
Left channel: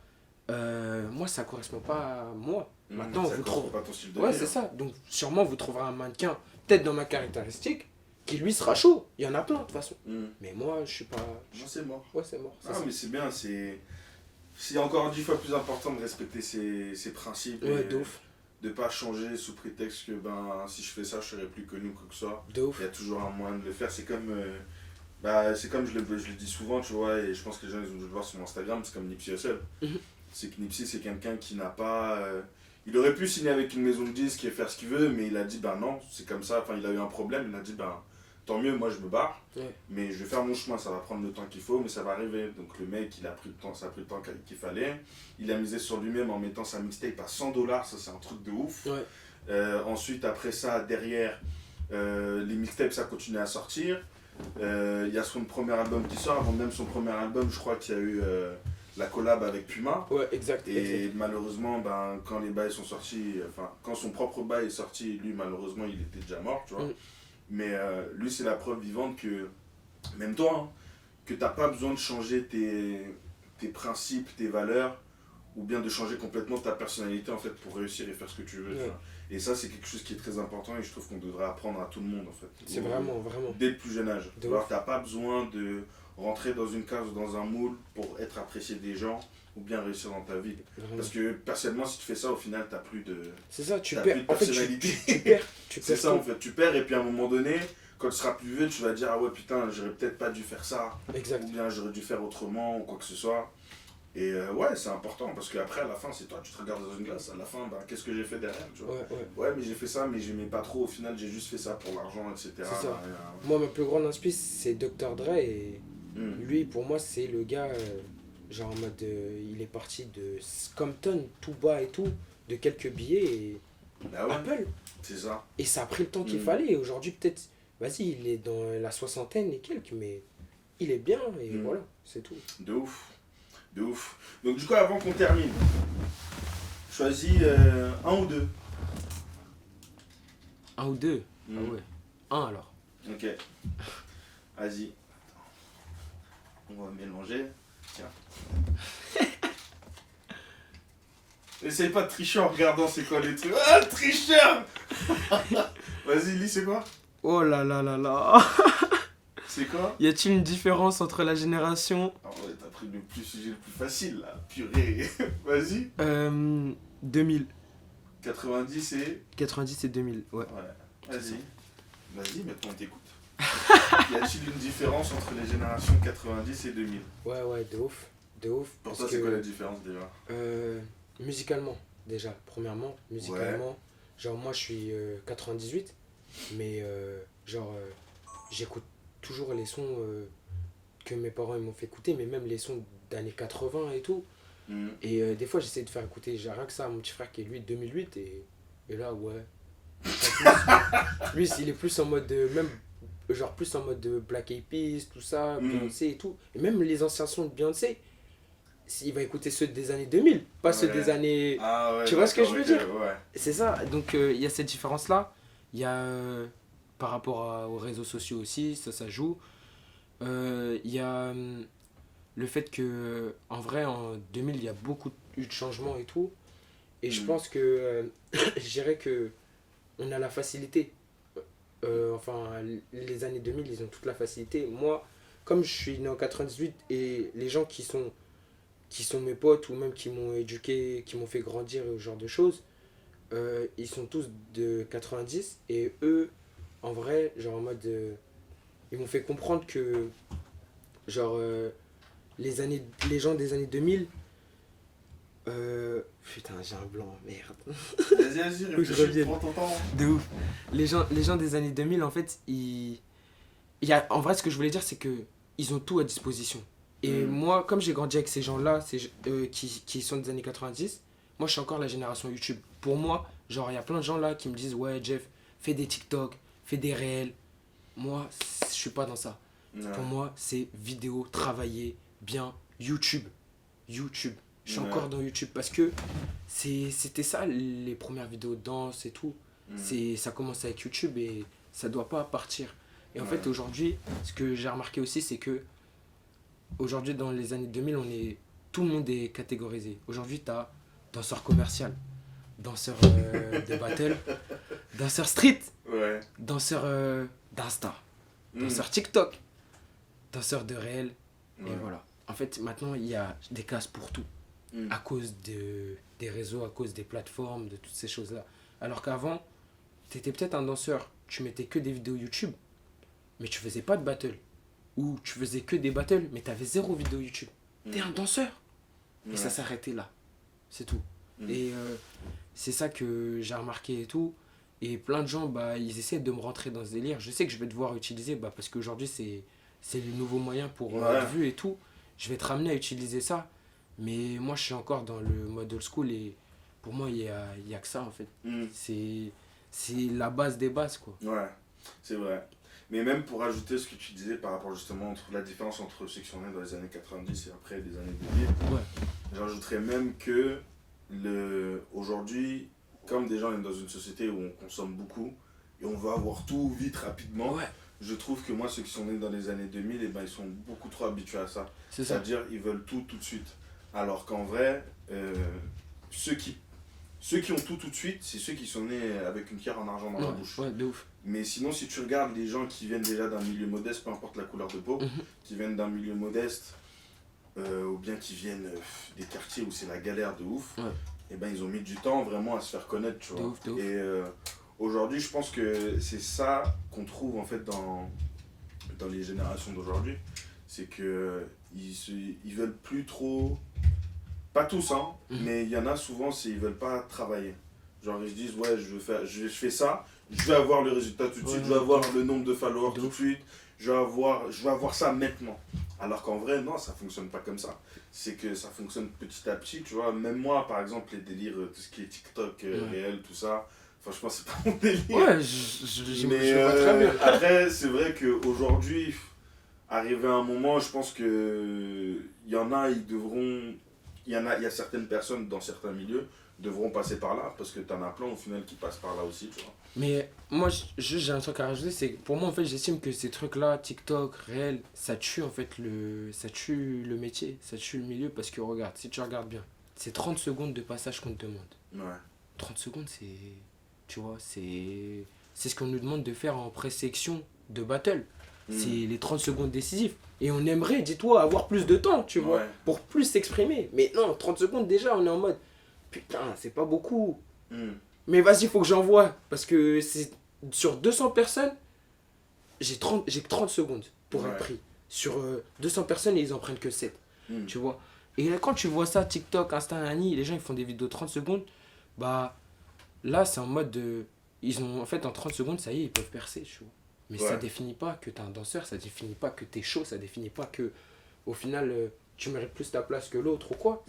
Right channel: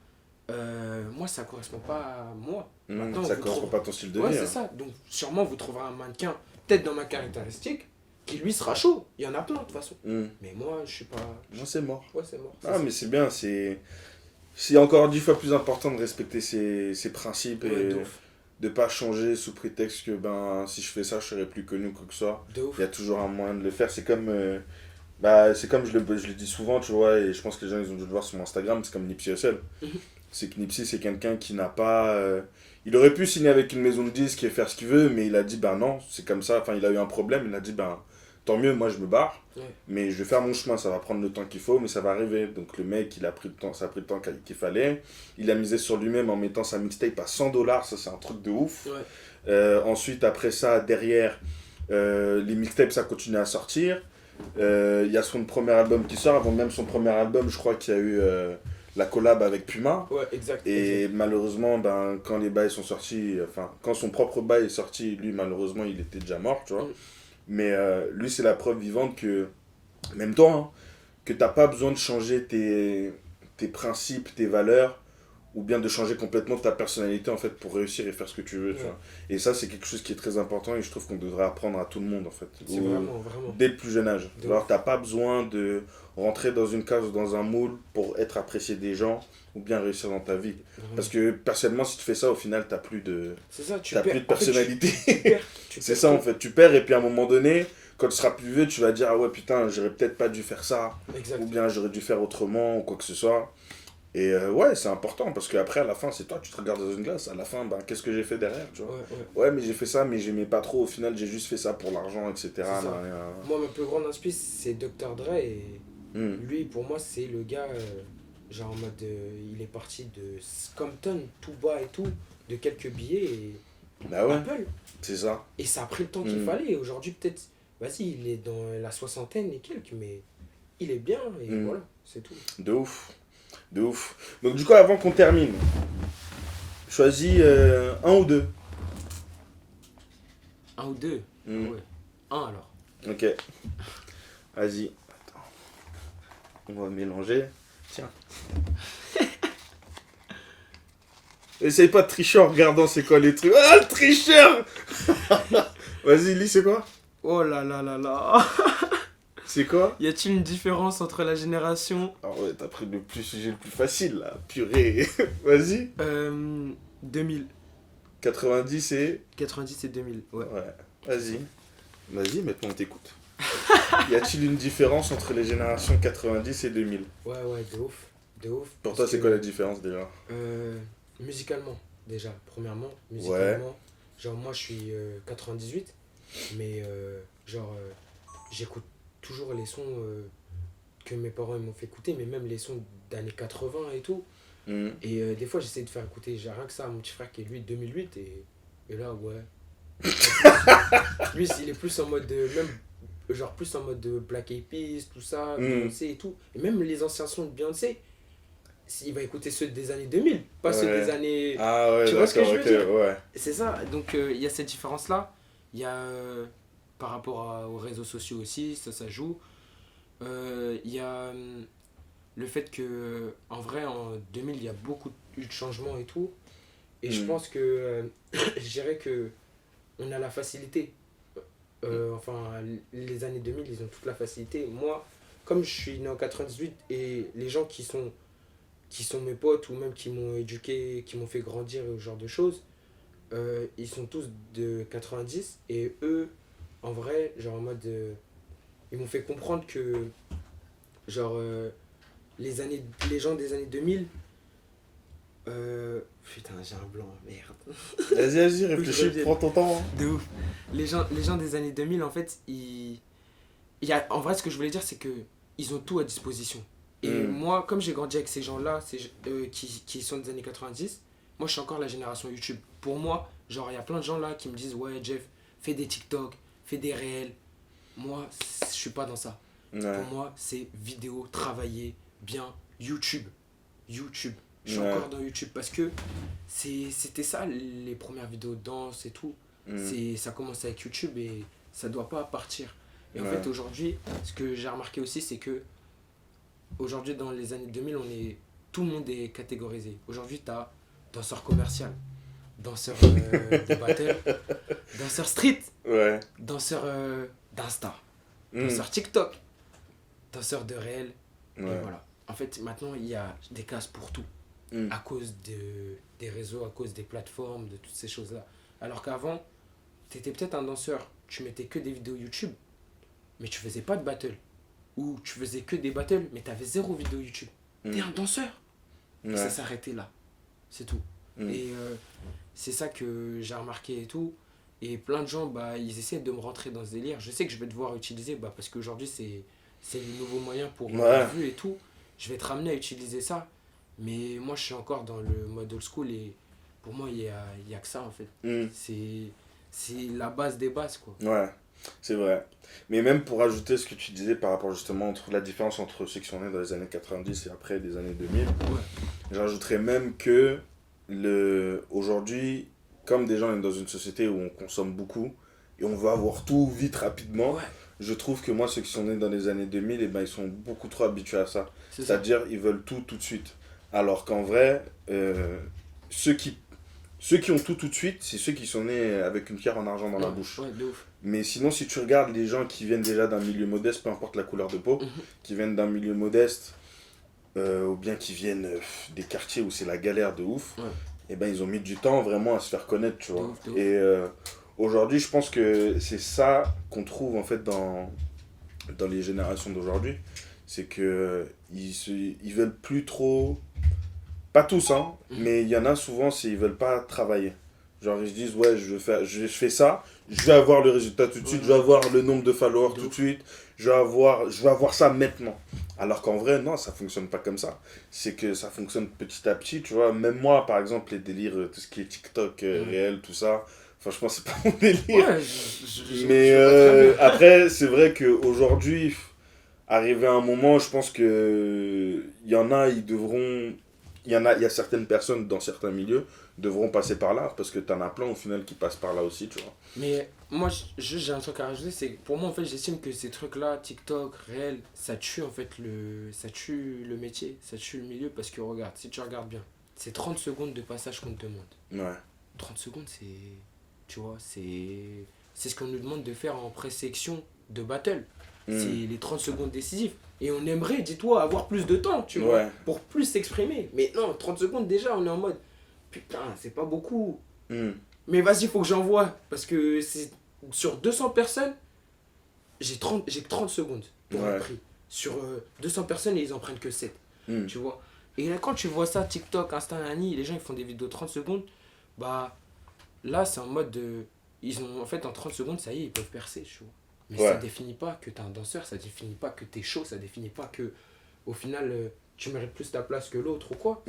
moi ça correspond pas à moi. Maintenant ça vous correspond trouvez. pas à ton style de Ouais vie. c'est hein. ça. Donc sûrement vous trouverez un mannequin, peut-être dans ma caractéristique, qui lui sera chaud. Il y en a plein de toute façon. Mm. Mais moi je suis pas. Non, c'est mort. Ouais c'est mort. Ah, mais c'est bien, c'est encore 10 fois plus important de respecter ses principes Ouais, et de ouf. de pas changer sous prétexte que si je fais ça, je serai plus connu ou quoi que ce soit. De ouf. Il y a toujours un moyen de le faire. C'est comme je le dis souvent, tu vois, et je pense que les gens ils ont dû le voir sur mon Instagram, c'est comme Nipsey Hussle. Mhm. C'est que Nipsey, c'est quelqu'un qui n'a pas. Il aurait pu signer avec une maison de disques et faire ce qu'il veut, mais il a dit ben non, c'est comme ça. Enfin, il a eu un problème, il a dit ben tant mieux, moi je me barre, Ouais. mais je vais faire mon chemin, ça va prendre le temps qu'il faut, mais ça va arriver. Donc le mec, il a pris le temps, ça a pris le temps qu'il fallait. Il a misé sur lui-même en mettant sa mixtape à $100, ça c'est un truc de ouf. Ouais. Ensuite, après ça, derrière, les mixtapes, ça continue à sortir. Il y a son premier album qui sort, avant même son premier album, je crois qu'il y a eu la collab avec Puma. Ouais, exact. Et malheureusement, quand les bails sont sortis, enfin, quand son propre bail est sorti, lui, malheureusement, il était déjà mort, tu vois. Mm. Mais lui, c'est la preuve vivante que, même toi, hein, que t'as pas besoin de changer tes principes, tes valeurs, ou bien de changer complètement ta personnalité, en fait, pour réussir et faire ce que tu veux, tu Ouais. vois. Et ça, c'est quelque chose qui est très important et je trouve qu'on devrait apprendre à tout le monde, en fait. C'est vraiment. Dès le plus jeune âge. De Alors, ouf. t'as pas besoin de rentrer dans une case ou dans un moule pour être apprécié des gens ou bien réussir dans ta vie. Vraiment. Parce que personnellement, si tu fais ça, au final, t'as plus de, C'est ça, tu t'as perds. plus de En fait, personnalité. tu perds. Tu C'est perds ça, tout. en fait. Tu perds et puis à un moment donné, quand tu seras plus vieux, tu vas dire ah ouais, putain, j'aurais peut-être pas dû faire ça. Exact. Ou bien j'aurais dû faire autrement ou quoi que ce soit. Et ouais, c'est important parce qu'après, à la fin, c'est toi, tu te regardes dans une glace. À la fin, ben, qu'est-ce que j'ai fait derrière, tu vois. Ouais, ouais. Ouais, mais j'ai fait ça, mais j'aimais pas trop. Au final, j'ai juste fait ça pour l'argent, etc. C'est ça. Nan, nan. Moi, ma plus grande inspi, c'est Dr. Dre. Et Hmm. lui, pour moi, c'est le gars, genre en mode, il est parti de Compton, tout bas et tout, de quelques billets et Bah ouais, Apple. c'est ça. Et ça a pris le temps qu'il Mm. fallait. Et aujourd'hui, peut-être, vas-y, il est dans la soixantaine et quelques, mais il est bien et Mm. voilà, c'est tout. De ouf. De ouf. Donc, du coup, avant qu'on termine, choisis un ou deux. Un ou deux. Mm. Ah ouais. Un alors. Ok. Vas-y. Attends. On va mélanger. Tiens. Essaye pas de tricher en regardant c'est quoi les trucs. Ah, le tricheur. Vas-y, lis, c'est quoi? Oh là là là là. C'est quoi? Y a-t-il une différence entre la génération Ah ouais, t'as pris le sujet le plus facile là. Purée. Vas-y. 2000. 90 et... 90 et 2000, ouais. Ouais. Vas-y. Vas-y, maintenant on t'écoute. Y a-t-il une différence entre les générations 90 et 2000? Ouais, ouais, de ouf. De ouf. Pour parce toi, c'est que, quoi la différence déjà? musicalement, déjà, premièrement, musicalement. Genre, moi, je suis 98, mais j'écoute toujours les sons que mes parents ils m'ont fait écouter, mais même les sons d'années 80 et tout. Hmm. Et des fois, j'essaie de faire écouter, j'ai rien que ça à mon petit frère qui est lui de 2008, et là, ouais. Lui, il est plus en mode, même, genre plus en mode de Black Eyed Peas, tout ça, Beyoncé et tout. Et même les anciens sons de Beyoncé, il va écouter ceux des années 2000, pas ceux Ouais. des années... Ah ouais, Tu vois ce que je veux d'accord, dire? ok, ouais. C'est ça, donc il y a cette différence-là. Il y a par rapport aux réseaux sociaux aussi, ça joue. Il y a le fait que, en vrai, en 2000, il y a beaucoup eu de changements et tout. Et je pense que, je dirais que on a la facilité. Enfin, les années 2000, ils ont toute la facilité. Moi, comme je suis né en 98 et les gens qui sont mes potes ou même qui m'ont éduqué, qui m'ont fait grandir et ce genre de choses, ils sont tous de 90 et eux, en vrai, genre en mode. Ils m'ont fait comprendre que, genre, les gens des années 2000. Putain, j'ai un blanc, merde. Vas-y, réfléchis, prends ton temps. De ouf. Les gens des années 2000, en fait, en vrai, ce que je voulais dire, c'est que ils ont tout à disposition. Et moi, comme j'ai grandi avec ces gens-là, qui sont des années 90, moi, je suis encore la génération YouTube. Pour moi, genre, il y a plein de gens là qui me disent, ouais, Jeff, fais des TikTok, fais des réels. Moi, je suis pas dans ça. Ouais. Pour moi, c'est vidéo, travailler bien, YouTube. YouTube. Je suis Ouais. encore dans YouTube parce que c'était ça les premières vidéos de danse et tout. Ça commence avec YouTube et ça doit pas partir. Et en Ouais. fait, aujourd'hui, ce que j'ai remarqué aussi, c'est que aujourd'hui, dans les années 2000, tout le monde est catégorisé. Aujourd'hui, tu as danseur commercial, danseur de battle, danseur street, Ouais. danseur d'Insta, danseur TikTok, danseur de réel. Ouais. Et voilà. En fait, maintenant, il y a des cases pour tout. À cause des réseaux, à cause des plateformes, de toutes ces choses-là. Alors qu'avant, tu étais peut-être un danseur, tu mettais que des vidéos YouTube, mais tu faisais pas de battle. Ou tu faisais que des battles, mais tu avais 0 vidéo YouTube. T'es un danseur. Ouais. Et ça s'arrêtait là. C'est tout. Et c'est ça que j'ai remarqué et tout. Et plein de gens, bah, ils essaient de me rentrer dans ce délire. Je sais que je vais devoir utiliser, bah, parce qu'aujourd'hui, c'est le nouveau moyen pour être vu et tout. Je vais être ramené à utiliser ça. Mais moi, je suis encore dans le mode old school et pour moi, il y a que ça, en fait. C'est la base des bases, quoi. Ouais, c'est vrai. Mais même pour ajouter ce que tu disais par rapport justement entre la différence entre ceux qui sont nés dans les années 90 et après les années 2000, Ouais. j'ajouterais même que aujourd'hui, comme déjà on est dans une société où on consomme beaucoup et on veut avoir tout vite, rapidement, Ouais. je trouve que moi, ceux qui sont nés dans les années 2000, eh ben, ils sont beaucoup trop habitués à ça. C'est ça. C'est-à-dire, ils veulent tout de suite. Alors qu'en vrai, ceux qui ont tout de suite, c'est ceux qui sont nés avec une pierre en argent dans la bouche. Ouais, de ouf. Mais sinon, si tu regardes les gens qui viennent déjà d'un milieu modeste, peu importe la couleur de peau, qui viennent d'un milieu modeste, ou bien qui viennent des quartiers où c'est la galère de ouf, et ben ils ont mis du temps vraiment à se faire connaître, tu vois. De ouf. Et aujourd'hui, je pense que c'est ça qu'on trouve en fait dans les générations d'aujourd'hui. C'est que ils veulent plus trop. Pas tous, hein, mais il y en a souvent, ils veulent pas travailler. Genre, ils se disent, ouais, je fais ça, je vais avoir le résultat tout de suite, je vais avoir le nombre de followers tout de suite, je vais avoir ça maintenant. Alors qu'en vrai, non, ça fonctionne pas comme ça. C'est que ça fonctionne petit à petit, tu vois. Même moi, par exemple, les délires, tout ce qui est TikTok, réel, tout ça, franchement, c'est pas mon délire. Ouais, je Mais vois très bien. après, c'est vrai qu'aujourd'hui, arrivé à un moment, je pense que il y en a, il y a certaines personnes dans certains milieux devront passer par là parce que t'en as plein au final qui passent par là aussi, tu vois. Mais moi, juste j'ai un truc à rajouter, c'est que pour moi, en fait, j'estime que ces trucs-là, TikTok, réel, ça tue en fait ça tue le métier, ça tue le milieu parce que regarde, si tu regardes bien, c'est 30 secondes de passage qu'on te demande. Ouais. 30 secondes, tu vois, c'est ce qu'on nous demande de faire en pré-section de battle. C'est les 30 secondes décisives. Et on aimerait, dis-toi, avoir plus de temps, tu vois, pour plus s'exprimer. Mais non, 30 secondes déjà, on est en mode, putain, c'est pas beaucoup. Mais vas-y, faut que j'envoie. Parce que sur 200 personnes, j'ai que 30 secondes pour un prix. Sur 200 personnes, ils en prennent que 7. Tu vois. Et là, quand tu vois ça, TikTok, Insta, Nani, les gens ils font des vidéos de 30 secondes, bah là, c'est en mode de. En fait, en 30 secondes, ça y est, ils peuvent percer, tu vois. Mais ça définit pas que t'es un danseur, ça définit pas que t'es chaud, ça définit pas que, au final, tu mérites plus ta place que l'autre ou quoi.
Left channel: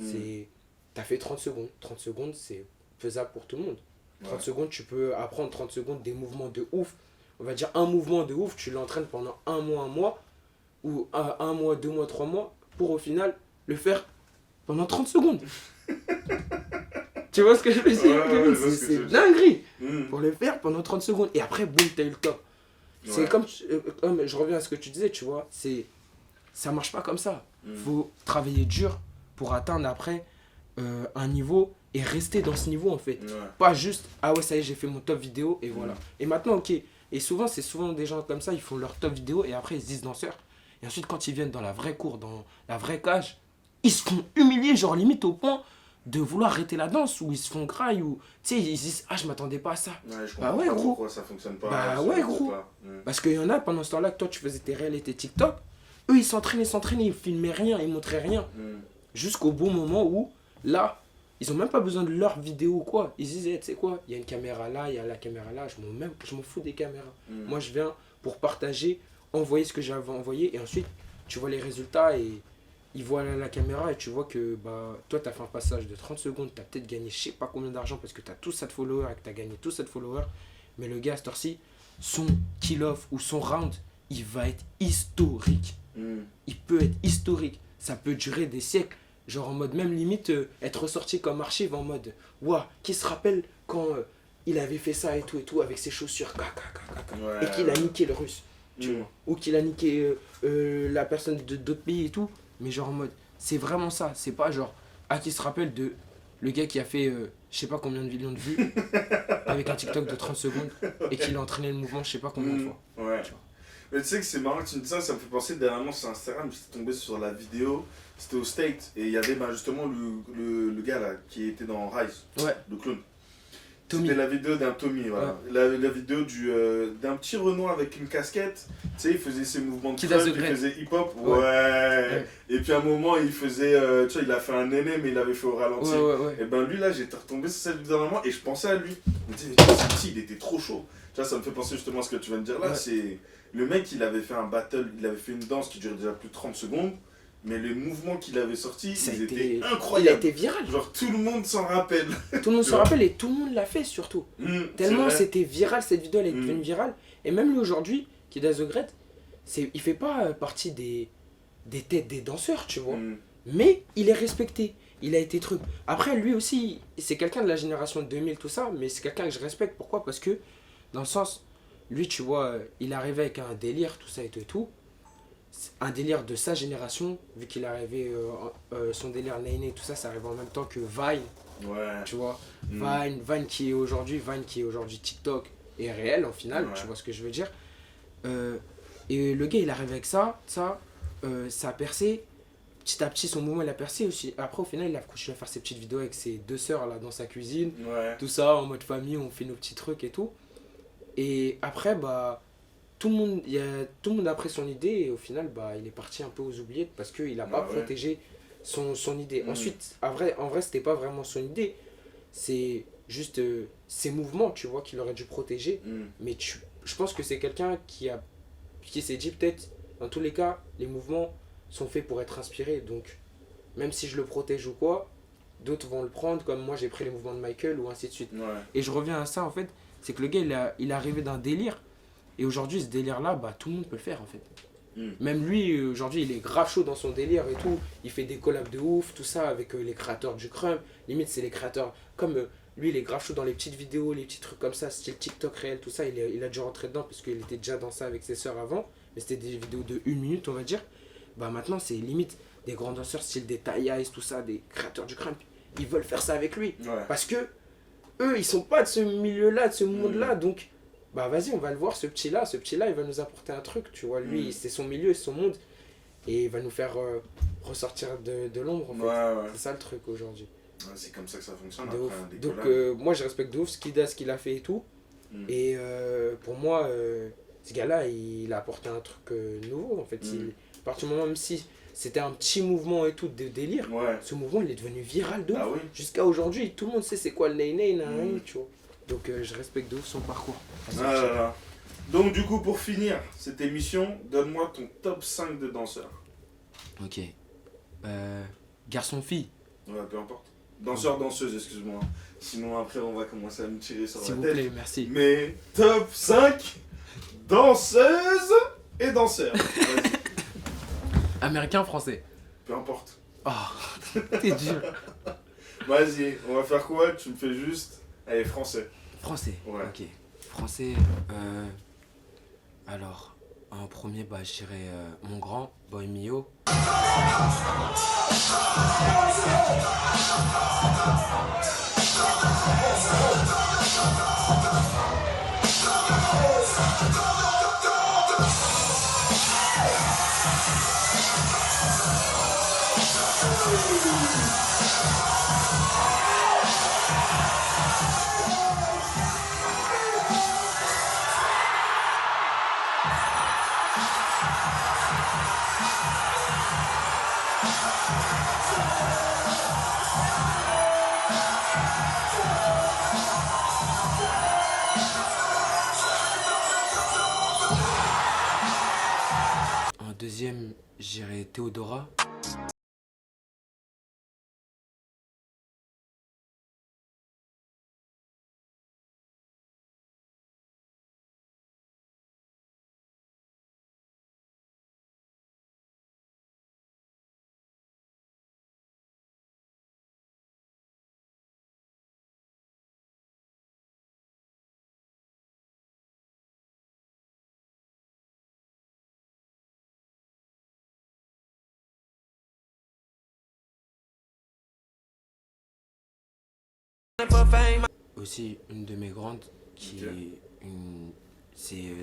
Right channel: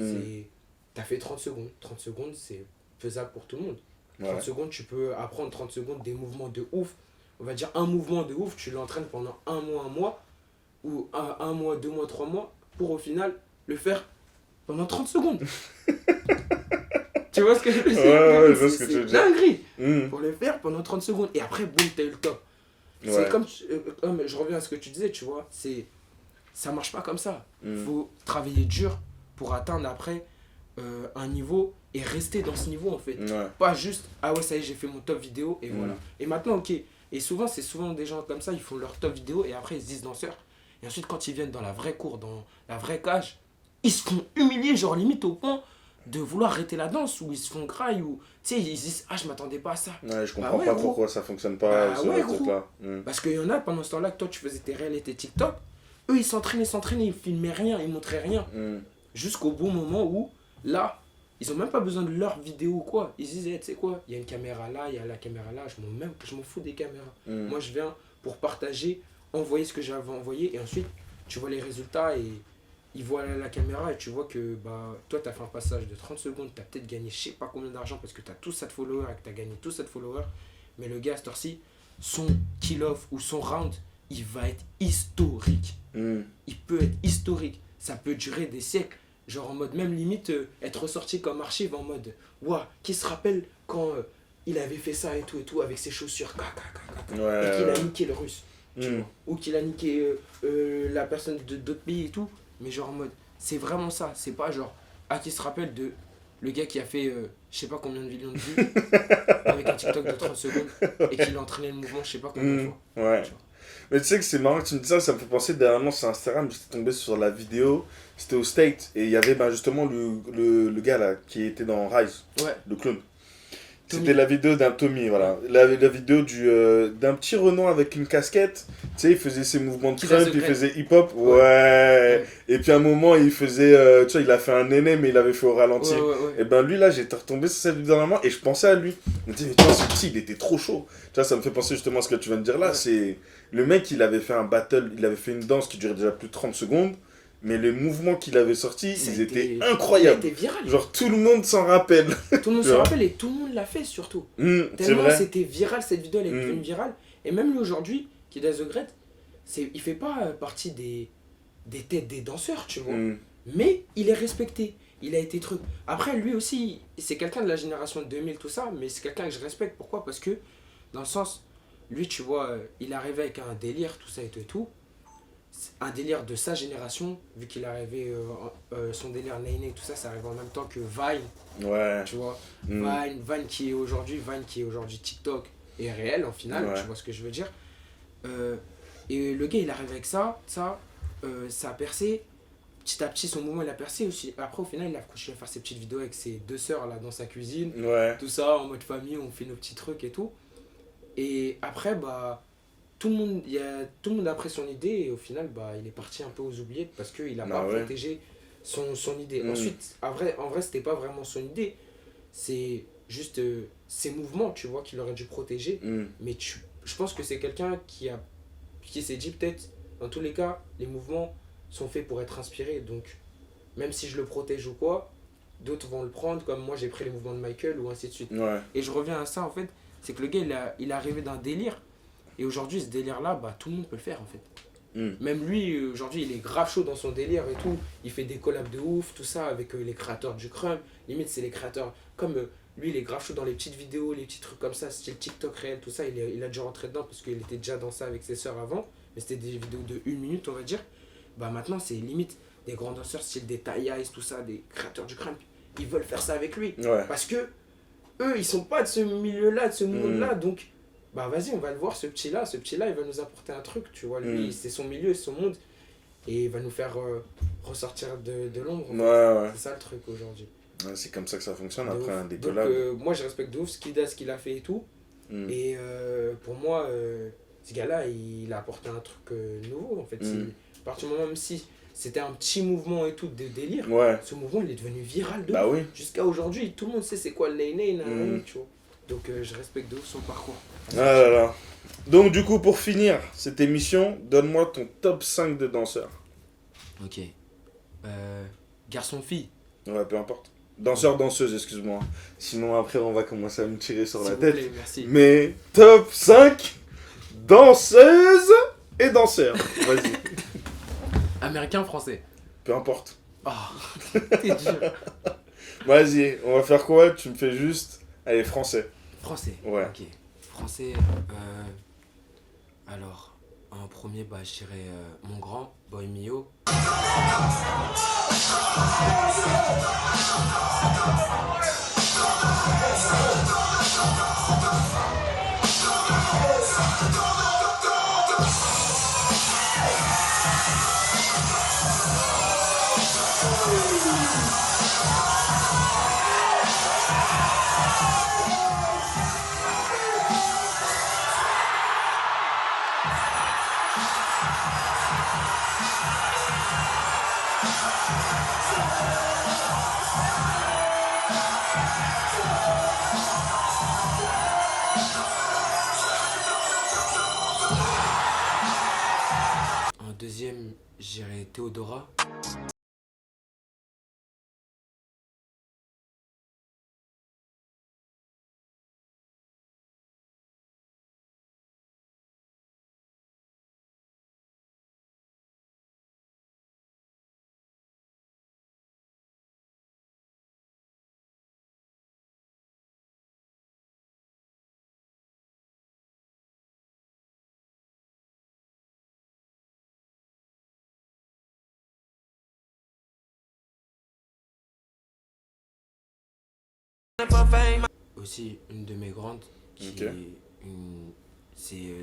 T'as fait 30 secondes. 30 secondes, c'est faisable pour tout le monde. 30 secondes, tu peux apprendre 30 secondes des mouvements de ouf. On va dire un mouvement de ouf, tu l'entraînes pendant un mois, ou un mois, 2 mois, 3 mois, pour au final le faire pendant 30 secondes. Tu vois ce que je veux dire? Ouais, je vois ce que tu C'est veux dire. dinguerie Mm. pour le faire pendant 30 secondes. Et après, boum, t'as eu le top. C'est Ouais. comme, je reviens à ce que tu disais, tu vois, ça marche pas comme ça. Mm. Faut travailler dur pour atteindre après un niveau et rester dans ce niveau en fait. Ouais. Pas juste, ah ouais, ça y est, j'ai fait mon top vidéo et Mm. voilà. Et maintenant, ok. Et souvent, c'est souvent des gens comme ça, ils font leur top vidéo et après, ils se disent danseurs. Et ensuite, quand ils viennent dans la vraie cour, dans la vraie cage, ils se font humilier, genre limite au point de vouloir arrêter la danse ou ils se font graille ou tu sais, ils se disent, ah, je m'attendais pas à ça. Ouais, je Bah comprends ouais, pas gros. pourquoi ça fonctionne pas. Bah ça ouais, reste gros. pas. Mm. Parce qu'il y en a pendant ce temps-là que toi, tu faisais tes réels et tes TikTok. Eux, ils s'entraînaient, ils filmaient rien, ils montraient rien. Mm. Jusqu'au bon moment où, là, ils ont même pas besoin de leur vidéo ou quoi. Ils disaient, tu sais quoi, il y a une caméra là, il y a la caméra là, je m'en fous des caméras. Mm. Moi, je viens pour partager, envoyer ce que j'avais envoyé, et ensuite, tu vois les résultats et ils voient la caméra et tu vois que bah, toi, tu as fait un passage de 30 secondes, tu as peut-être gagné je sais pas combien d'argent parce que tu as tous cette followers et que tu as gagné tous cette followers. Mais le gars, à cette heure-ci, son kill-off ou son round, il va être historique. Mm. Il peut être historique. Ça peut durer des siècles. Genre en mode, même limite, être ressorti comme archive en mode, ouah, qui se rappelle quand il avait fait ça et tout, avec ses chaussures, Ouais. et qu'il a niqué le russe, tu Mm. vois. Ou qu'il a niqué la personne d'autres pays et tout. Mais genre en mode, c'est vraiment ça. C'est pas genre, ah, qui se rappelle de le gars qui a fait, je sais pas combien de millions de vues, avec un TikTok de 30 secondes, et qu'il a entraîné le mouvement, je sais pas combien de fois. Ouais. Tu vois. Mais tu sais que c'est marrant que tu me dis ça, ça me fait penser dernièrement sur Instagram, j'étais tombé sur la vidéo, c'était au State, et il y avait bah, justement le gars là qui était dans Rise, Ouais. le clown. Tommy. C'était la vidéo d'un Tommy, voilà. La vidéo d'un petit Renan avec une casquette, tu sais, il faisait ses mouvements de Qui does crump, the il great. faisait hip-hop, Ouais. ouais. Et puis à un moment, il faisait, tu vois, il a fait un néné, mais il avait fait au ralenti. Ouais. Et ben lui là, j'étais retombé sur cette vidéo dernièrement et je pensais à lui. Je me dis, mais tu vois, ce petit, il était trop chaud. Tu vois, ça me fait penser justement à ce que tu viens de dire là. Ouais. C'est le mec, il avait fait un battle, il avait fait une danse qui durait déjà plus de 30 secondes, mais les mouvements qu'il avait sortis, Ça a ils été- étaient Il a incroyables. été viral. Genre tout le monde s'en rappelle. Tout le monde se Ouais. rappelle et tout le monde l'a fait surtout. C'est Tellement vrai. c'était viral, cette vidéo elle est Mm. devenue virale. Et même lui aujourd'hui, qui does the great, il fait pas partie des têtes des danseurs, tu vois. Mm. Mais il est respecté. Il a été truc. Après, lui aussi, c'est quelqu'un de la génération 2000, tout ça, mais c'est quelqu'un que je respecte. Pourquoi? Parce que, dans le sens, lui, tu vois, il arrivait avec un délire, tout ça et tout. C'est un délire de sa génération, vu qu'il arrivait, son délire Nene, tout ça, ça arrivait en même temps que Vine, Ouais. tu vois. Mm. Vine qui est aujourd'hui TikTok est réel en final, Ouais. tu vois ce que je veux dire. Et le gars il arrive avec ça a percé. Petit à petit son mouvement il a percé aussi. Après au final il a continué à faire ses petites vidéos avec ses deux sœurs là dans sa cuisine. Ouais. Tout ça en mode famille, on fait nos petits trucs et tout. Et après bah tout le monde a pris son idée et au final bah il est parti un peu aux oubliettes parce qu'il a pas ouais. protégé son idée. Mm. Ensuite en vrai c'était pas vraiment son idée. C'est juste ses mouvements, tu vois, qu'il aurait dû protéger. Mm. Mais je pense que c'est quelqu'un qui s'est dit peut-être, dans tous les cas, les mouvements sont faits pour être inspirés. Donc, même si je le protège ou quoi, d'autres vont le prendre, comme moi j'ai pris les mouvements de Michael ou ainsi de suite. Ouais. Et je reviens à ça en fait, c'est que le gars il est arrivé d'un délire. Et aujourd'hui, ce délire-là, bah, tout le monde peut le faire en fait. Mm. Même lui, aujourd'hui, il est grave chaud dans son délire et tout. Il fait des collabs de ouf, tout ça, avec les créateurs du crump. Limite, c'est les créateurs. Comme lui, il est grave chaud dans les petites vidéos, les petits trucs comme ça, style TikTok réel, tout ça. Il a dû rentrer dedans parce qu'il était déjà dans ça avec ses sœurs avant. Mais c'était des vidéos de 1 minute, on va dire. Bah maintenant, c'est limite des grands danseurs, style des Ty Ice, tout ça, des créateurs du crump. Ils veulent faire ça avec lui. Ouais. Parce que eux, ils sont pas de ce milieu-là, de ce monde-là. Donc, bah vas-y, on va le voir, ce petit-là. Ce petit-là, il va nous apporter un truc, tu vois. Lui, c'est son milieu, c'est son monde. Et il va nous faire ressortir de l'ombre, en fait. Ouais. C'est ça le truc aujourd'hui. Ouais, c'est comme ça que ça fonctionne De après ouf. un des Donc, collabs. moi, je respecte de ouf ce qu'il a fait et tout. Mm. Et pour moi, ce gars-là, il a apporté un truc nouveau, en fait. À partir du moment, même si c'était un petit mouvement et tout de délire, Ouais. ce mouvement, il est devenu viral de Bah ouf. oui. Jusqu'à aujourd'hui, tout le monde sait c'est quoi le Nene, Mm. tu vois. Donc, je respecte de ouf son parcours. Ah là là. Donc du coup, pour finir cette émission, donne-moi ton top 5 de danseurs. Ok. Garçon-fille, Ouais, peu importe. Danseur, danseuse, excuse-moi. Sinon après, on va commencer à me tirer sur s'il la vous tête. plaît, merci. Mais top 5 danseuses et danseurs. Vas-y. Américain, français. Peu importe. Oh, t'es dur. Vas-y, on va faire quoi? Tu me fais juste... Allez, français. Français. Ouais. Ok. Français. Alors, en premier, bah, je dirais mon grand, Boy Mio. En deuxième, je dirais Théodora. Aussi, une de mes grandes, qui Ok. est une... C'est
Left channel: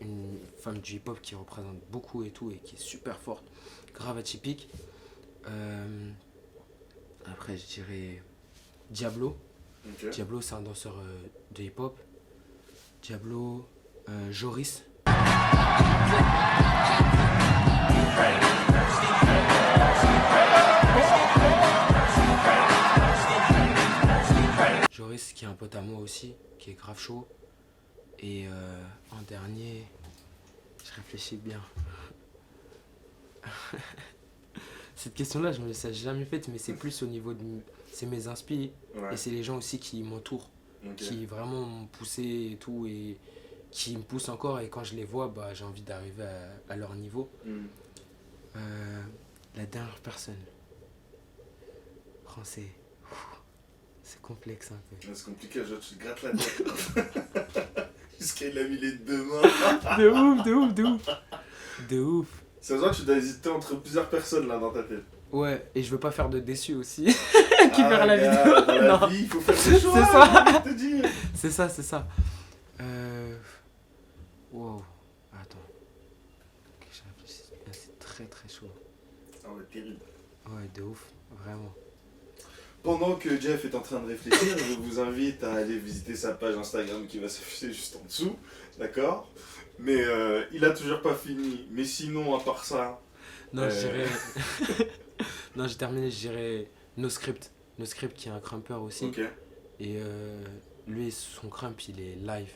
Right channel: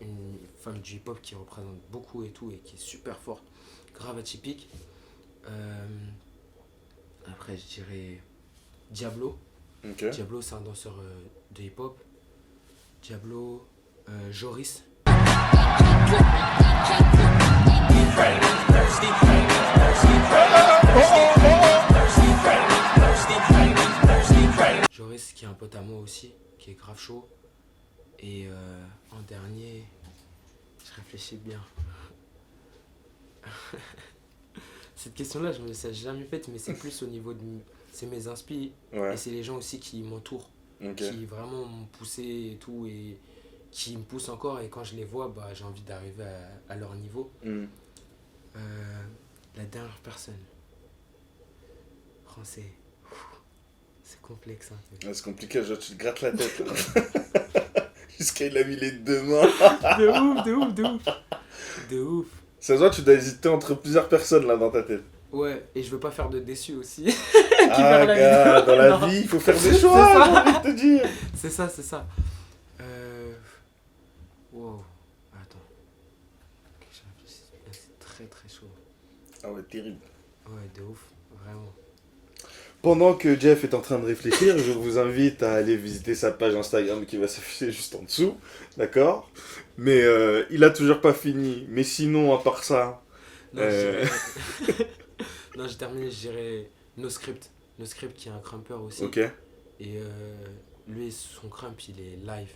une femme du hip-hop qui représente beaucoup et tout, et qui est super forte, grave atypique. Après, je dirais Diablo. Ok. Diablo, c'est un danseur de hip-hop. Diablo, Joris. Joris, qui est un pote à moi aussi, qui est grave chaud. Et en dernier, je réfléchis bien. Cette question-là, je me l'ai jamais faite, mais c'est plus au niveau de... C'est mes inspi Ouais. et c'est les gens aussi qui m'entourent, Ok. qui vraiment m'ont poussé et tout, et qui me poussent encore. Et quand je les vois, bah, j'ai envie d'arriver à leur niveau. Hmm. La dernière personne, français, c'est complexe un peu. Ouais, c'est compliqué, genre tu te grattes la tête. Jusqu'à il a mis les deux mains. De ouf, de ouf, de ouf. De ouf. Ça se voit, tu dois hésiter entre plusieurs personnes là dans ta tête. Ouais, et je veux pas faire de déçu aussi. Qui perd la vidéo. Dans la Non. vie, il faut faire des C'est choix, ça. j'ai envie de te dire. C'est ça, c'est ça. Wow. Attends. Que je réfléchisse bien, c'est très très chaud. Ah ouais, terrible. Ouais, de ouf, vraiment. Pendant que Jeff est en train de réfléchir, je vous invite à aller visiter sa page Instagram qui va s'afficher juste en dessous, d'accord? Mais il a toujours pas fini. Mais sinon, à part ça... Non, je dirais... non, j'ai terminé, je dirais NoScript. NoScript qui est un crumper aussi. Ok. Et lui, son crump, il est live.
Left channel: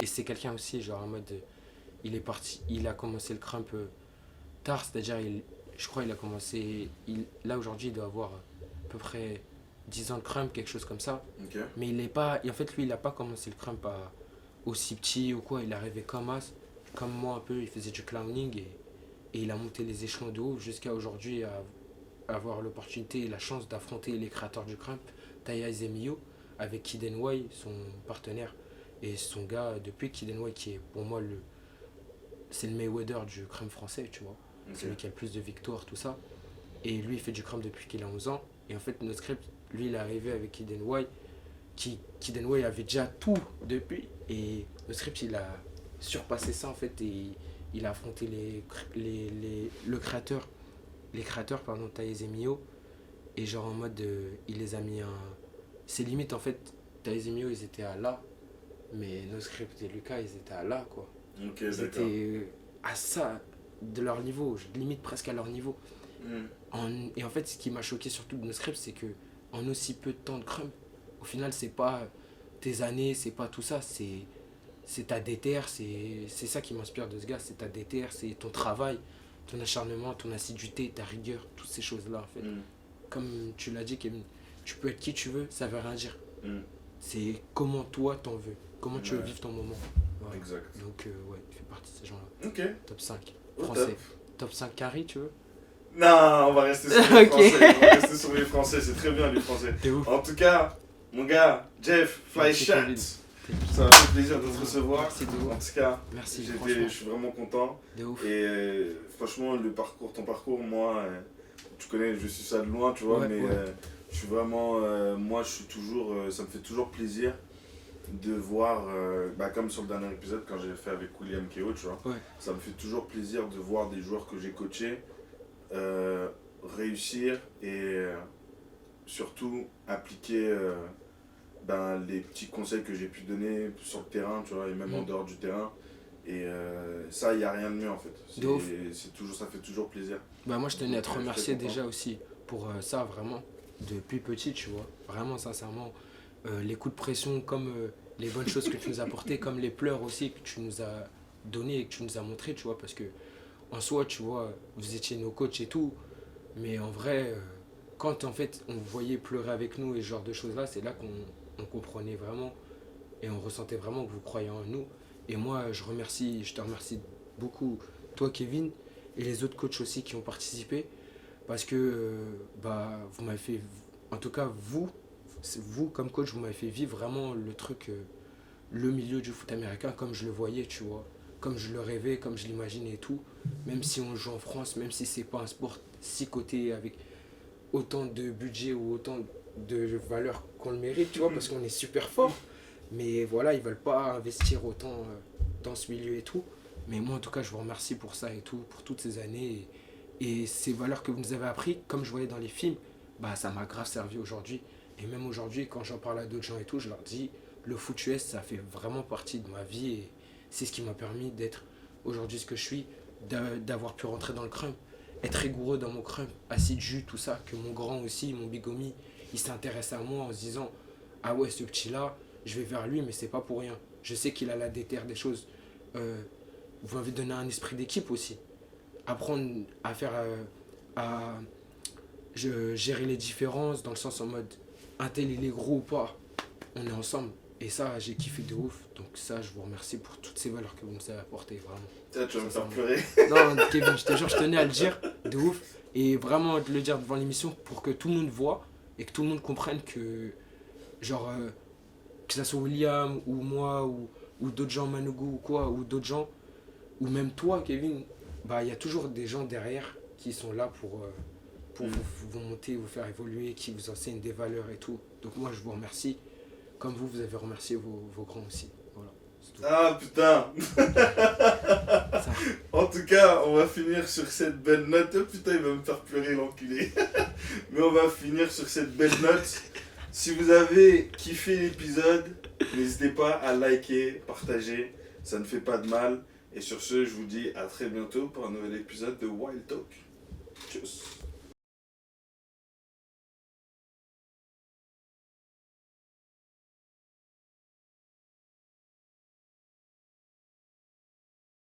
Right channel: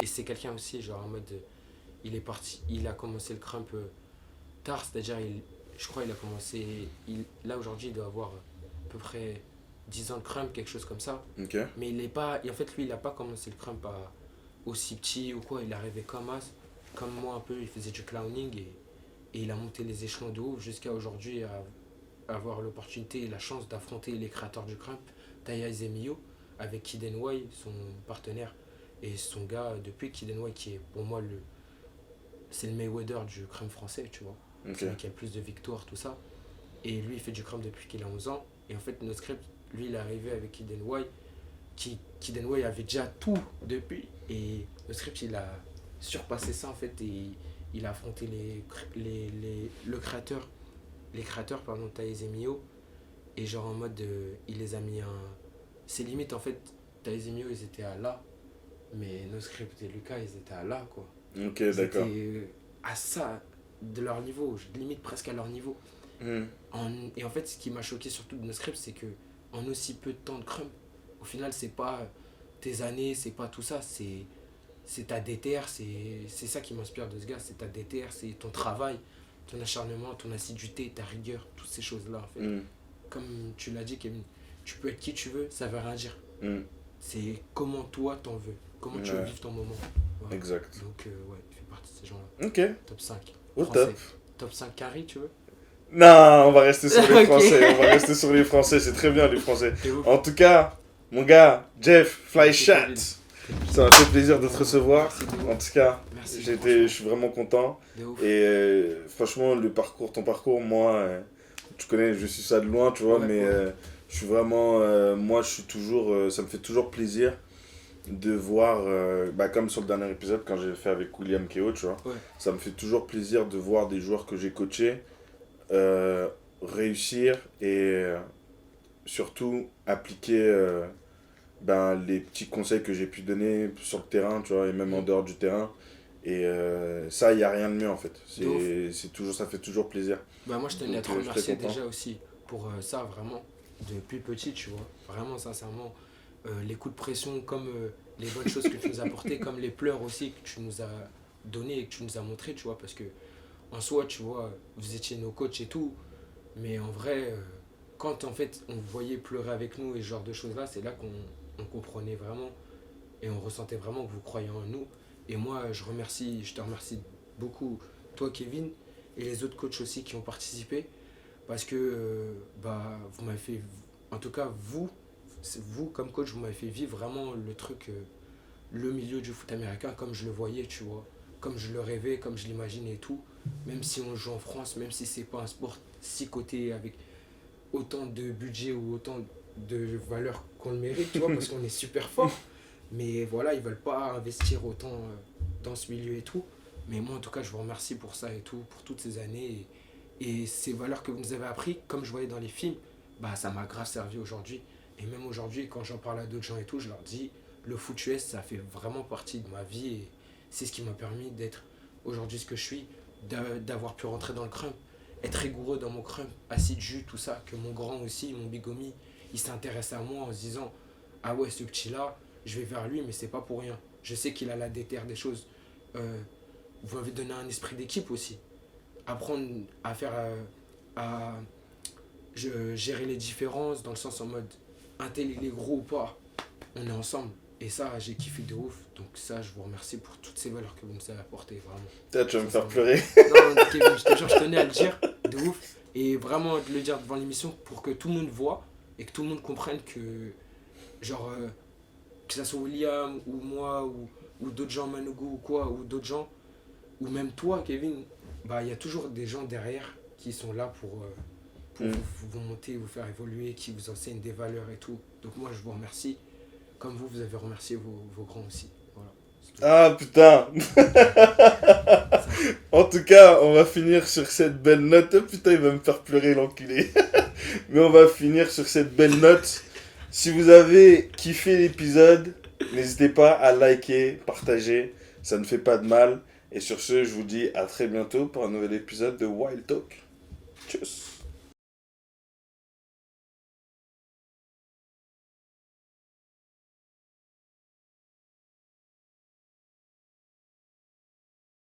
Et c'est quelqu'un aussi, genre en mode... il est parti, il a commencé le crump tard, c'est-à-dire, je crois il a commencé... là, aujourd'hui, il doit avoir à peu près 10 ans de crump, quelque chose comme ça. Ok. Mais il est pas... Et en fait, lui, il a pas commencé le crump aussi petit ou quoi. Il est arrivé comme moi un peu, il faisait du clowning et il a monté les échelons de haut jusqu'à aujourd'hui à avoir l'opportunité et la chance d'affronter les créateurs du crump, Taya Zemio, avec Kid NY, son partenaire. Et son gars, depuis Kid NY, qui est pour moi c'est le Mayweather du crump français, tu vois. Ok. C'est lui qui a le plus de victoires, tout ça. Et lui, il fait du crump depuis qu'il a 11 ans. Et en fait, NoScript, lui, il est arrivé avec Kid NY. Kid NY avait déjà tout depuis. Et NoScript, il a surpassé ça, en fait. Et il a affronté les créateurs, pardon, Taïs et Mio. Et genre en mode, il les a mis c'est limite, en fait, Taïs et Mio, ils étaient à là. Mais NoScript et Lucas, ils étaient à là, quoi. Ok, Ils d'accord. étaient à ça, de leur niveau, limite presque à leur niveau. Hmm. Et en fait, ce qui m'a choqué surtout de NoScript, c'est que en aussi peu de temps de crump, au final, c'est pas tes années, c'est pas tout ça, c'est c'est ta déter, c'est ça qui m'inspire de ce gars, c'est ta déter, c'est ton travail, ton acharnement, ton assiduité, ta rigueur, toutes ces choses-là en fait. Comme tu l'as dit, Kevin, tu peux être qui tu veux, ça veut rien dire. C'est comment toi t'en veux, comment tu veux vivre ton moment. Voilà. Exact. Donc ouais, il fait partie de ces gens-là. Ok. Top 5. Au Français. top. Top 5 carry, tu veux? Non, on va rester sur les Ok. Français. On va rester sur les Français, c'est très bien les Français. T'es ouf. En tout cas, mon gars, Jeff, Fly Merci, Chat, Kevin. ça m'a fait plaisir de te recevoir. Merci de En ouf. tout cas, Merci, je franchement. suis vraiment content. De ouf. Et franchement, ton parcours, moi, tu connais, je suis ça de loin, tu vois, Ouais, mais ouais. je suis vraiment, moi, je suis toujours, ça me fait toujours plaisir de voir, comme sur le dernier épisode, quand j'ai fait avec William Keo, tu vois, Ouais. ça me fait toujours plaisir de voir des joueurs que j'ai coachés réussir et surtout appliquer les petits conseils que j'ai pu donner sur le terrain, tu vois, et même en dehors du terrain. Et ça, il n'y a rien de mieux en fait. De ouf. C'est toujours, ça fait toujours plaisir. Bah moi je tenais à te Donc, remercier j'étais content. déjà aussi pour ça vraiment depuis petit tu vois vraiment sincèrement les coups de pression comme les bonnes choses que tu nous as apportées comme les pleurs aussi que tu nous as donné et que tu nous as montré tu vois parce que en soi tu vois vous étiez nos coachs et tout mais en vrai quand en fait on vous voyait pleurer avec nous et ce genre de choses là c'est là qu'on comprenait vraiment et on ressentait vraiment que vous croyez en nous et moi je te remercie beaucoup toi Kevin et les autres coachs aussi qui ont participé parce que vous m'avez fait en tout cas vous comme coach vous m'avez fait vivre vraiment le truc le milieu du foot américain comme je le voyais tu vois comme je le rêvais comme je l'imaginais et tout même si on joue en France même si c'est pas un sport si coté avec autant de budget ou autant de valeur qu'on le mérite tu vois parce qu'on est super fort mais voilà ils veulent pas investir autant dans ce milieu et tout mais moi en tout cas je vous remercie pour ça et tout pour toutes ces années et ces valeurs que vous nous avez appris comme je voyais dans les films ça m'a grave servi aujourd'hui et même aujourd'hui quand j'en parle à d'autres gens et tout je leur dis le foot US ça fait vraiment partie de ma vie et c'est ce qui m'a permis d'être aujourd'hui ce que je suis d'avoir pu rentrer dans le crump être rigoureux dans mon crump assidu tout ça que mon grand aussi mon bigomi il s'intéresse à moi en se disant ah ouais ce petit là je vais vers lui mais c'est pas pour rien je sais qu'il a la déterre des choses vous m'avez donné un esprit d'équipe aussi apprendre à faire gérer les différences dans le sens en mode un tel il est gros ou pas on est ensemble et ça j'ai kiffé de ouf donc ça je vous remercie pour toutes ces valeurs que vous nous avez apportées vraiment Peut-être tu vas me faire sincèrement. pleurer. Non Kevin je te jure je tenais à le dire de ouf et vraiment de le dire devant l'émission pour que tout le monde voit et que tout le monde comprenne que genre que ça soit William ou moi ou d'autres gens Manougou ou quoi ou d'autres gens ou même toi Kevin il y a toujours des gens derrière qui sont là pour vous monter, vous faire évoluer, qui vous enseignent des valeurs et tout. Donc moi je vous remercie, comme vous avez remercié vos grands aussi. Voilà. C'est tout. Ah putain. Ça. En tout cas, on va finir sur cette belle note. Oh, putain, il va me faire pleurer l'enculé. Mais on va finir sur cette belle note. Si vous avez kiffé l'épisode, n'hésitez pas à liker, partager. Ça ne fait pas de mal. Et sur ce, je vous dis à très bientôt pour un nouvel épisode de Wild Talk. Tchuss.